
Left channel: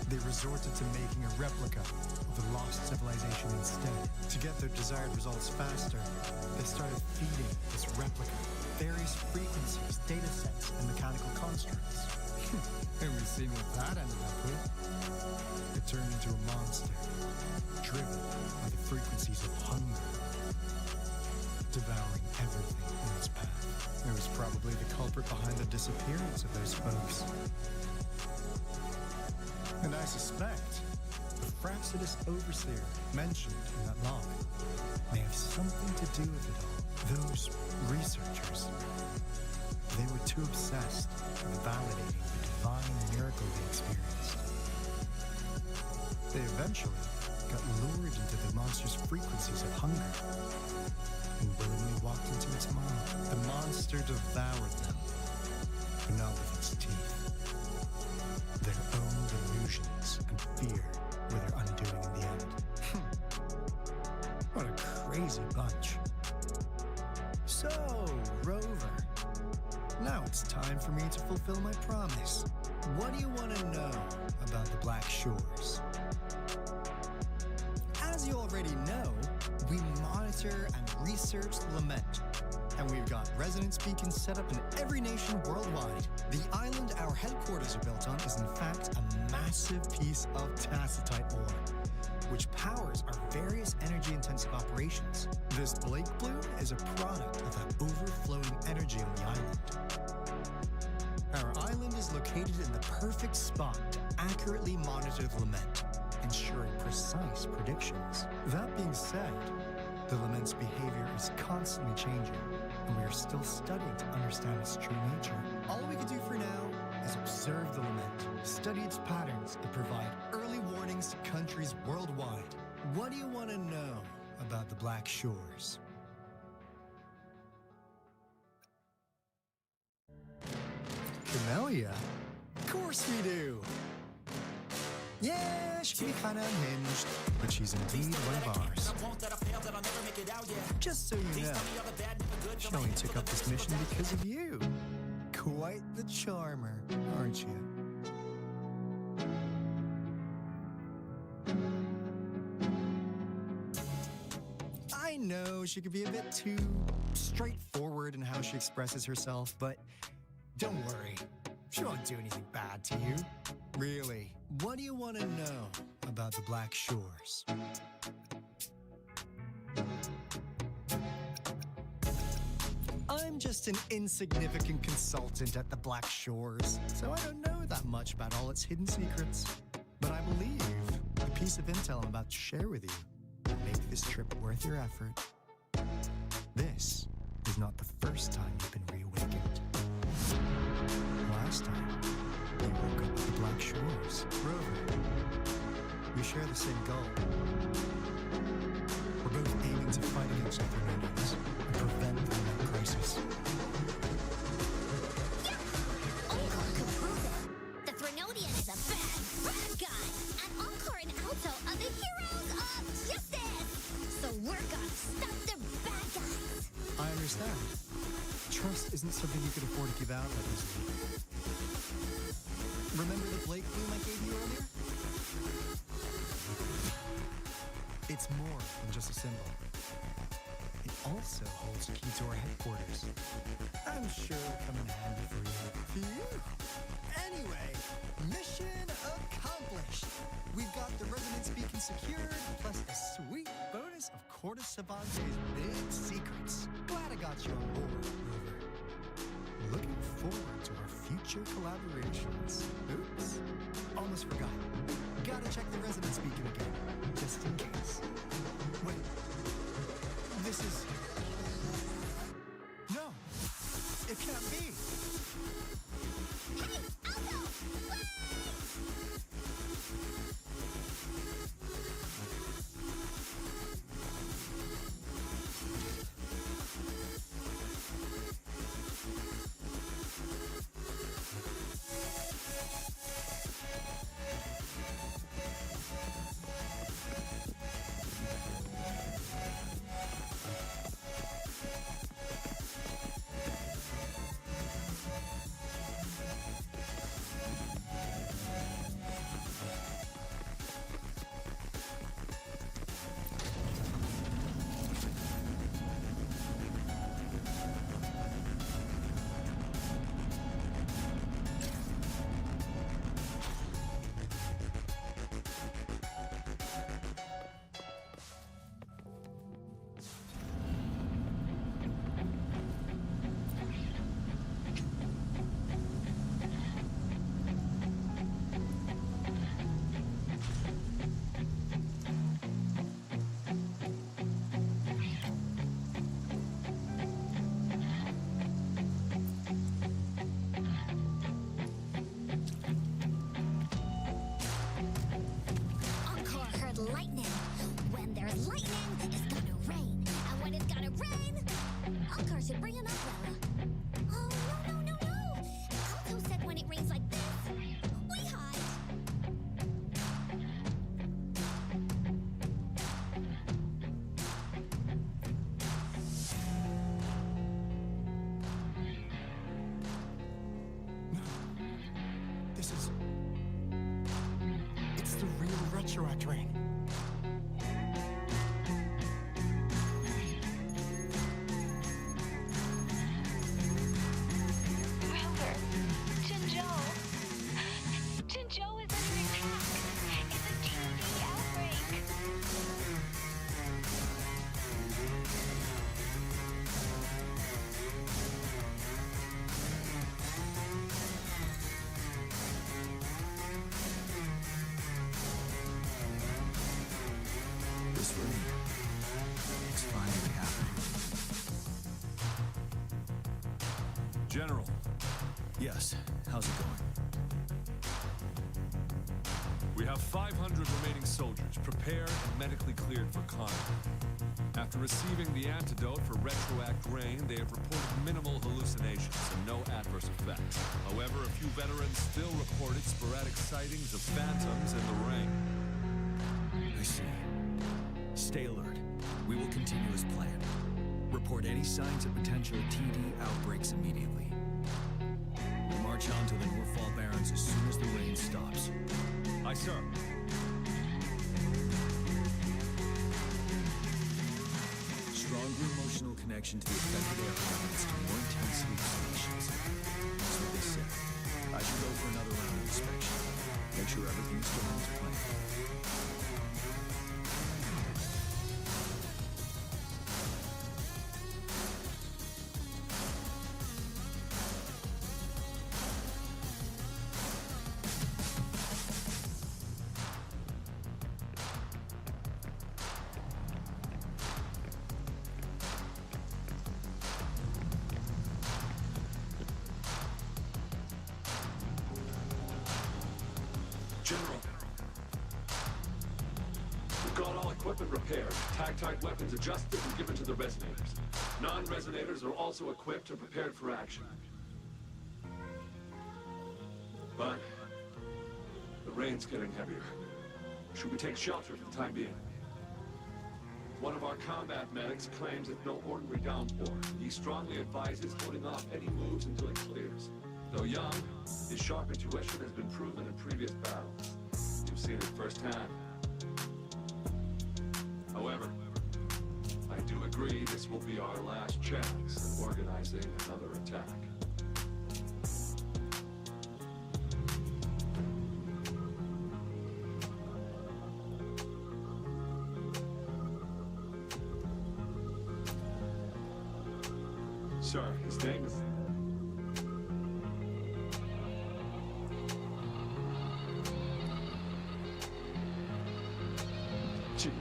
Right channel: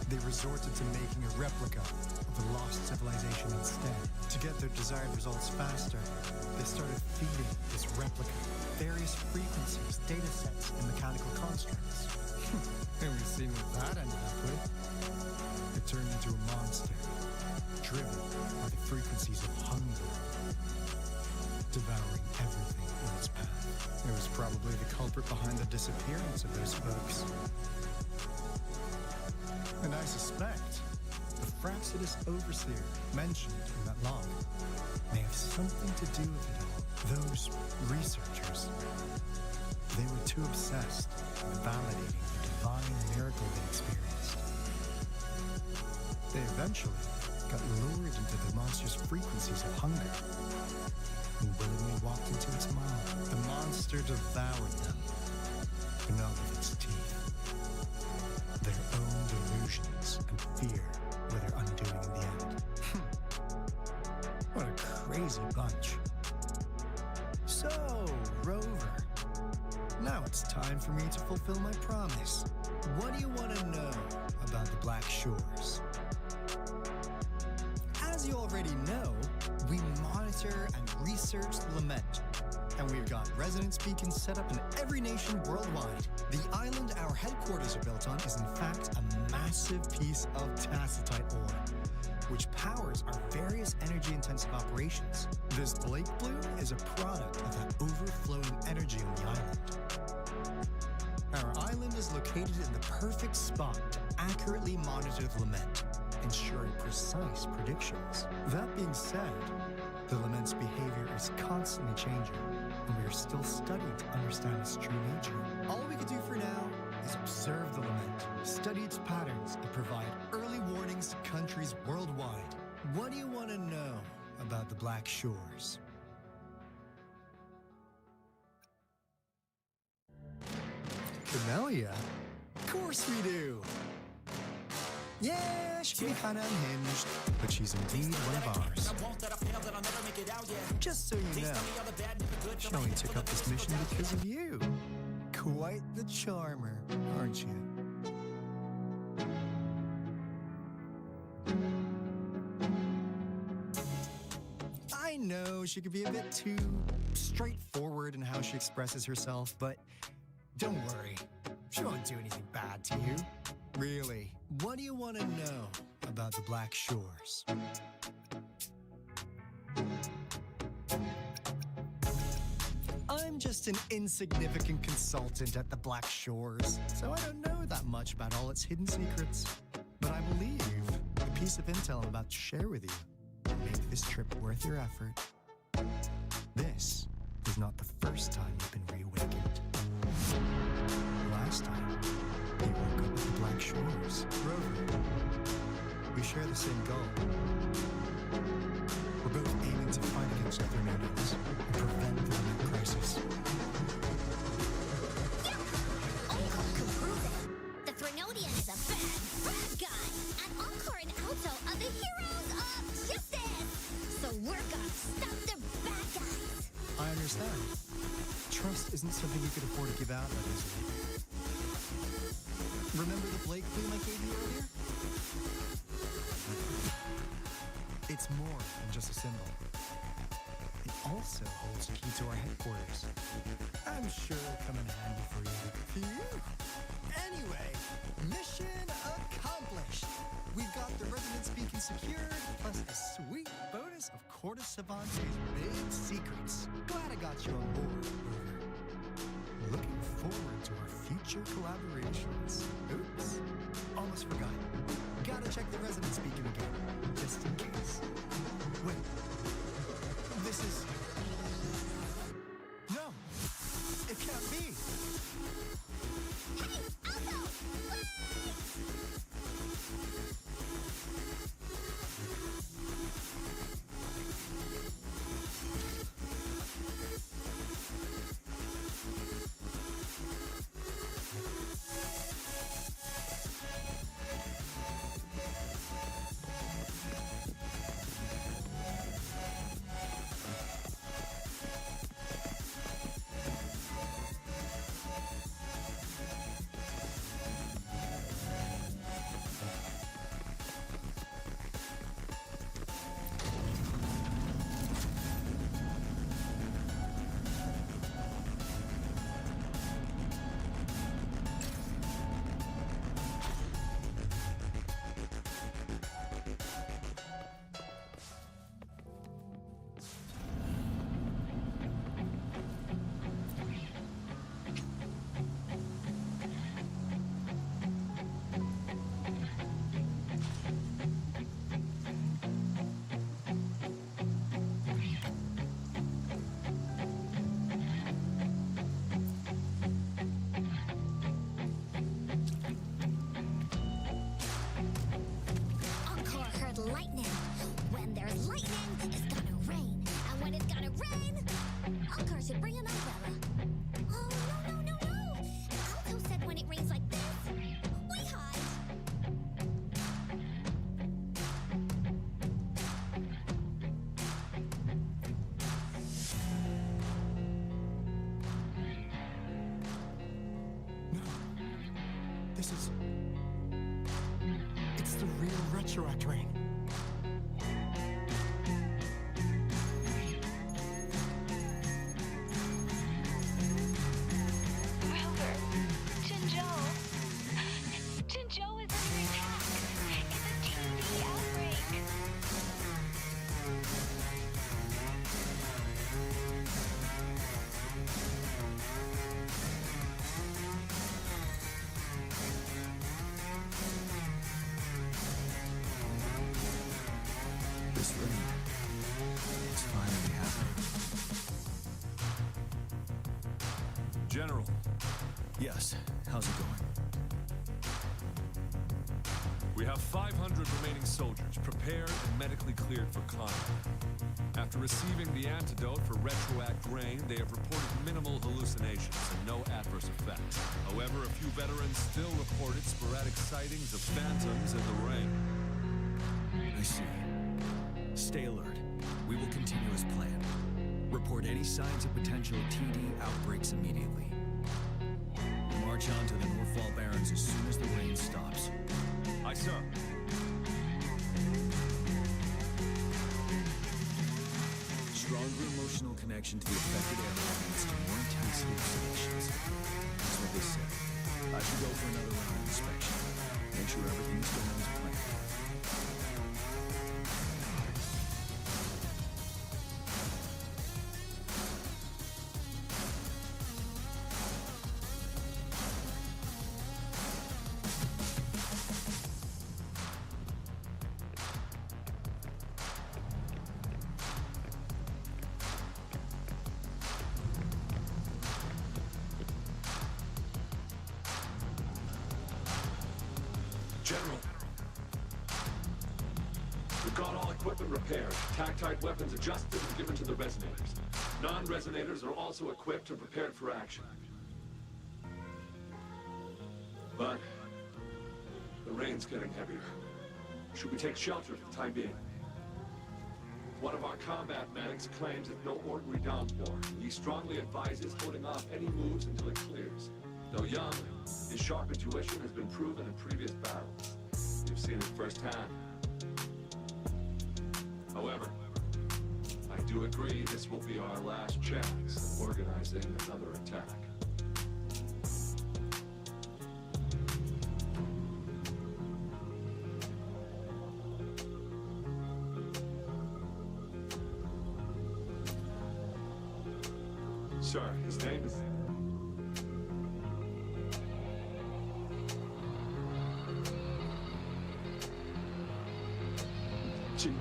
they resorted to making a replica of the lost civilization instead. To get their desired results faster, they started feeding this replica various frequencies, data sets, and mechanical constructs. And we've seen what that ended up with. It turned into a monster, driven by the frequencies of hunger, devouring everything in its path. It was probably the culprit behind the disappearance of those folks. And I suspect the Frapsidus Overseer mentioned in that log may have something to do with it all. Those researchers, they were too obsessed with validating the divine miracle they experienced. They eventually got lured into the monster's frequencies of hunger and willingly walked into its maw. The monster devoured them, but not with its teeth. Their own delusions and fear were their undoing in the end. What a crazy bunch. So, Rover, now it's time for me to fulfill my promise. What do you want to know about the Black Shores? As you already know, we monitor and research the Lament, and we've got resonance beacons set up in every nation worldwide. The island our headquarters are built on is in fact a massive piece of tacitite ore, which powers our various energy-intensive operations. This Blake Bloom is a product of that overflowing energy on the island. Our island is located in the perfect spot to accurately monitor the Lament, ensuring precise predictions. That being said, the Lament's behavior is constantly changing, and we are still studying to understand its true nature. All we can do for now is observe the Lament, study its patterns, and provide early warnings to countries worldwide. What do you want to know about the Black Shores? Camellia? Of course we do! Yeah, she can be kinda unhinged, but she's indeed one of ours. Just so you know, she only took up this mission because of you. Quite the charmer, aren't you? I know she could be a bit too straightforward in how she expresses herself, but don't worry, she won't do anything bad to you. Really, what do you want to know about the Black Shores? I'm just an insignificant consultant at the Black Shores, so I don't know that much about all its hidden secrets. But I believe the piece of intel I'm about to share with you will make this trip worth your effort. This is not the first time you've been reawakened. Last time, you woke up at the Black Shores. Rover, we share the same goal. We're both aiming to fight against the Threnodians and prevent the Lament crisis. Yep! Encore can prove it. The Threnodian is a bad guy. And Encore and Alto are the heroes of justice. So we're gonna stop the bad guys. I understand. Trust isn't something you could afford to give out that easily. Remember the Blake Bloom I gave you earlier? It's more than just a symbol. It also holds the key to our headquarters. I'm sure it'll come in handy for you. Phew! Anyway, mission accomplished. We've got the resonance beacon secured, plus a sweet bonus of Corte Savante's big secrets. Glad I got you on board, Rover. Looking forward to our future collaborations. Oops, almost forgot. Gotta check the resonance beacon again, just in case. Wait, this is... No, It can't be. Hey, Alto! Wait! Encore heard lightning. When there's lightning, it's gonna rain. And when it's gonna rain, Encore should bring an umbrella. Oh, no. Alto said when it rains like this, we hide. No. This is... It's the real Retroact rain. Rover, Jinzhou is under attack. It's a TD outbreak. This rain, it's finally happening. General, Yes, how's it going? we have 500 remaining soldiers prepared and medically cleared for combat. After receiving the antidote for retroact rain, they have reported minimal hallucinations and no adverse effects. However, a few veterans still reported sporadic sightings of phantoms in the rain. I see. Stay alert. We will continue as planned. Report any signs of potential TD outbreaks immediately. We march on to the Northfall Barrens as soon as the rain stops. Aye, sir. Stronger emotional connection to the affected area leads to more intense hallucinations. That's what they said. I should go for another round of inspection. Make sure everything is going as planned. General, we've got all equipment repaired, tactite weapons adjusted and given to the resonators. Non-resonators are also equipped and prepared for action. But the rain's getting heavier. Should we take shelter for the time being? One of our combat medics claims it's no ordinary downpour, and he strongly advises holding off any moves until it clears. Though young, his sharp intuition has been proven in previous battles. You've seen it firsthand. However, I do agree this will be our last chance at organizing another attack. Sir, his name is... Jiyan.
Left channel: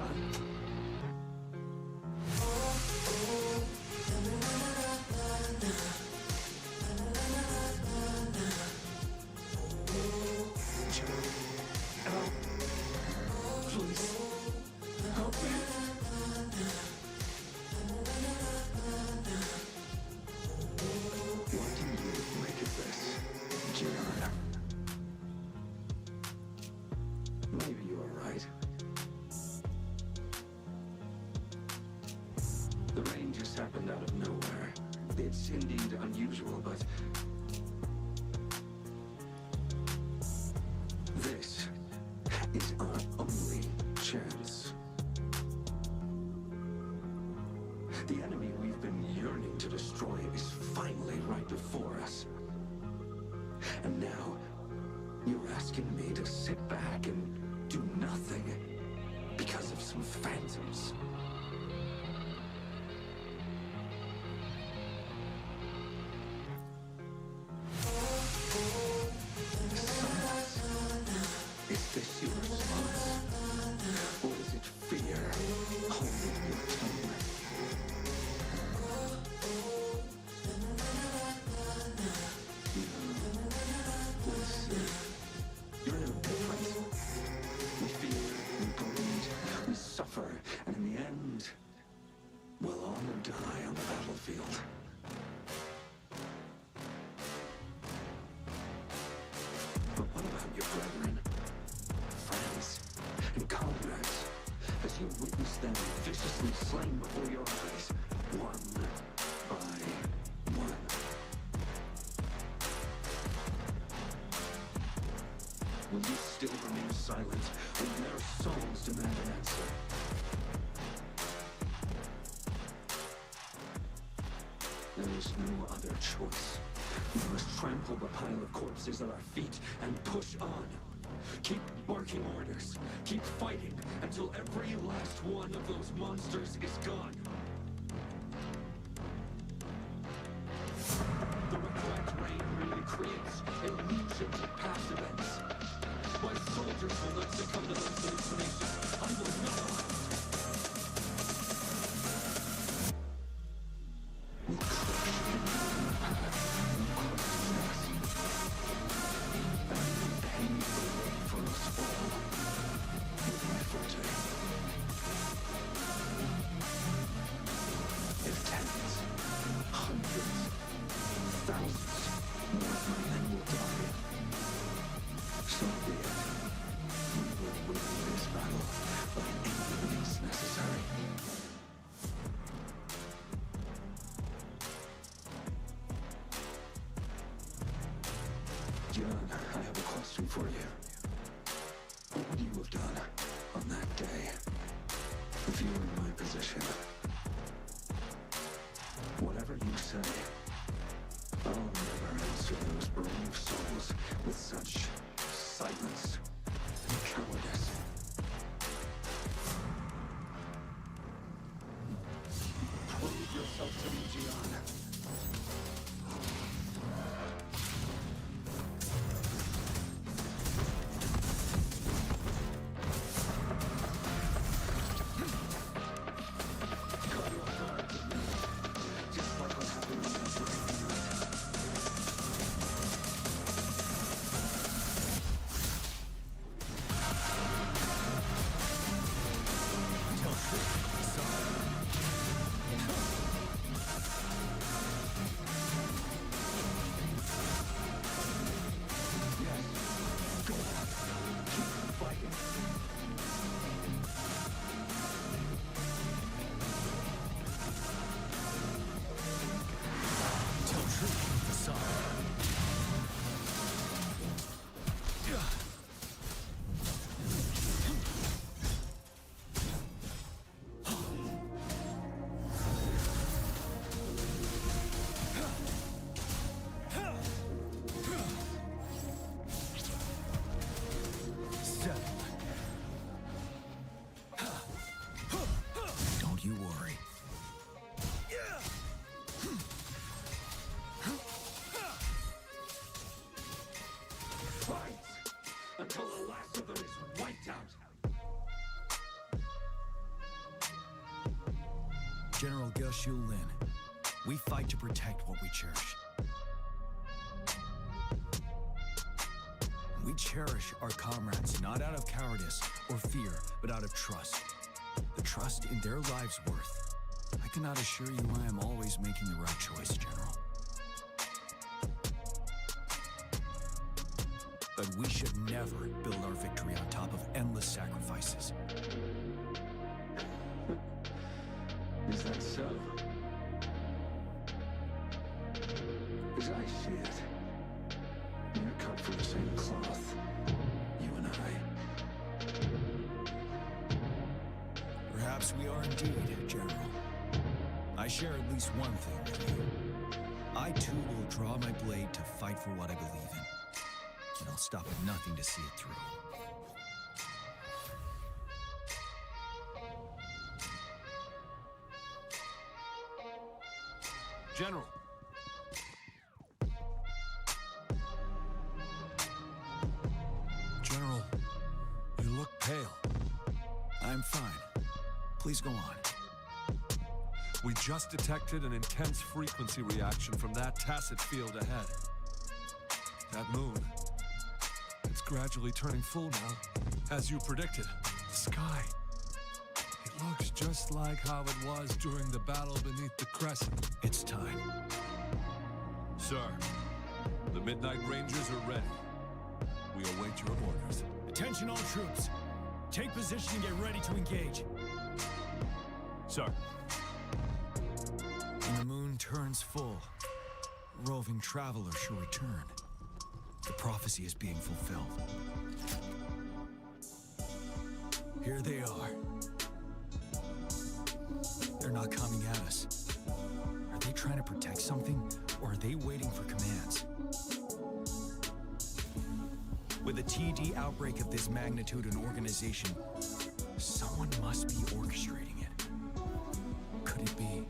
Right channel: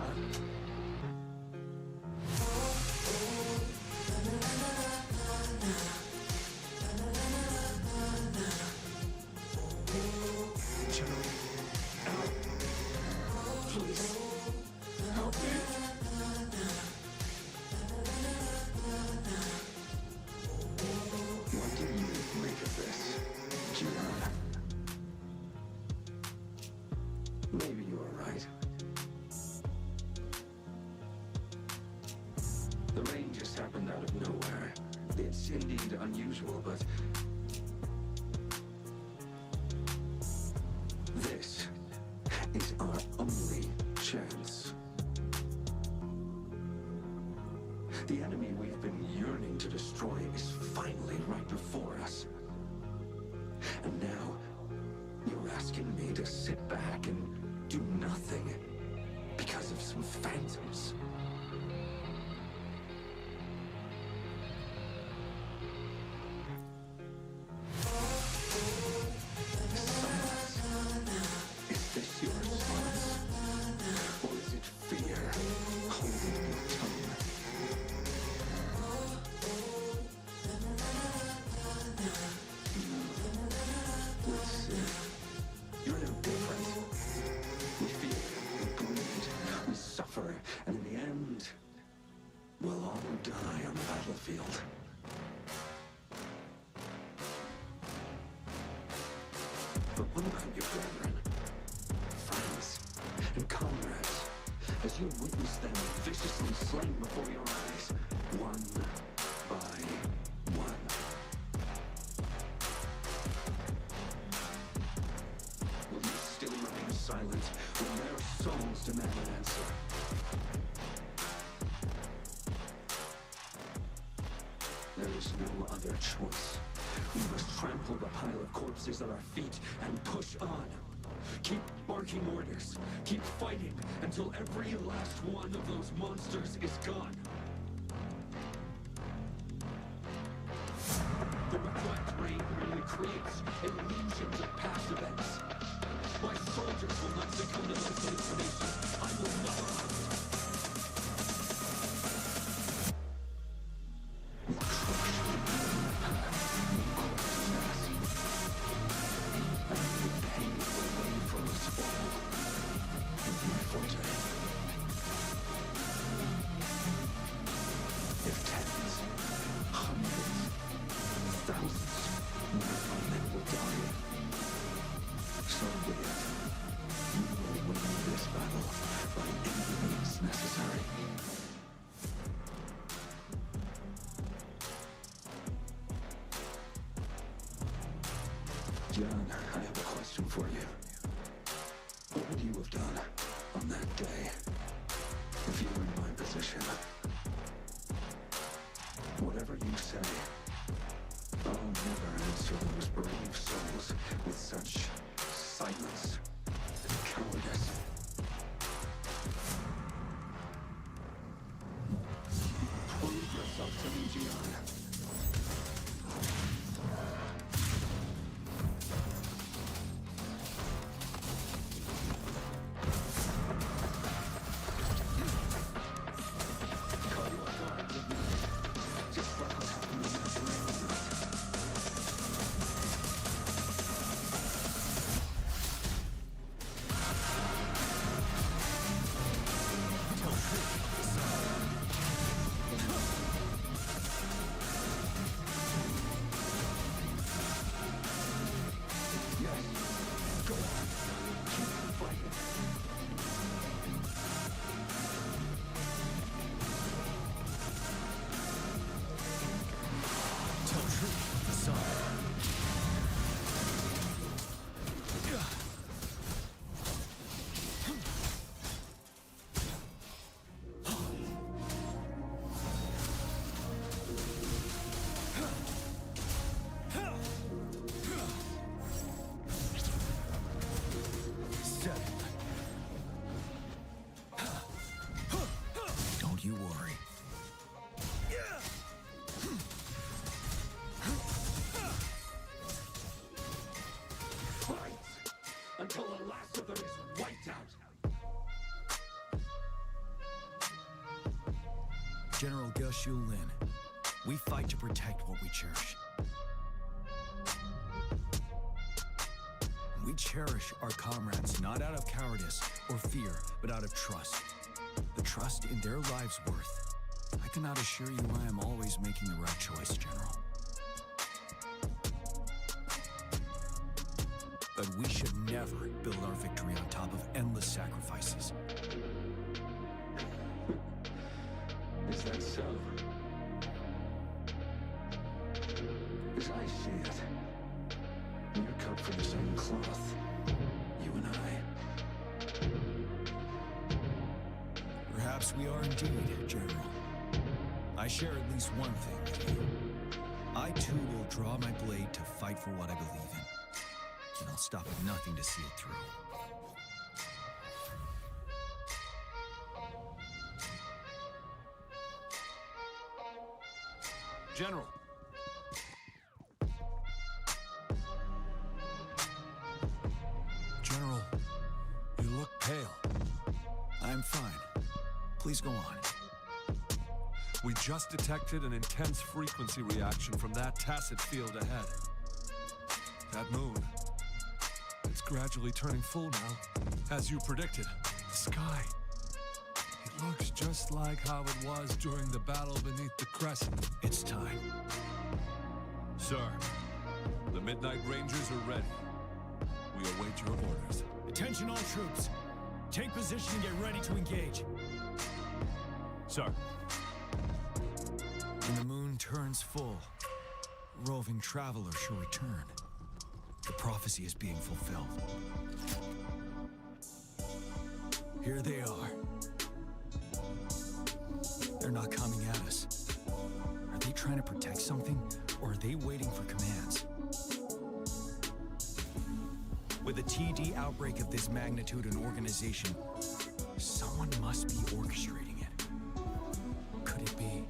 The rain just happened out of nowhere. It's indeed unusual, but this is our only chance. The enemy we've been yearning to destroy is finally right before us. And now, you're asking me to sit back and do nothing because of some phantoms. Silence. Is this your response? Or is it fear holding your tongue? No. Let's see. You're no different. We fear, we bleed, we suffer, and in the end, we'll all die on the battlefield. But what about your brethren, friends, and comrades, as you witness them viciously slain before your eyes, one by one? Will you still remain silent when their souls demand an answer? There is no other choice. We must trample the pile of corpses at our feet and push on. Keep barking orders. Keep fighting until every last one of those monsters is gone. The retroactive rain merely creates illusions of past events. My soldiers will not succumb to those hallucinations. I will not allow it. We'll crush anything in our path, no questions asked. And I will pave the way for us all with my forte. If tens, hundreds, thousands more of my men will die, so be it. We will win this battle by any means necessary. Jiyan, I have a question for you. What would you have done on that day if you were in my position? Whatever you say, I'll never answer those brave souls with such silence and cowardice. Prove yourself to me, Jiyan. Caught you off guard, didn't you? Just like what happened on that rainy night. Tell truth of the side. Yes. Go on. Keep fighting. Tell truth of the side. Settled. Don't you worry. Fight until the last of them is wiped out. General Geshu Lin, we fight to protect what we cherish. We cherish our comrades not out of cowardice or fear, but out of trust. The trust in their lives' worth. I cannot assure you I am always making the right choice, General. But we should never build our victory on top of endless sacrifices. Is that so? As I see it, we're cut from the same cloth, you and I. Perhaps we are indeed, General. I share at least one thing with you. I too will draw my blade to fight for what I believe in. And I'll stop at nothing to see it through. General. General, you look pale. I'm fine. Please go on. We just detected an intense frequency reaction from that tacit field ahead. That moon, it's gradually turning full now, as you predicted. The sky, it looks just like how it was during the battle beneath the crescent. It's time. Sir, the Midnight Rangers are ready. We await your orders. Attention all troops. Take position and get ready to engage. Sir. When the moon turns full, a roving traveler shall return. The prophecy is being fulfilled. Here they are. They're not coming at us. Are they trying to protect something, or are they waiting for commands? With a TD outbreak of this magnitude and organization, someone must be orchestrating it. Could it be?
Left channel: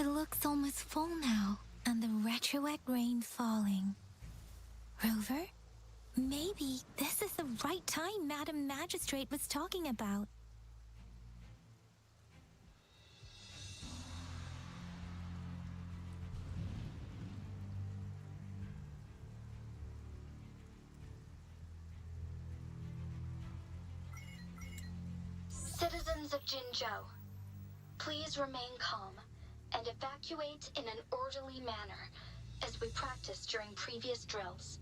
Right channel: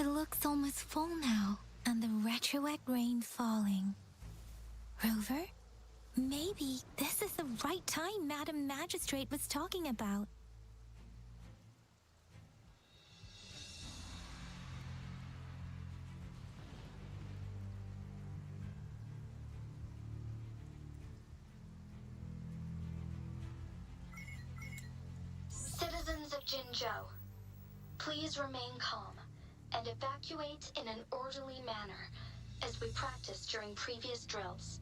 It looks almost full now, and the retroact rain falling. Rover? Maybe this is the right time Madam Magistrate was talking about. Citizens of Jinzhou, please remain calm and evacuate in an orderly manner as we practiced during previous drills.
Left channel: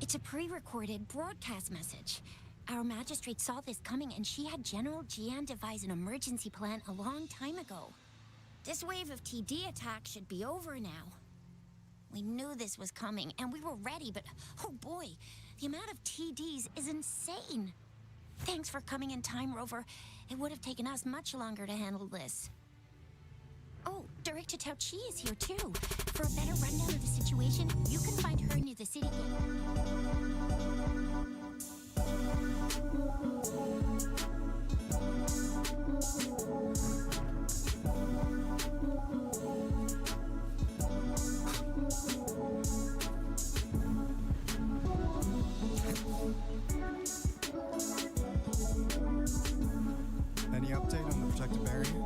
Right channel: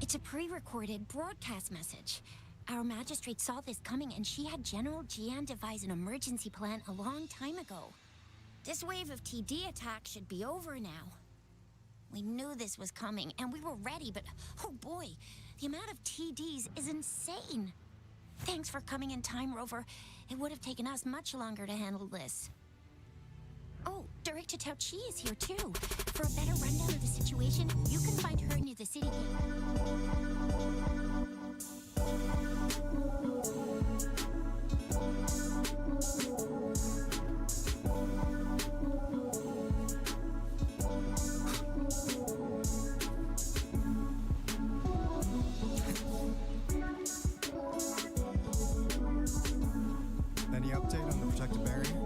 It's a pre-recorded broadcast message. Our magistrate saw this coming and she had General Jiyan devise an emergency plan a long time ago. This wave of TD attacks should be over now. We knew this was coming and we were ready, but oh boy, the amount of TDs is insane. Thanks for coming in time, Rover. It would have taken us much longer to handle this. Oh, Director Tao Chi is here too. For a better rundown of the situation, you can find her near the city gate. Any update on the protective barrier?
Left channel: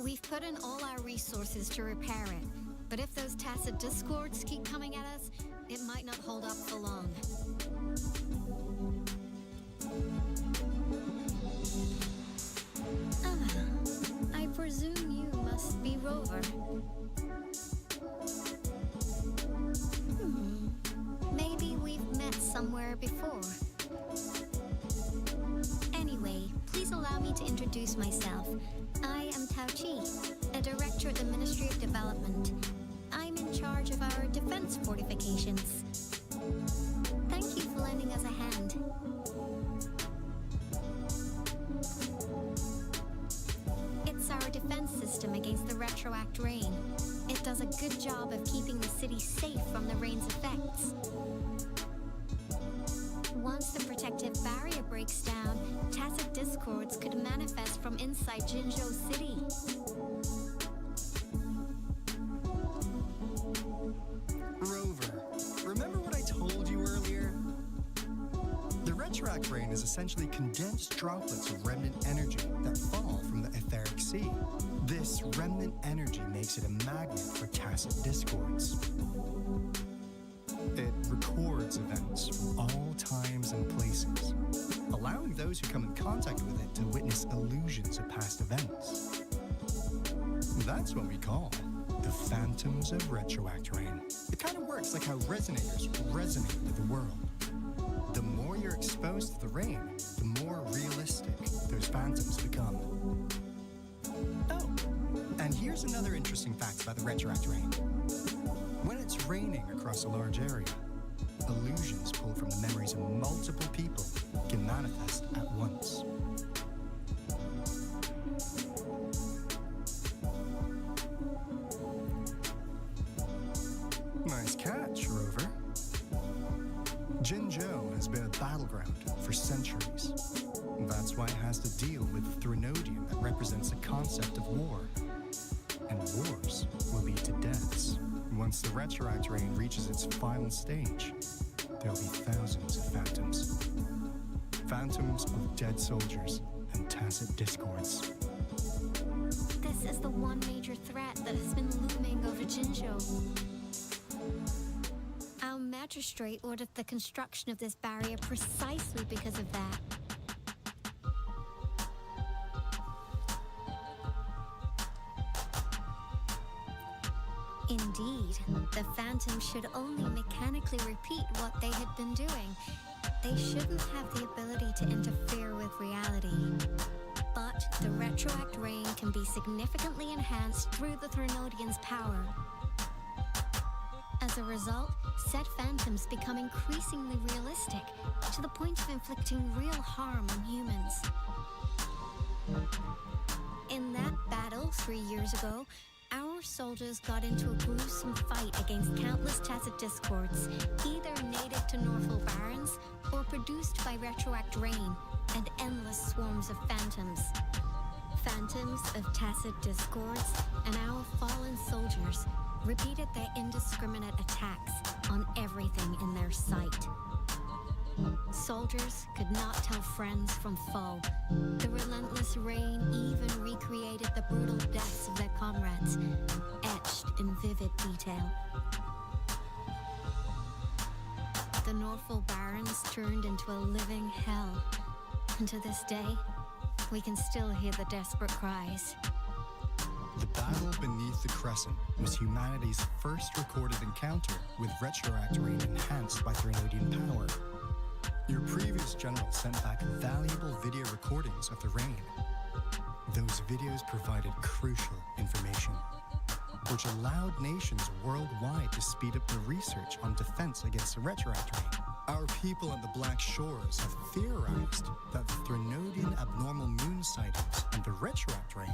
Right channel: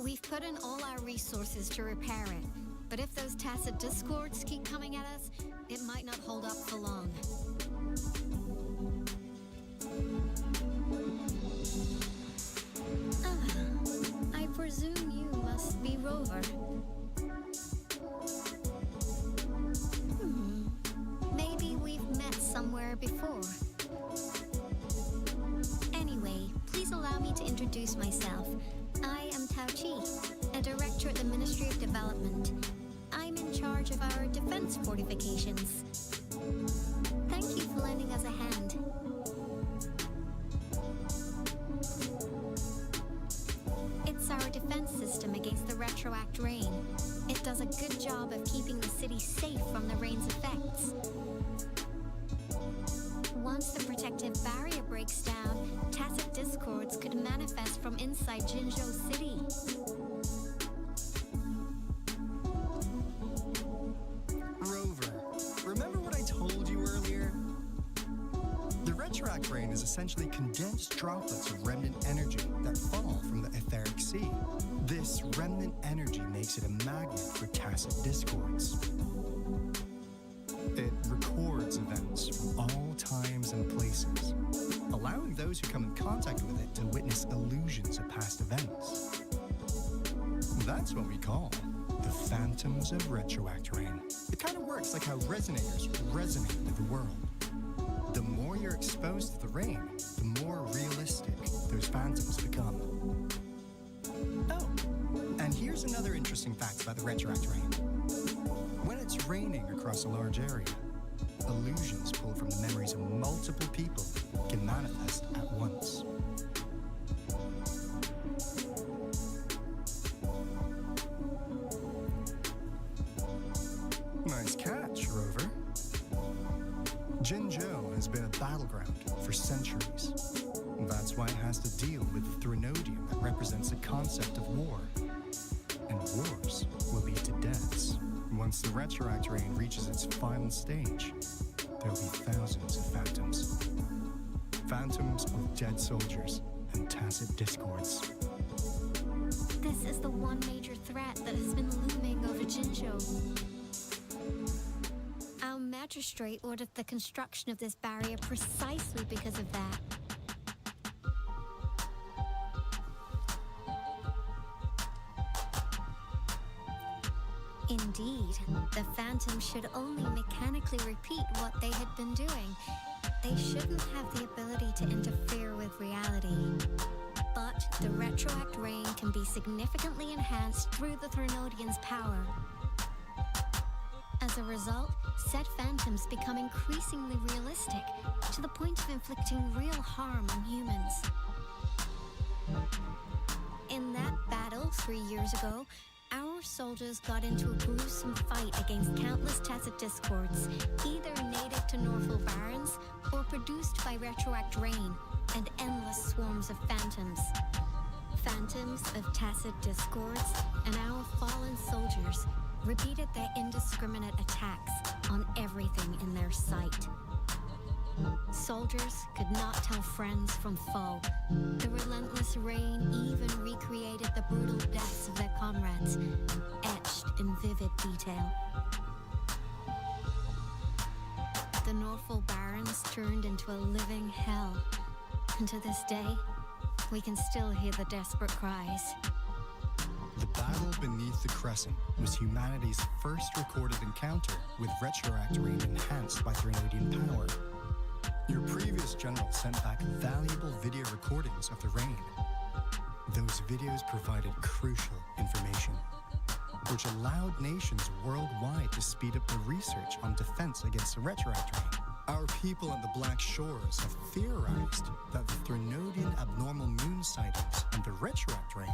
We've put in all our resources to repair it, but if those tacit discords keep coming at us, it might not hold up for long. I presume you must be Rover. Maybe we've met somewhere before. Anyway, please allow me to introduce myself. I am Tao Chi, a director at the Ministry of Development. I'm in charge of our defense fortifications. Thank you for lending us a hand. It's our defense system against the retroact rain. It does a good job of keeping the city safe from the rain's effects. Once the protective barrier breaks down, tacit discords could manifest from inside Jinzhou City. Rover, remember what I told you earlier? The retroact rain is essentially condensed droplets of remnant energy that fall from the etheric sea. This remnant energy makes it a magnet for tacit discords. It records events from all times and places, allowing those who come in contact with it to witness illusions of past events. That's what we call the phantoms of retroact rain. It kind of works like how resonators resonate with the world. The more you're exposed to the rain, the more realistic those phantoms become. Oh, and here's another interesting fact about the retroact rain. When it's raining across a large area, illusions pulled from the memories of multiple people can manifest at once. Nice catch, Rover. Jinzhou has been a battleground for centuries. That's why it has to deal with the Threnodium that represents the concept of war. And wars will lead to deaths. Once the retroact rain reaches its final stage, there'll be thousands of phantoms. Phantoms of dead soldiers and tacit discords. This is the one major threat that has been looming over Jinzhou. Our magistrate ordered the construction of this barrier precisely because of that. Indeed, the phantoms should only mechanically repeat what they had been doing. They shouldn't have the ability to interfere with reality. But the retroact rain can be significantly enhanced through the Threnodian's power. As a result, said phantoms become increasingly realistic, to the point of inflicting real harm on humans. In that battle 3 years ago, Our soldiers got into a gruesome fight against countless tacit discords, either native to Norfolk Barrens or produced by retroact rain and endless swarms of phantoms. Phantoms of tacit discords and our fallen soldiers repeated their indiscriminate attacks on everything in their sight. Soldiers could not tell friends from foe. The relentless rain even recreated the brutal deaths of their comrades, etched in vivid detail. The Norfolk Barrens turned into a living hell, and to this day, we can still hear the desperate cries. The battle beneath the Crescent was humanity's first recorded encounter with retroact rain enhanced by Threnodian power. Your previous general sent back valuable video recordings of the rain. Those videos provided crucial information, which allowed nations worldwide to speed up the research on defense against the retroact rain. Our people at the Black Shores have theorized that the Threnodian abnormal moon sightings and the retroact rain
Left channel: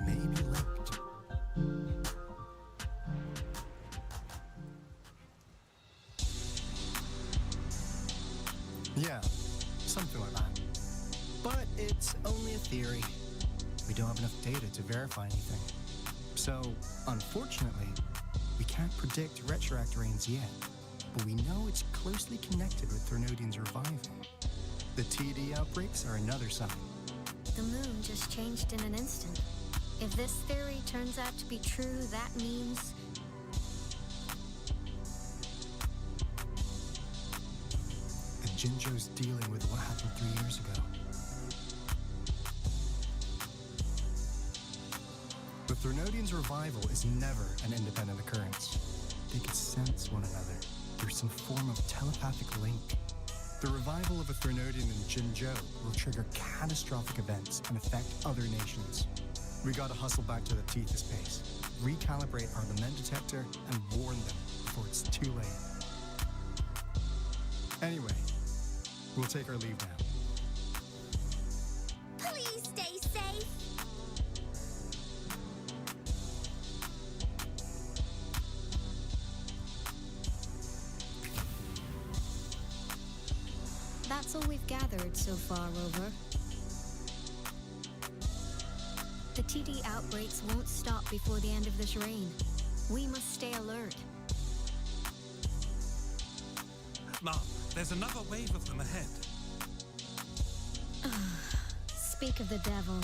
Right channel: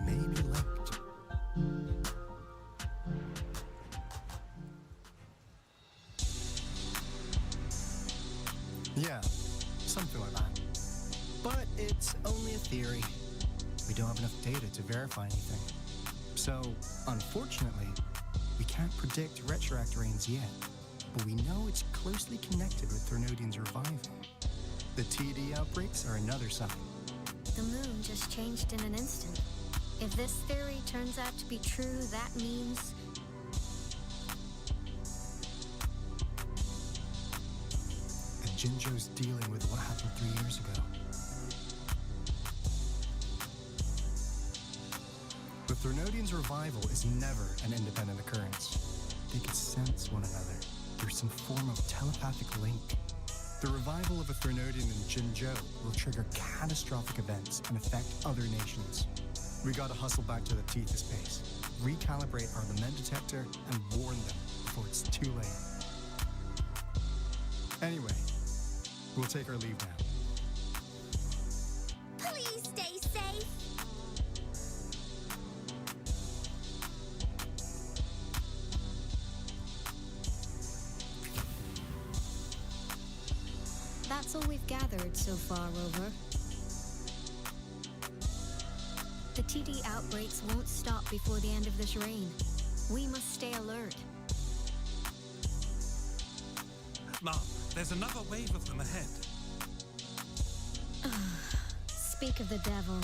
may be linked. Yeah, something like that. But it's only a theory. We don't have enough data to verify anything. So, unfortunately, we can't predict retroact rains yet. But we know it's closely connected with Threnodian's revival. The TD outbreaks are another sign. The moon just changed in an instant. If this theory turns out to be true, that means Jinzhou's dealing with what happened 3 years ago. The Threnodian's revival is never an independent occurrence. They can sense one another. There's some form of telepathic link. The revival of a Threnodian in Jinzhou will trigger catastrophic events and affect other nations. We gotta hustle back to the Tethys base, recalibrate our lament detector, and warn them before it's too late. Anyway, we'll take our leave now. Please stay safe. that's all we've gathered so far, Rover. The TD outbreaks won't stop before the end of this reign. We must stay alert. Mom, there's another wave of them ahead. Speak of the devil.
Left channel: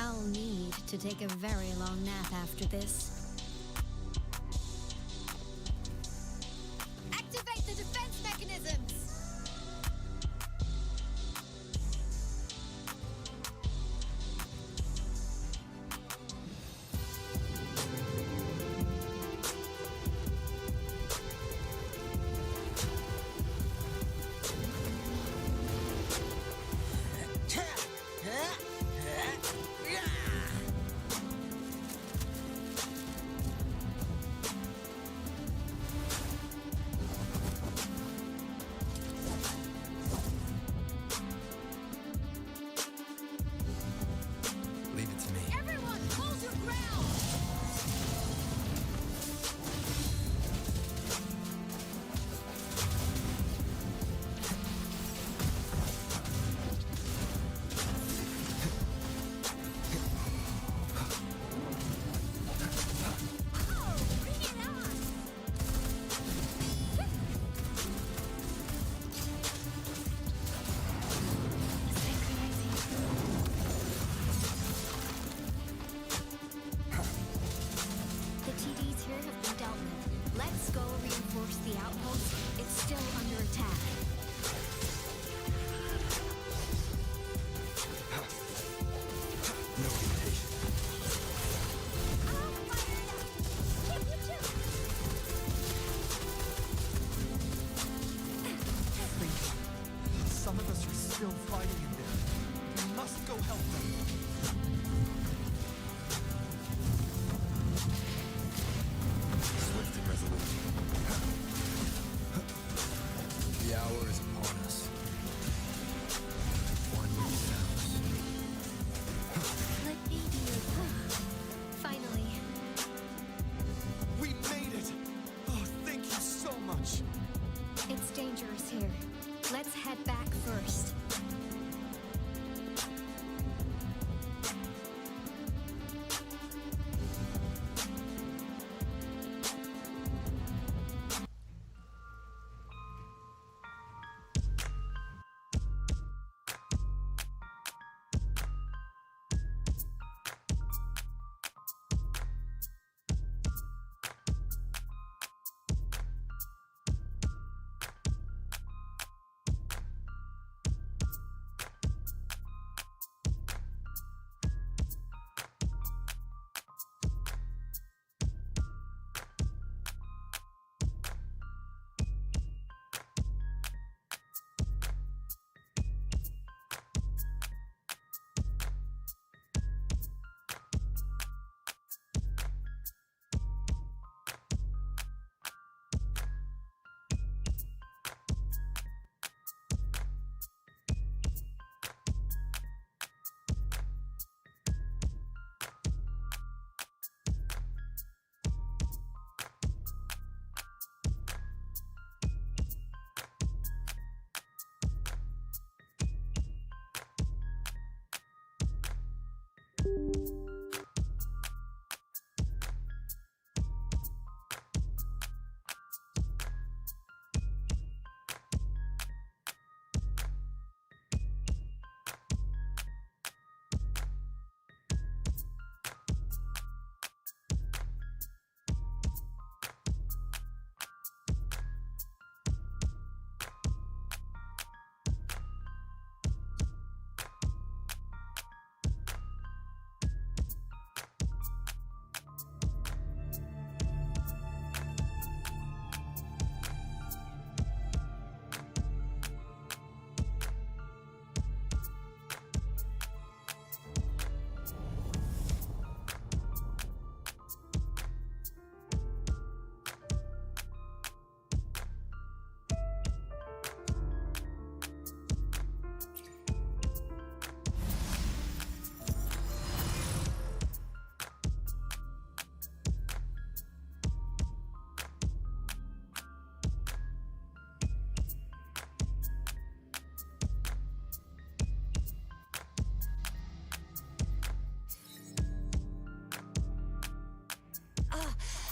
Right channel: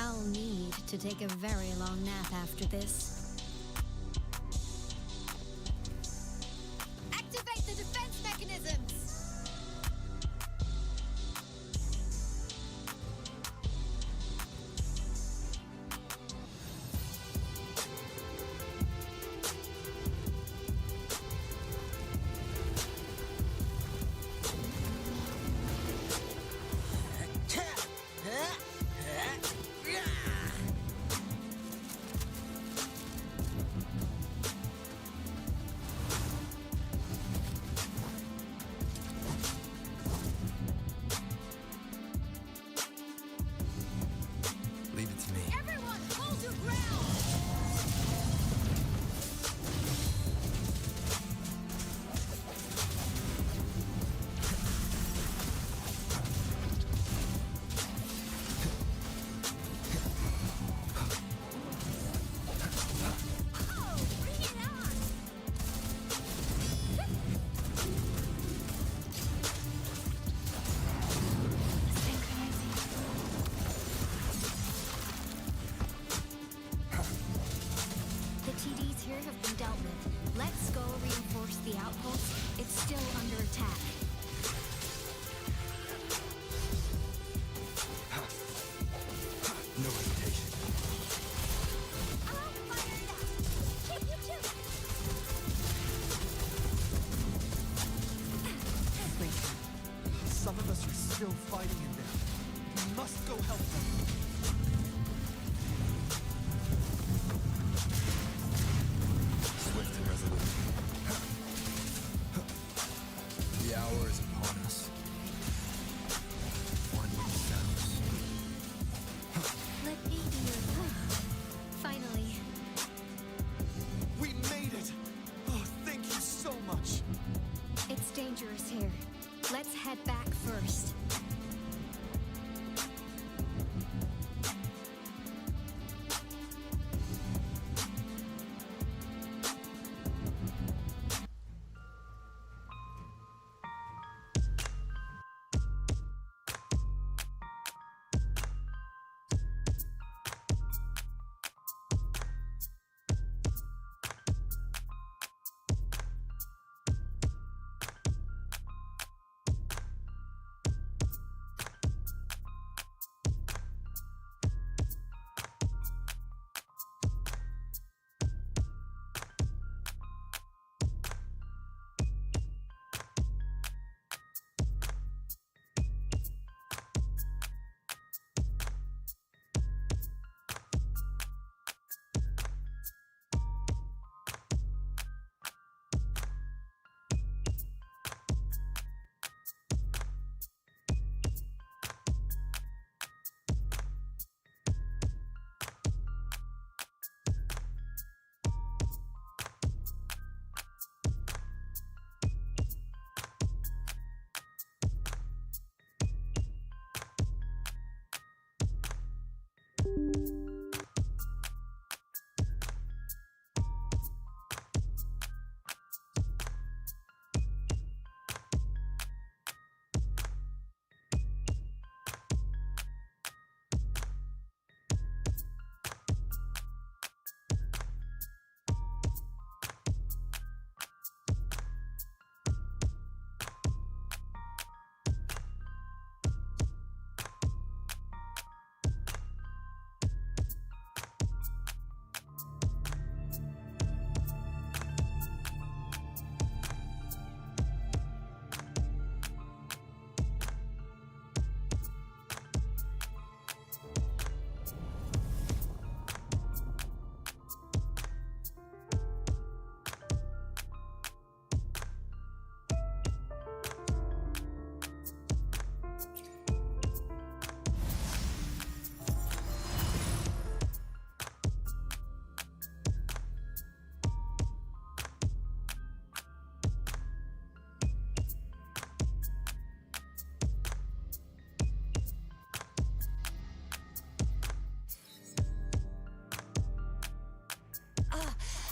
I'll need to take a very long nap after this. Activate the defense mechanisms! Leave it to me. Everyone, hold your ground! Oh, bring it on! The TDs here have been dealt with. Let's go reinforce the outpost. It's still under attack. No hesitation. I'll fire it up! Chip, chip, chip! Henry, some of us are still fighting in there. We must go help them. Swift and resolute. The hour Let's head back first.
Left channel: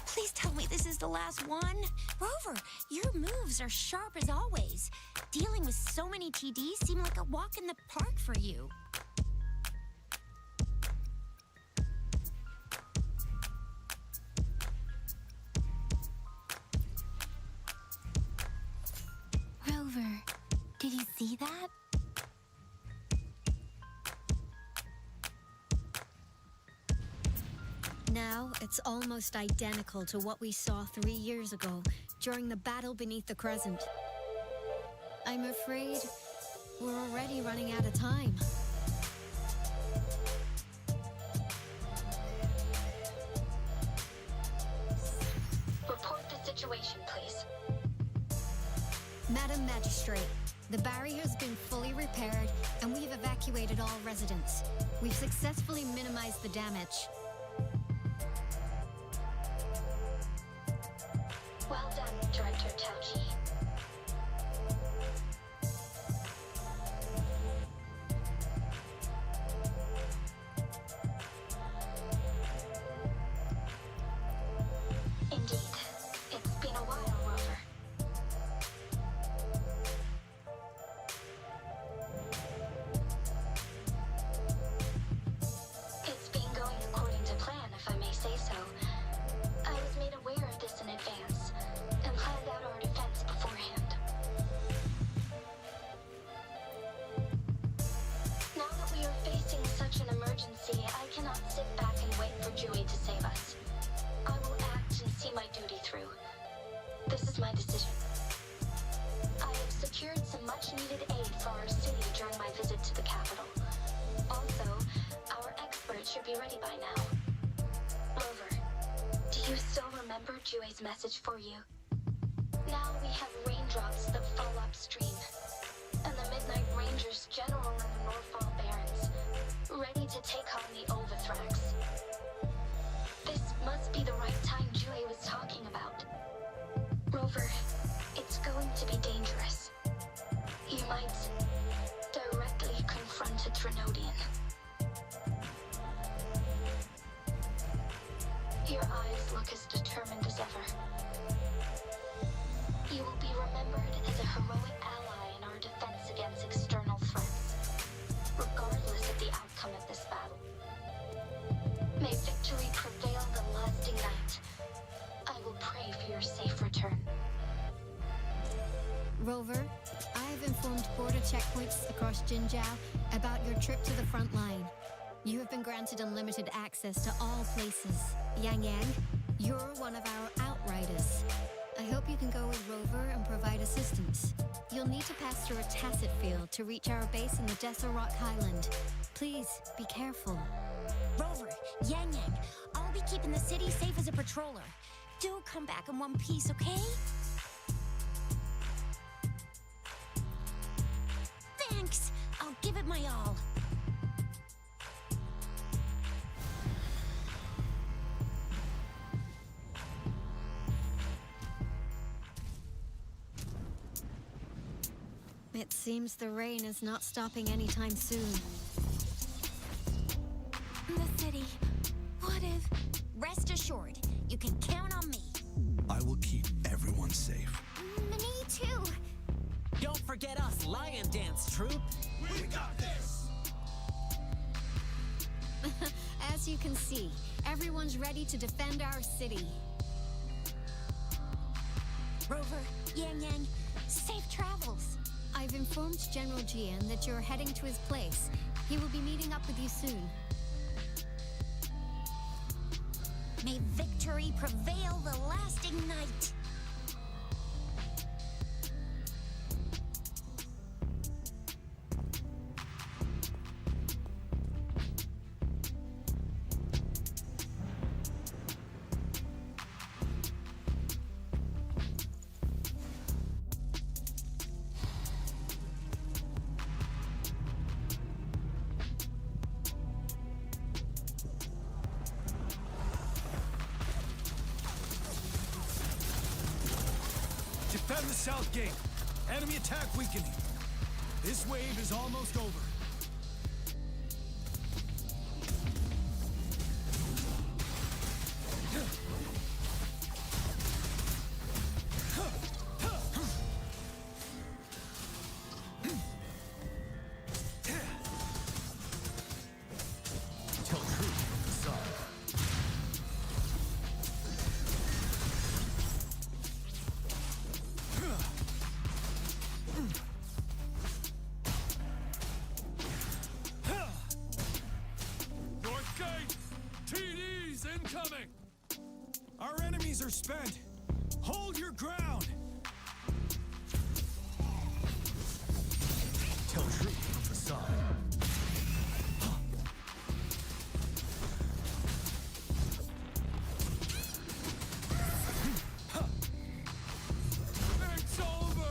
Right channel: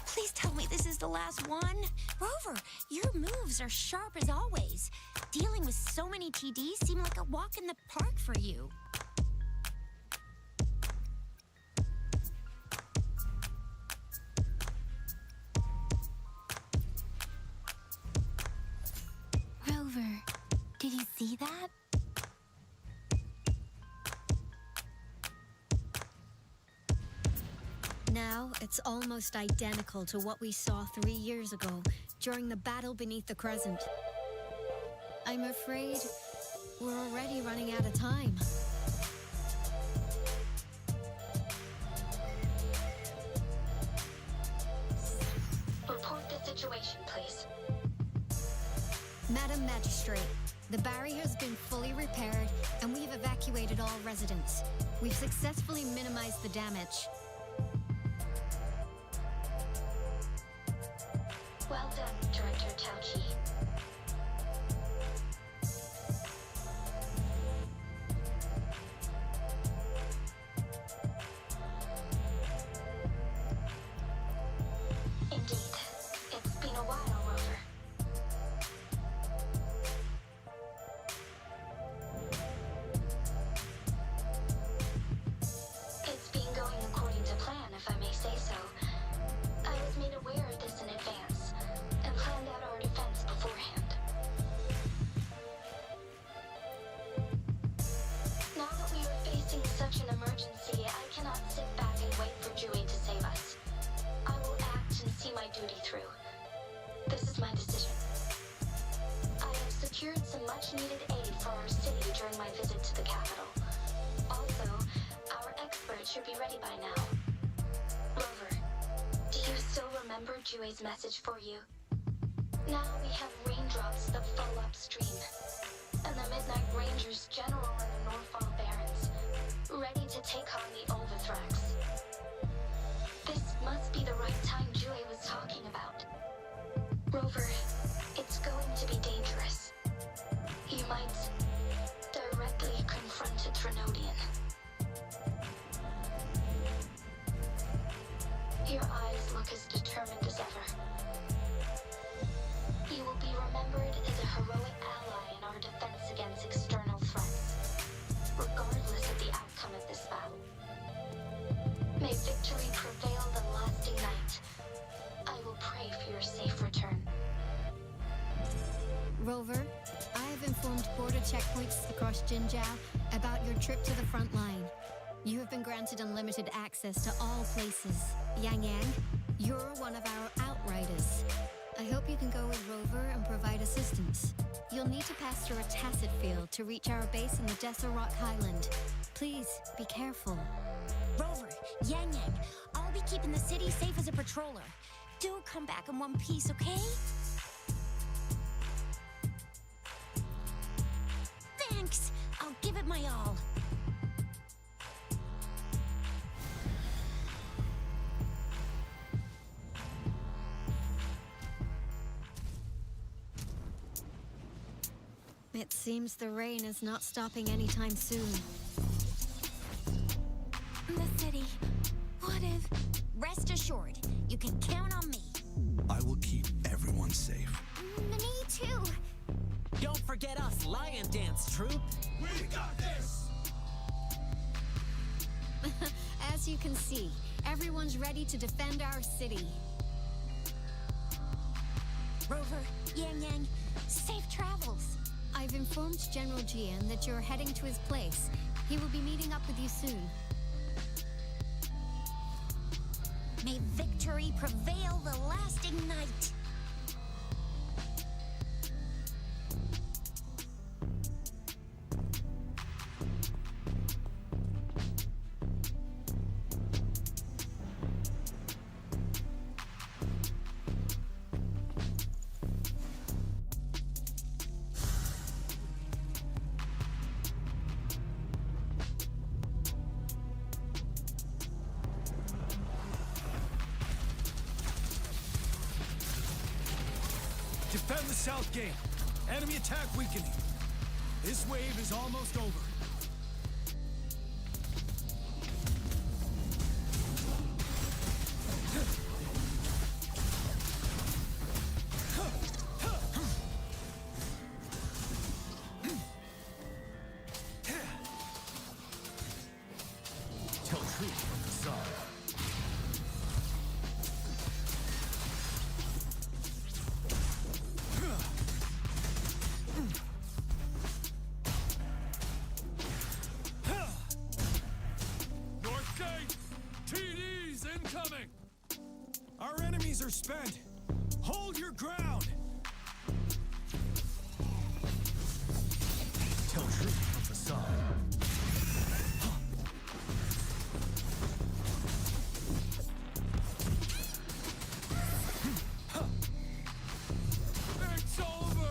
Please tell me this is the last one. Rover, your moves are sharp as always. Dealing with so many TDs seem like a walk in the park for you. Rover, did you see that? Now, it's almost identical to what we saw 3 years ago during the battle beneath the Crescent. I'm afraid we're already running out of time. Report the situation, please. Madam Magistrate, the barrier has been fully repaired and we've evacuated all residents. We've successfully minimized the damage. Well done, Director Tauchi. Indeed. It's been a while, Rover. It's been going according to plan, if I may say so. I was made aware of this in advance and planned out our defense beforehand. Now that we are facing such an emergency, I cannot sit back and wait for Jiyan to save us. I will act and see my duty through. This is my decision. I have secured some much-needed aid for our city during my visit to the capital. Also, our experts should be ready by now. Rover, do you still remember Jiyan's message for you? Now we have raindrops that fall upstream, and the Midnight Rangers General and the Northfall Barons, ready to take on the Overthrax. This must be the right time Jiyan was talking about. Rover, it's going to be dangerous. You look as determined as ever. You will be remembered as a heroic ally in our defense against external threats, regardless of the outcome of this battle. May victory prevail the lasting night. I will pray for your safe return. Rover, I have informed border checkpoints across Jinjiao about your trip to the front line. You have been granted unlimited access to all places. Yang Yang, you're one of our outriders. I hope you can go with Rover and provide assistance. You'll need to pass through a tacit field to reach our base in the Desert Rock Highland. Please, be careful. Rover, Yang Yang, I'll be keeping the city safe as a patroller. Do come back in one piece, okay? Thanks! I'll give it my all. It seems the rain is not stopping anytime soon. The city. What if... Rest assured, you can count on me. I will keep everyone safe. Me too. Don't forget us, Lion Dance Troupe. We got this! As you can see, everyone's ready to defend our city. Rover, Yang Yang, safe travels. I've informed General Jiyan that you're heading to his place. He will be meeting up with you soon. May victory prevail the lasting night. Defend the south gate. Enemy attack weakening. This wave is almost over. Tell truth from the side. North Gate! TDs incoming! Our enemies are spent. Hold your ground. Tell truth from facade. It's over!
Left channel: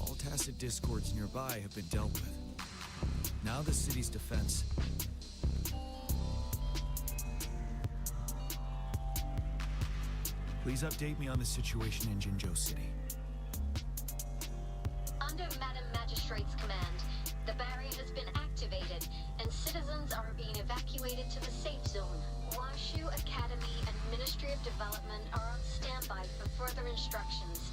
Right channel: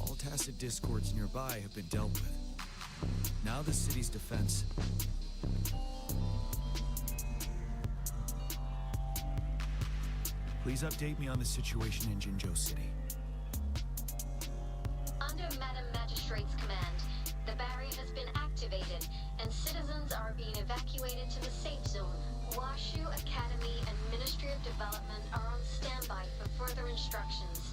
All tacit discords nearby have been dealt with. Now the city's defense. Please update me on the situation in Jinzhou City. Under Madam Magistrate's command, the barrier has been activated, and citizens are being evacuated to the safe zone. Washu Academy and Ministry of Development are on standby for further instructions.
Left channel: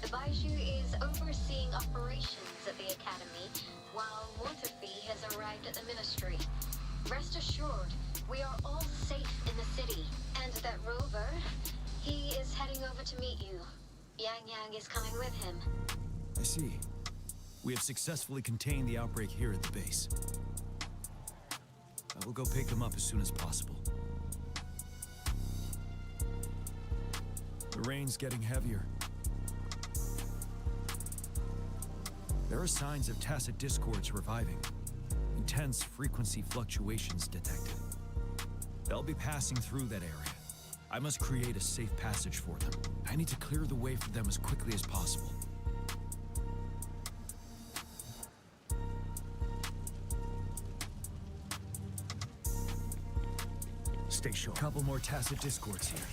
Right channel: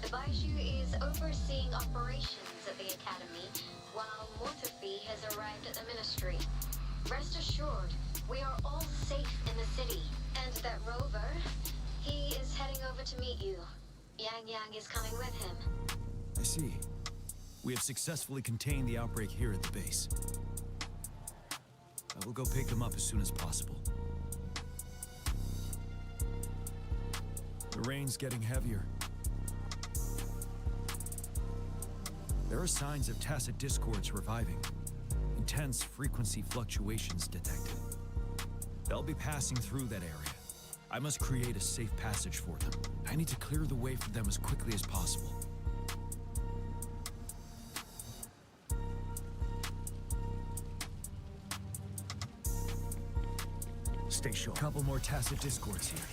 The Baiju is overseeing operations at the Academy, while Morthafi has arrived at the Ministry. Rest assured, we are all safe in the city, and that Rover, he is heading over to meet you. Yang Yang is coming with him. I see. We have successfully contained the outbreak here at the base. I will go pick them up as soon as possible. The rain's getting heavier. There are signs of tacit discords reviving. Intense frequency fluctuations detected. They'll be passing through that area. I must create a safe passage for them. I need to clear the way for them as quickly as possible. Stay sharp. Couple more tacit discords here.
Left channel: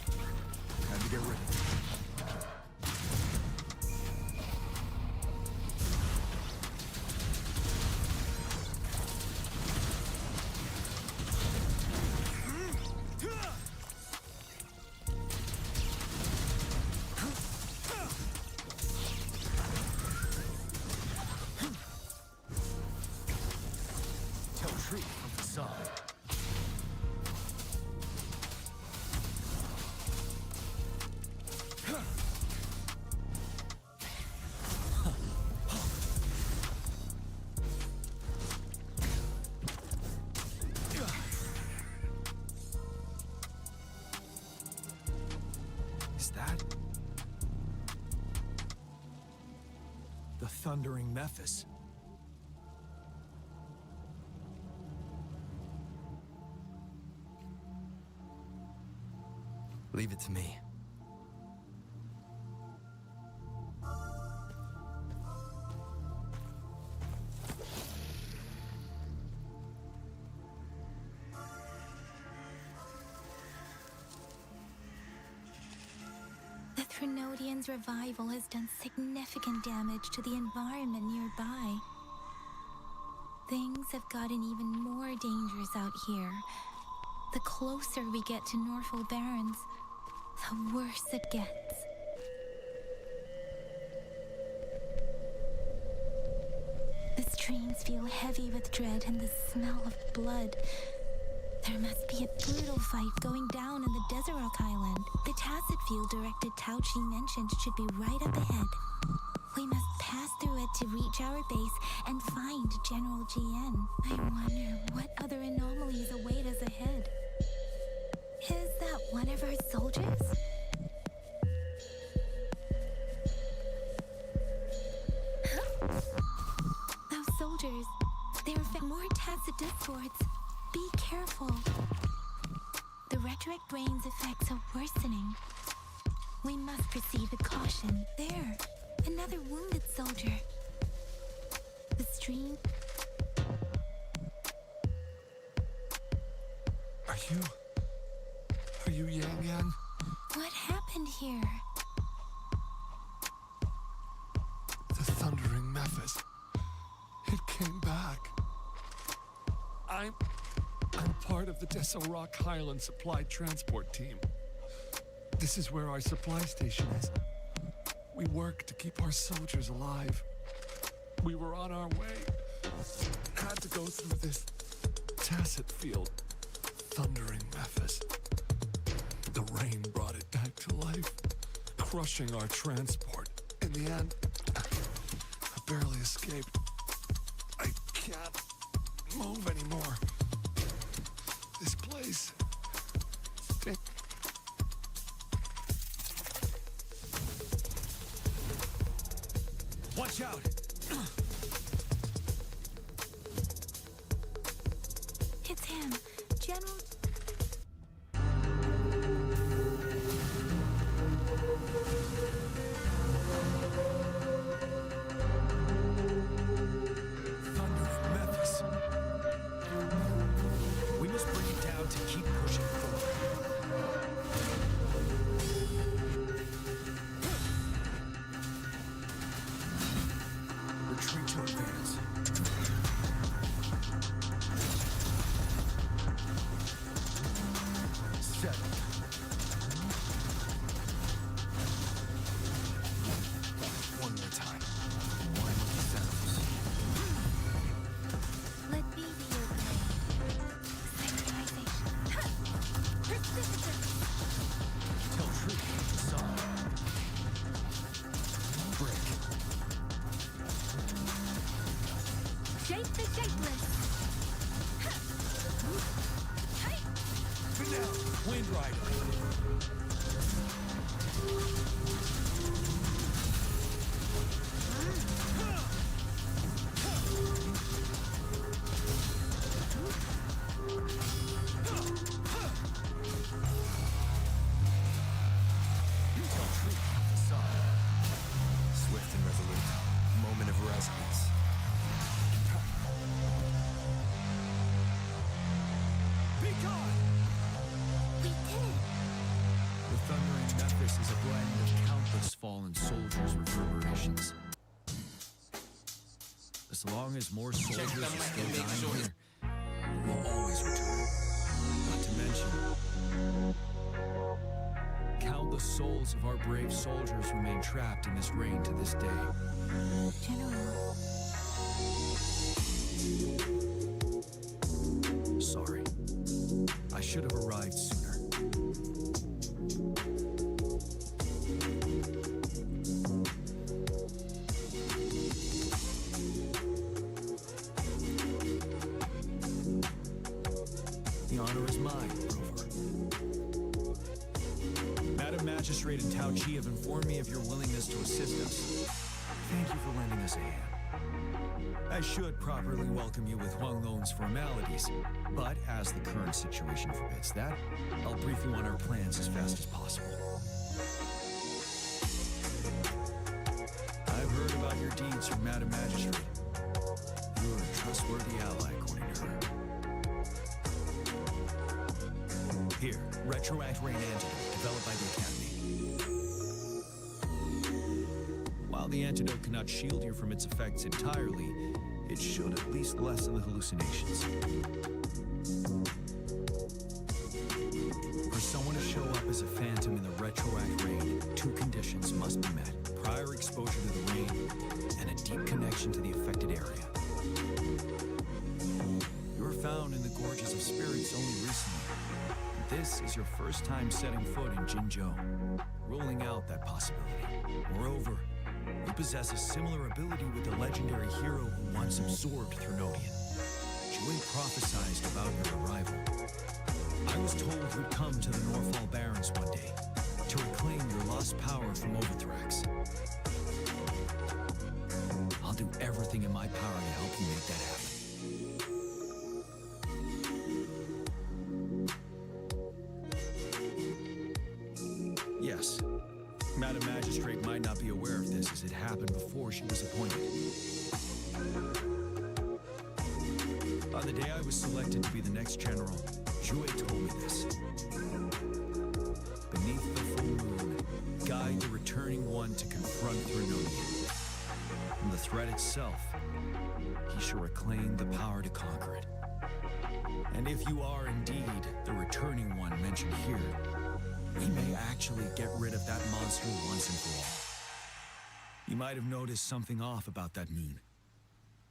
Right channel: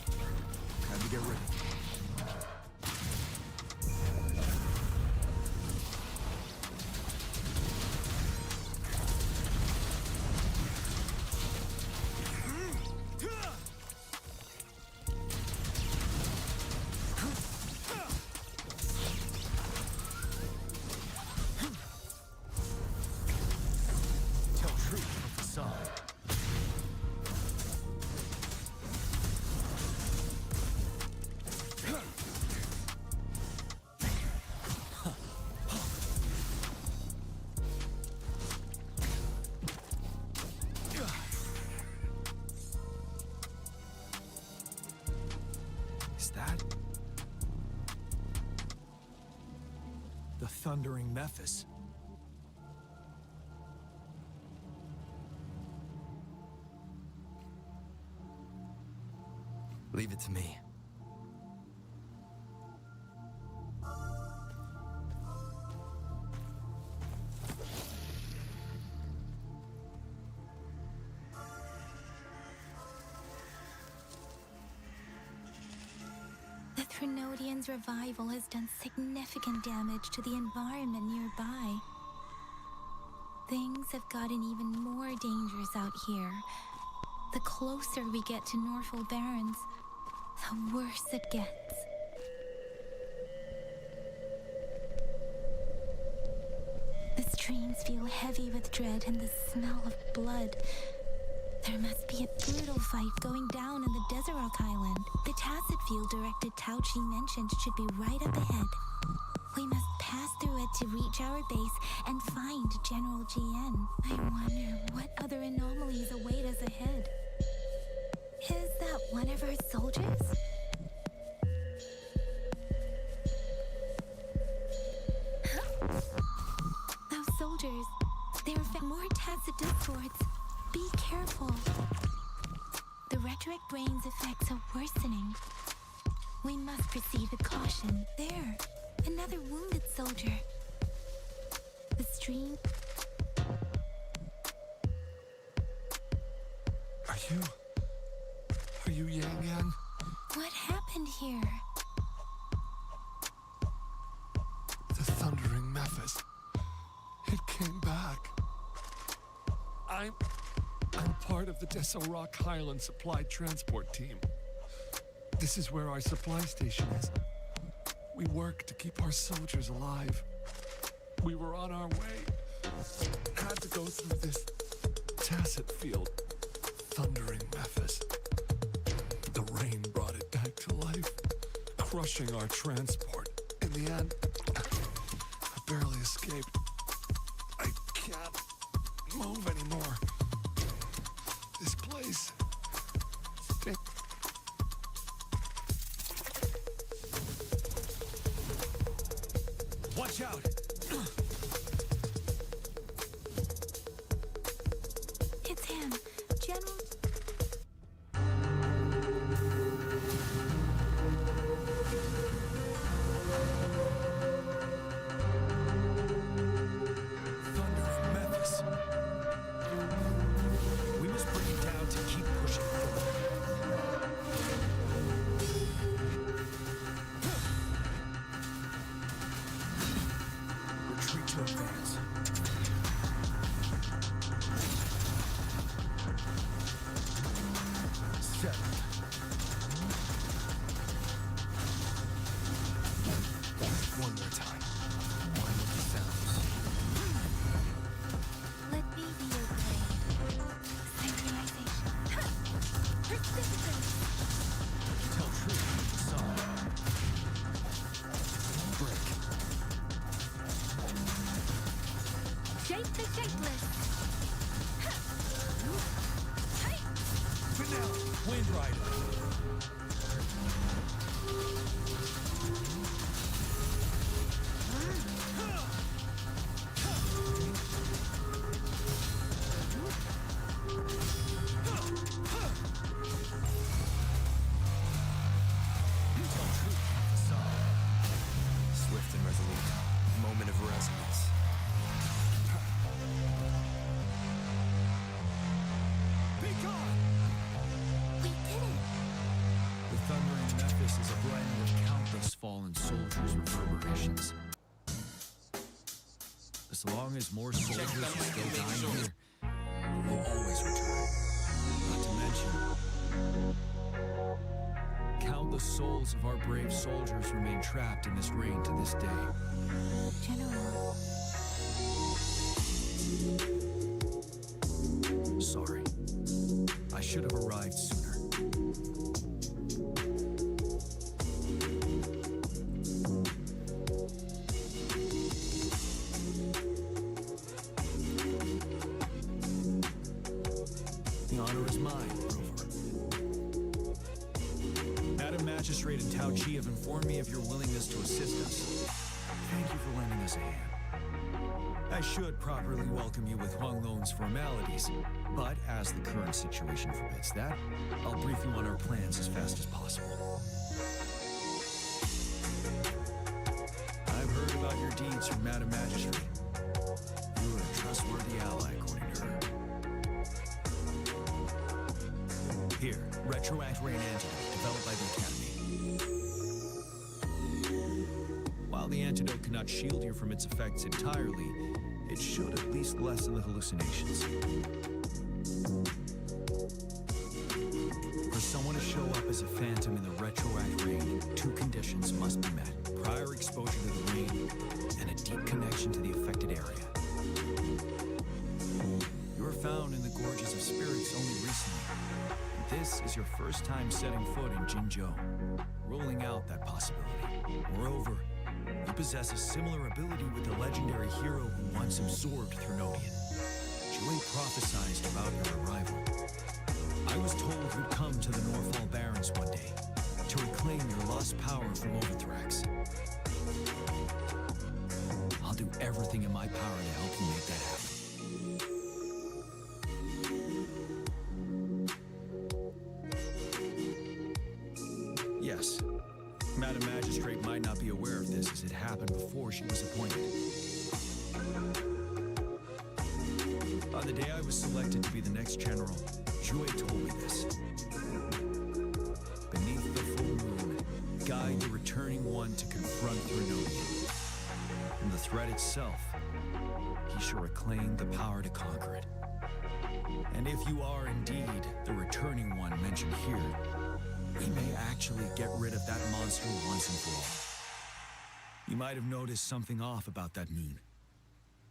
Time to get ready. truth from facade. Is that the thundering Memphis? Leave it to me. The Threnodian's revival has done significant damage to the environment nearby. Things have gotten even more dangerous out here. The closer we get to Norfolk Barrens, the worse it gets. The streams feel heavy with dread and the smell of blood. There must be a brutal fight going down in the Desert Rock Island. The Tacit Field Director Tauchi mentioned should be right up ahead. We must pass through it to reach our base and find General Jiyan. I wonder what other anomalies await us ahead. Is that one of our soldiers? Those soldiers, they are more Tacit discords. Be careful. The retroact rain's effects are worsening. We must proceed with caution. There, another wounded soldier. The stream. Are you Yang Yang? What happened here? The thundering Memphis. It came back. I'm part of the Deso Rock Highland Supply Transport Team. This is where our supply station is. We work to keep our soldiers alive. We were on our way. Had to go through this Tacit Field. Thundering Memphis. The rain brought it back to life, crushing our transport. In the end, I barely escaped. I can't move anymore. This place... Watch out! It's him, General... Thundering Memphis. We must bring it down to keep pushing forward. Retreat to advance. Settled. One more time. One with the sounds. Let me be your blade. Synchronization. Precipitance! Tell truth with the sun. Break. Shape the shapeless. Vanilla. Wind Rider. Swift and resolute. Moment of resonance. Be gone! We did it! The thundering Memphis is a blend of countless fallen soldiers' reverberations. As long as more soldiers are still dying here, we will always return. Not to mention, countless souls of our brave soldiers remain trapped in this rain to this day. General. sorry. I should have arrived sooner. The honor is mine, Rover. Madam Magistrate and Tao Chi have informed me of your willingness to assist us. Thank you for lending us a hand. I should properly welcome you with Huang Long's formalities, but as the current situation forbids that, I'll brief you on our plans as fast as possible. I've heard about your deeds from Madam Magistrate. You're a trustworthy ally, according to her. Here, Retroact Rain Antidote, developed by the Academy. While the antidote cannot shield you from its effects entirely, it should at least lessen the hallucinations. For someone to show up as a phantom in the Retroact Rain, 2 conditions must be met. Prior exposure to the rain, and a deep connection to the affected area. You were found in the Gorges of Spirits only recently. This is your first time setting foot in Jinzhou, ruling out that possibility. Moreover, you possess a similar ability with the legendary hero who once absorbed Threnodian. Jiyan prophesized about your arrival. I was told you'd come to the Norfall Barrens one day to reclaim your lost power from Overthrax. I'll do everything in my power to help you make that happen. Yes, Madam Magistrate might not be aware of this as it happened before she was appointed. On the day I was selected to be the next general, Jiyan told me this. Beneath the full moon, guide the returning one to confront Threnodian. From the threat itself, he shall reclaim the power to conquer it. And if you are indeed the returning one mentioned here, we may actually get rid of that monster once and for all. You might have noticed something off about that moon.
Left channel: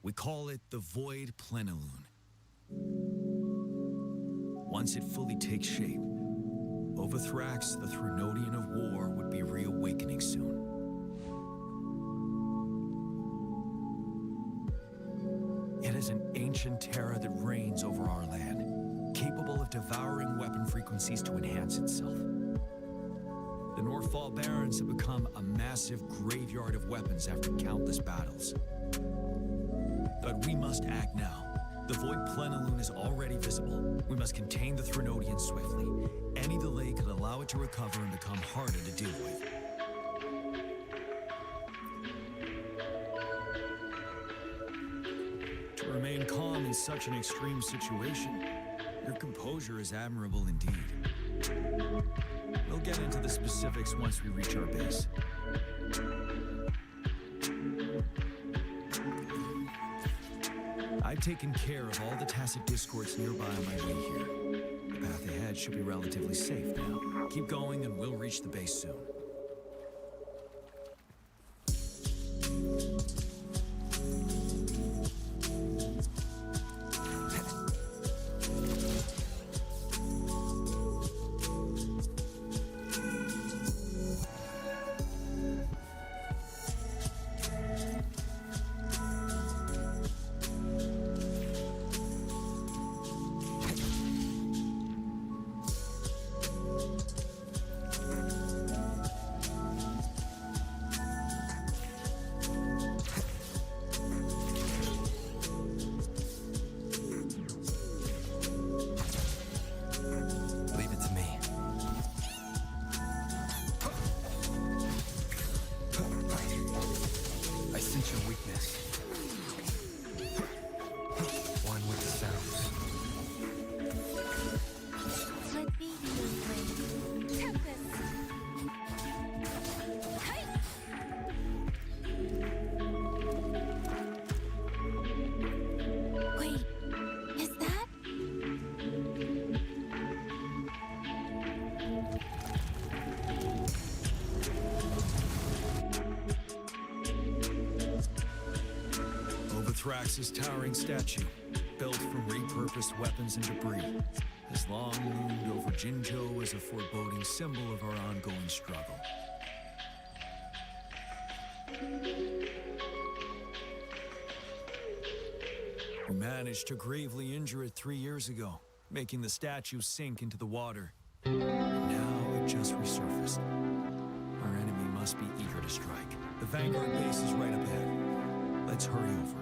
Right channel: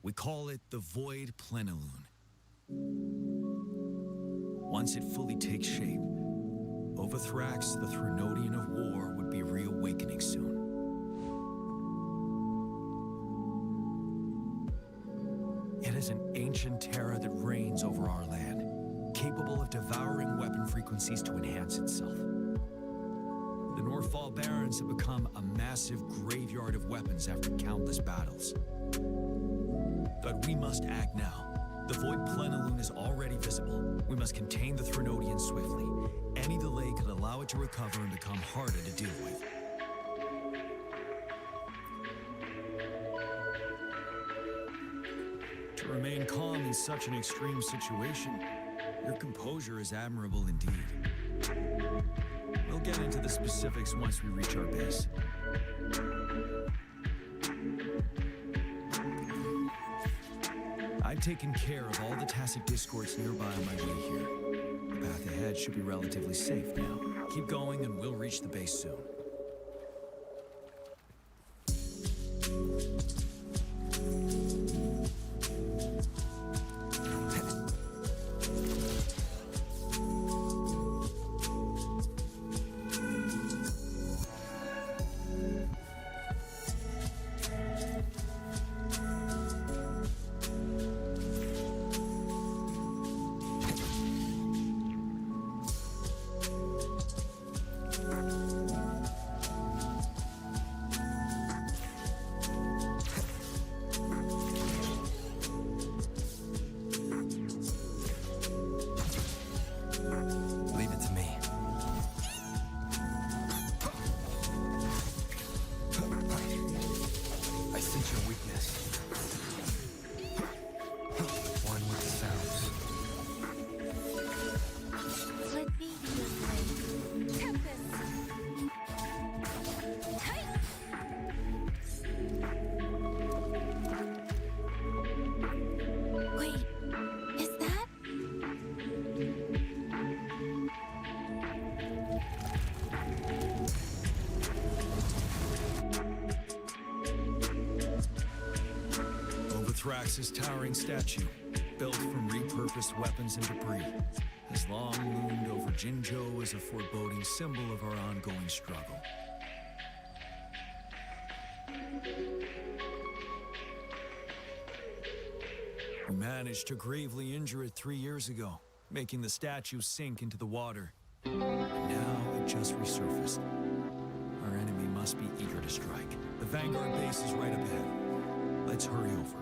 We call it the Void Plenilune. Once it fully takes shape, Overthrax, the Threnodian of War, would be reawakening soon. It is an ancient terror that reigns over our land, capable of devouring weapon frequencies to enhance itself. The Norfall Barrens have become a massive graveyard of weapons after countless battles. But we must act now. The Void Plenilune is already visible. We must contain the Threnodian swiftly. Any delay could allow it to recover and become harder to deal with. To remain calm in such an extreme situation, your composure is admirable indeed. We'll get into the specifics once we reach our base. I've taken care of all the tacit discords nearby on my way here. The path ahead should be relatively safe now. Keep going and we'll reach the base soon. Leave it to me. I sense your weakness. One with the sounds. Let me be your blade. Tempest! Hey! Wait, is that? Overthrax's towering statue. built from repurposed weapons and debris, has long loomed over Jinzhou as a foreboding symbol of our ongoing struggle. We managed to gravely injure it 3 years ago, making the statue sink into the water. And now it just resurfaced. Our enemy must be eager to strike. The Vanguard base is right up ahead. Let's hurry over.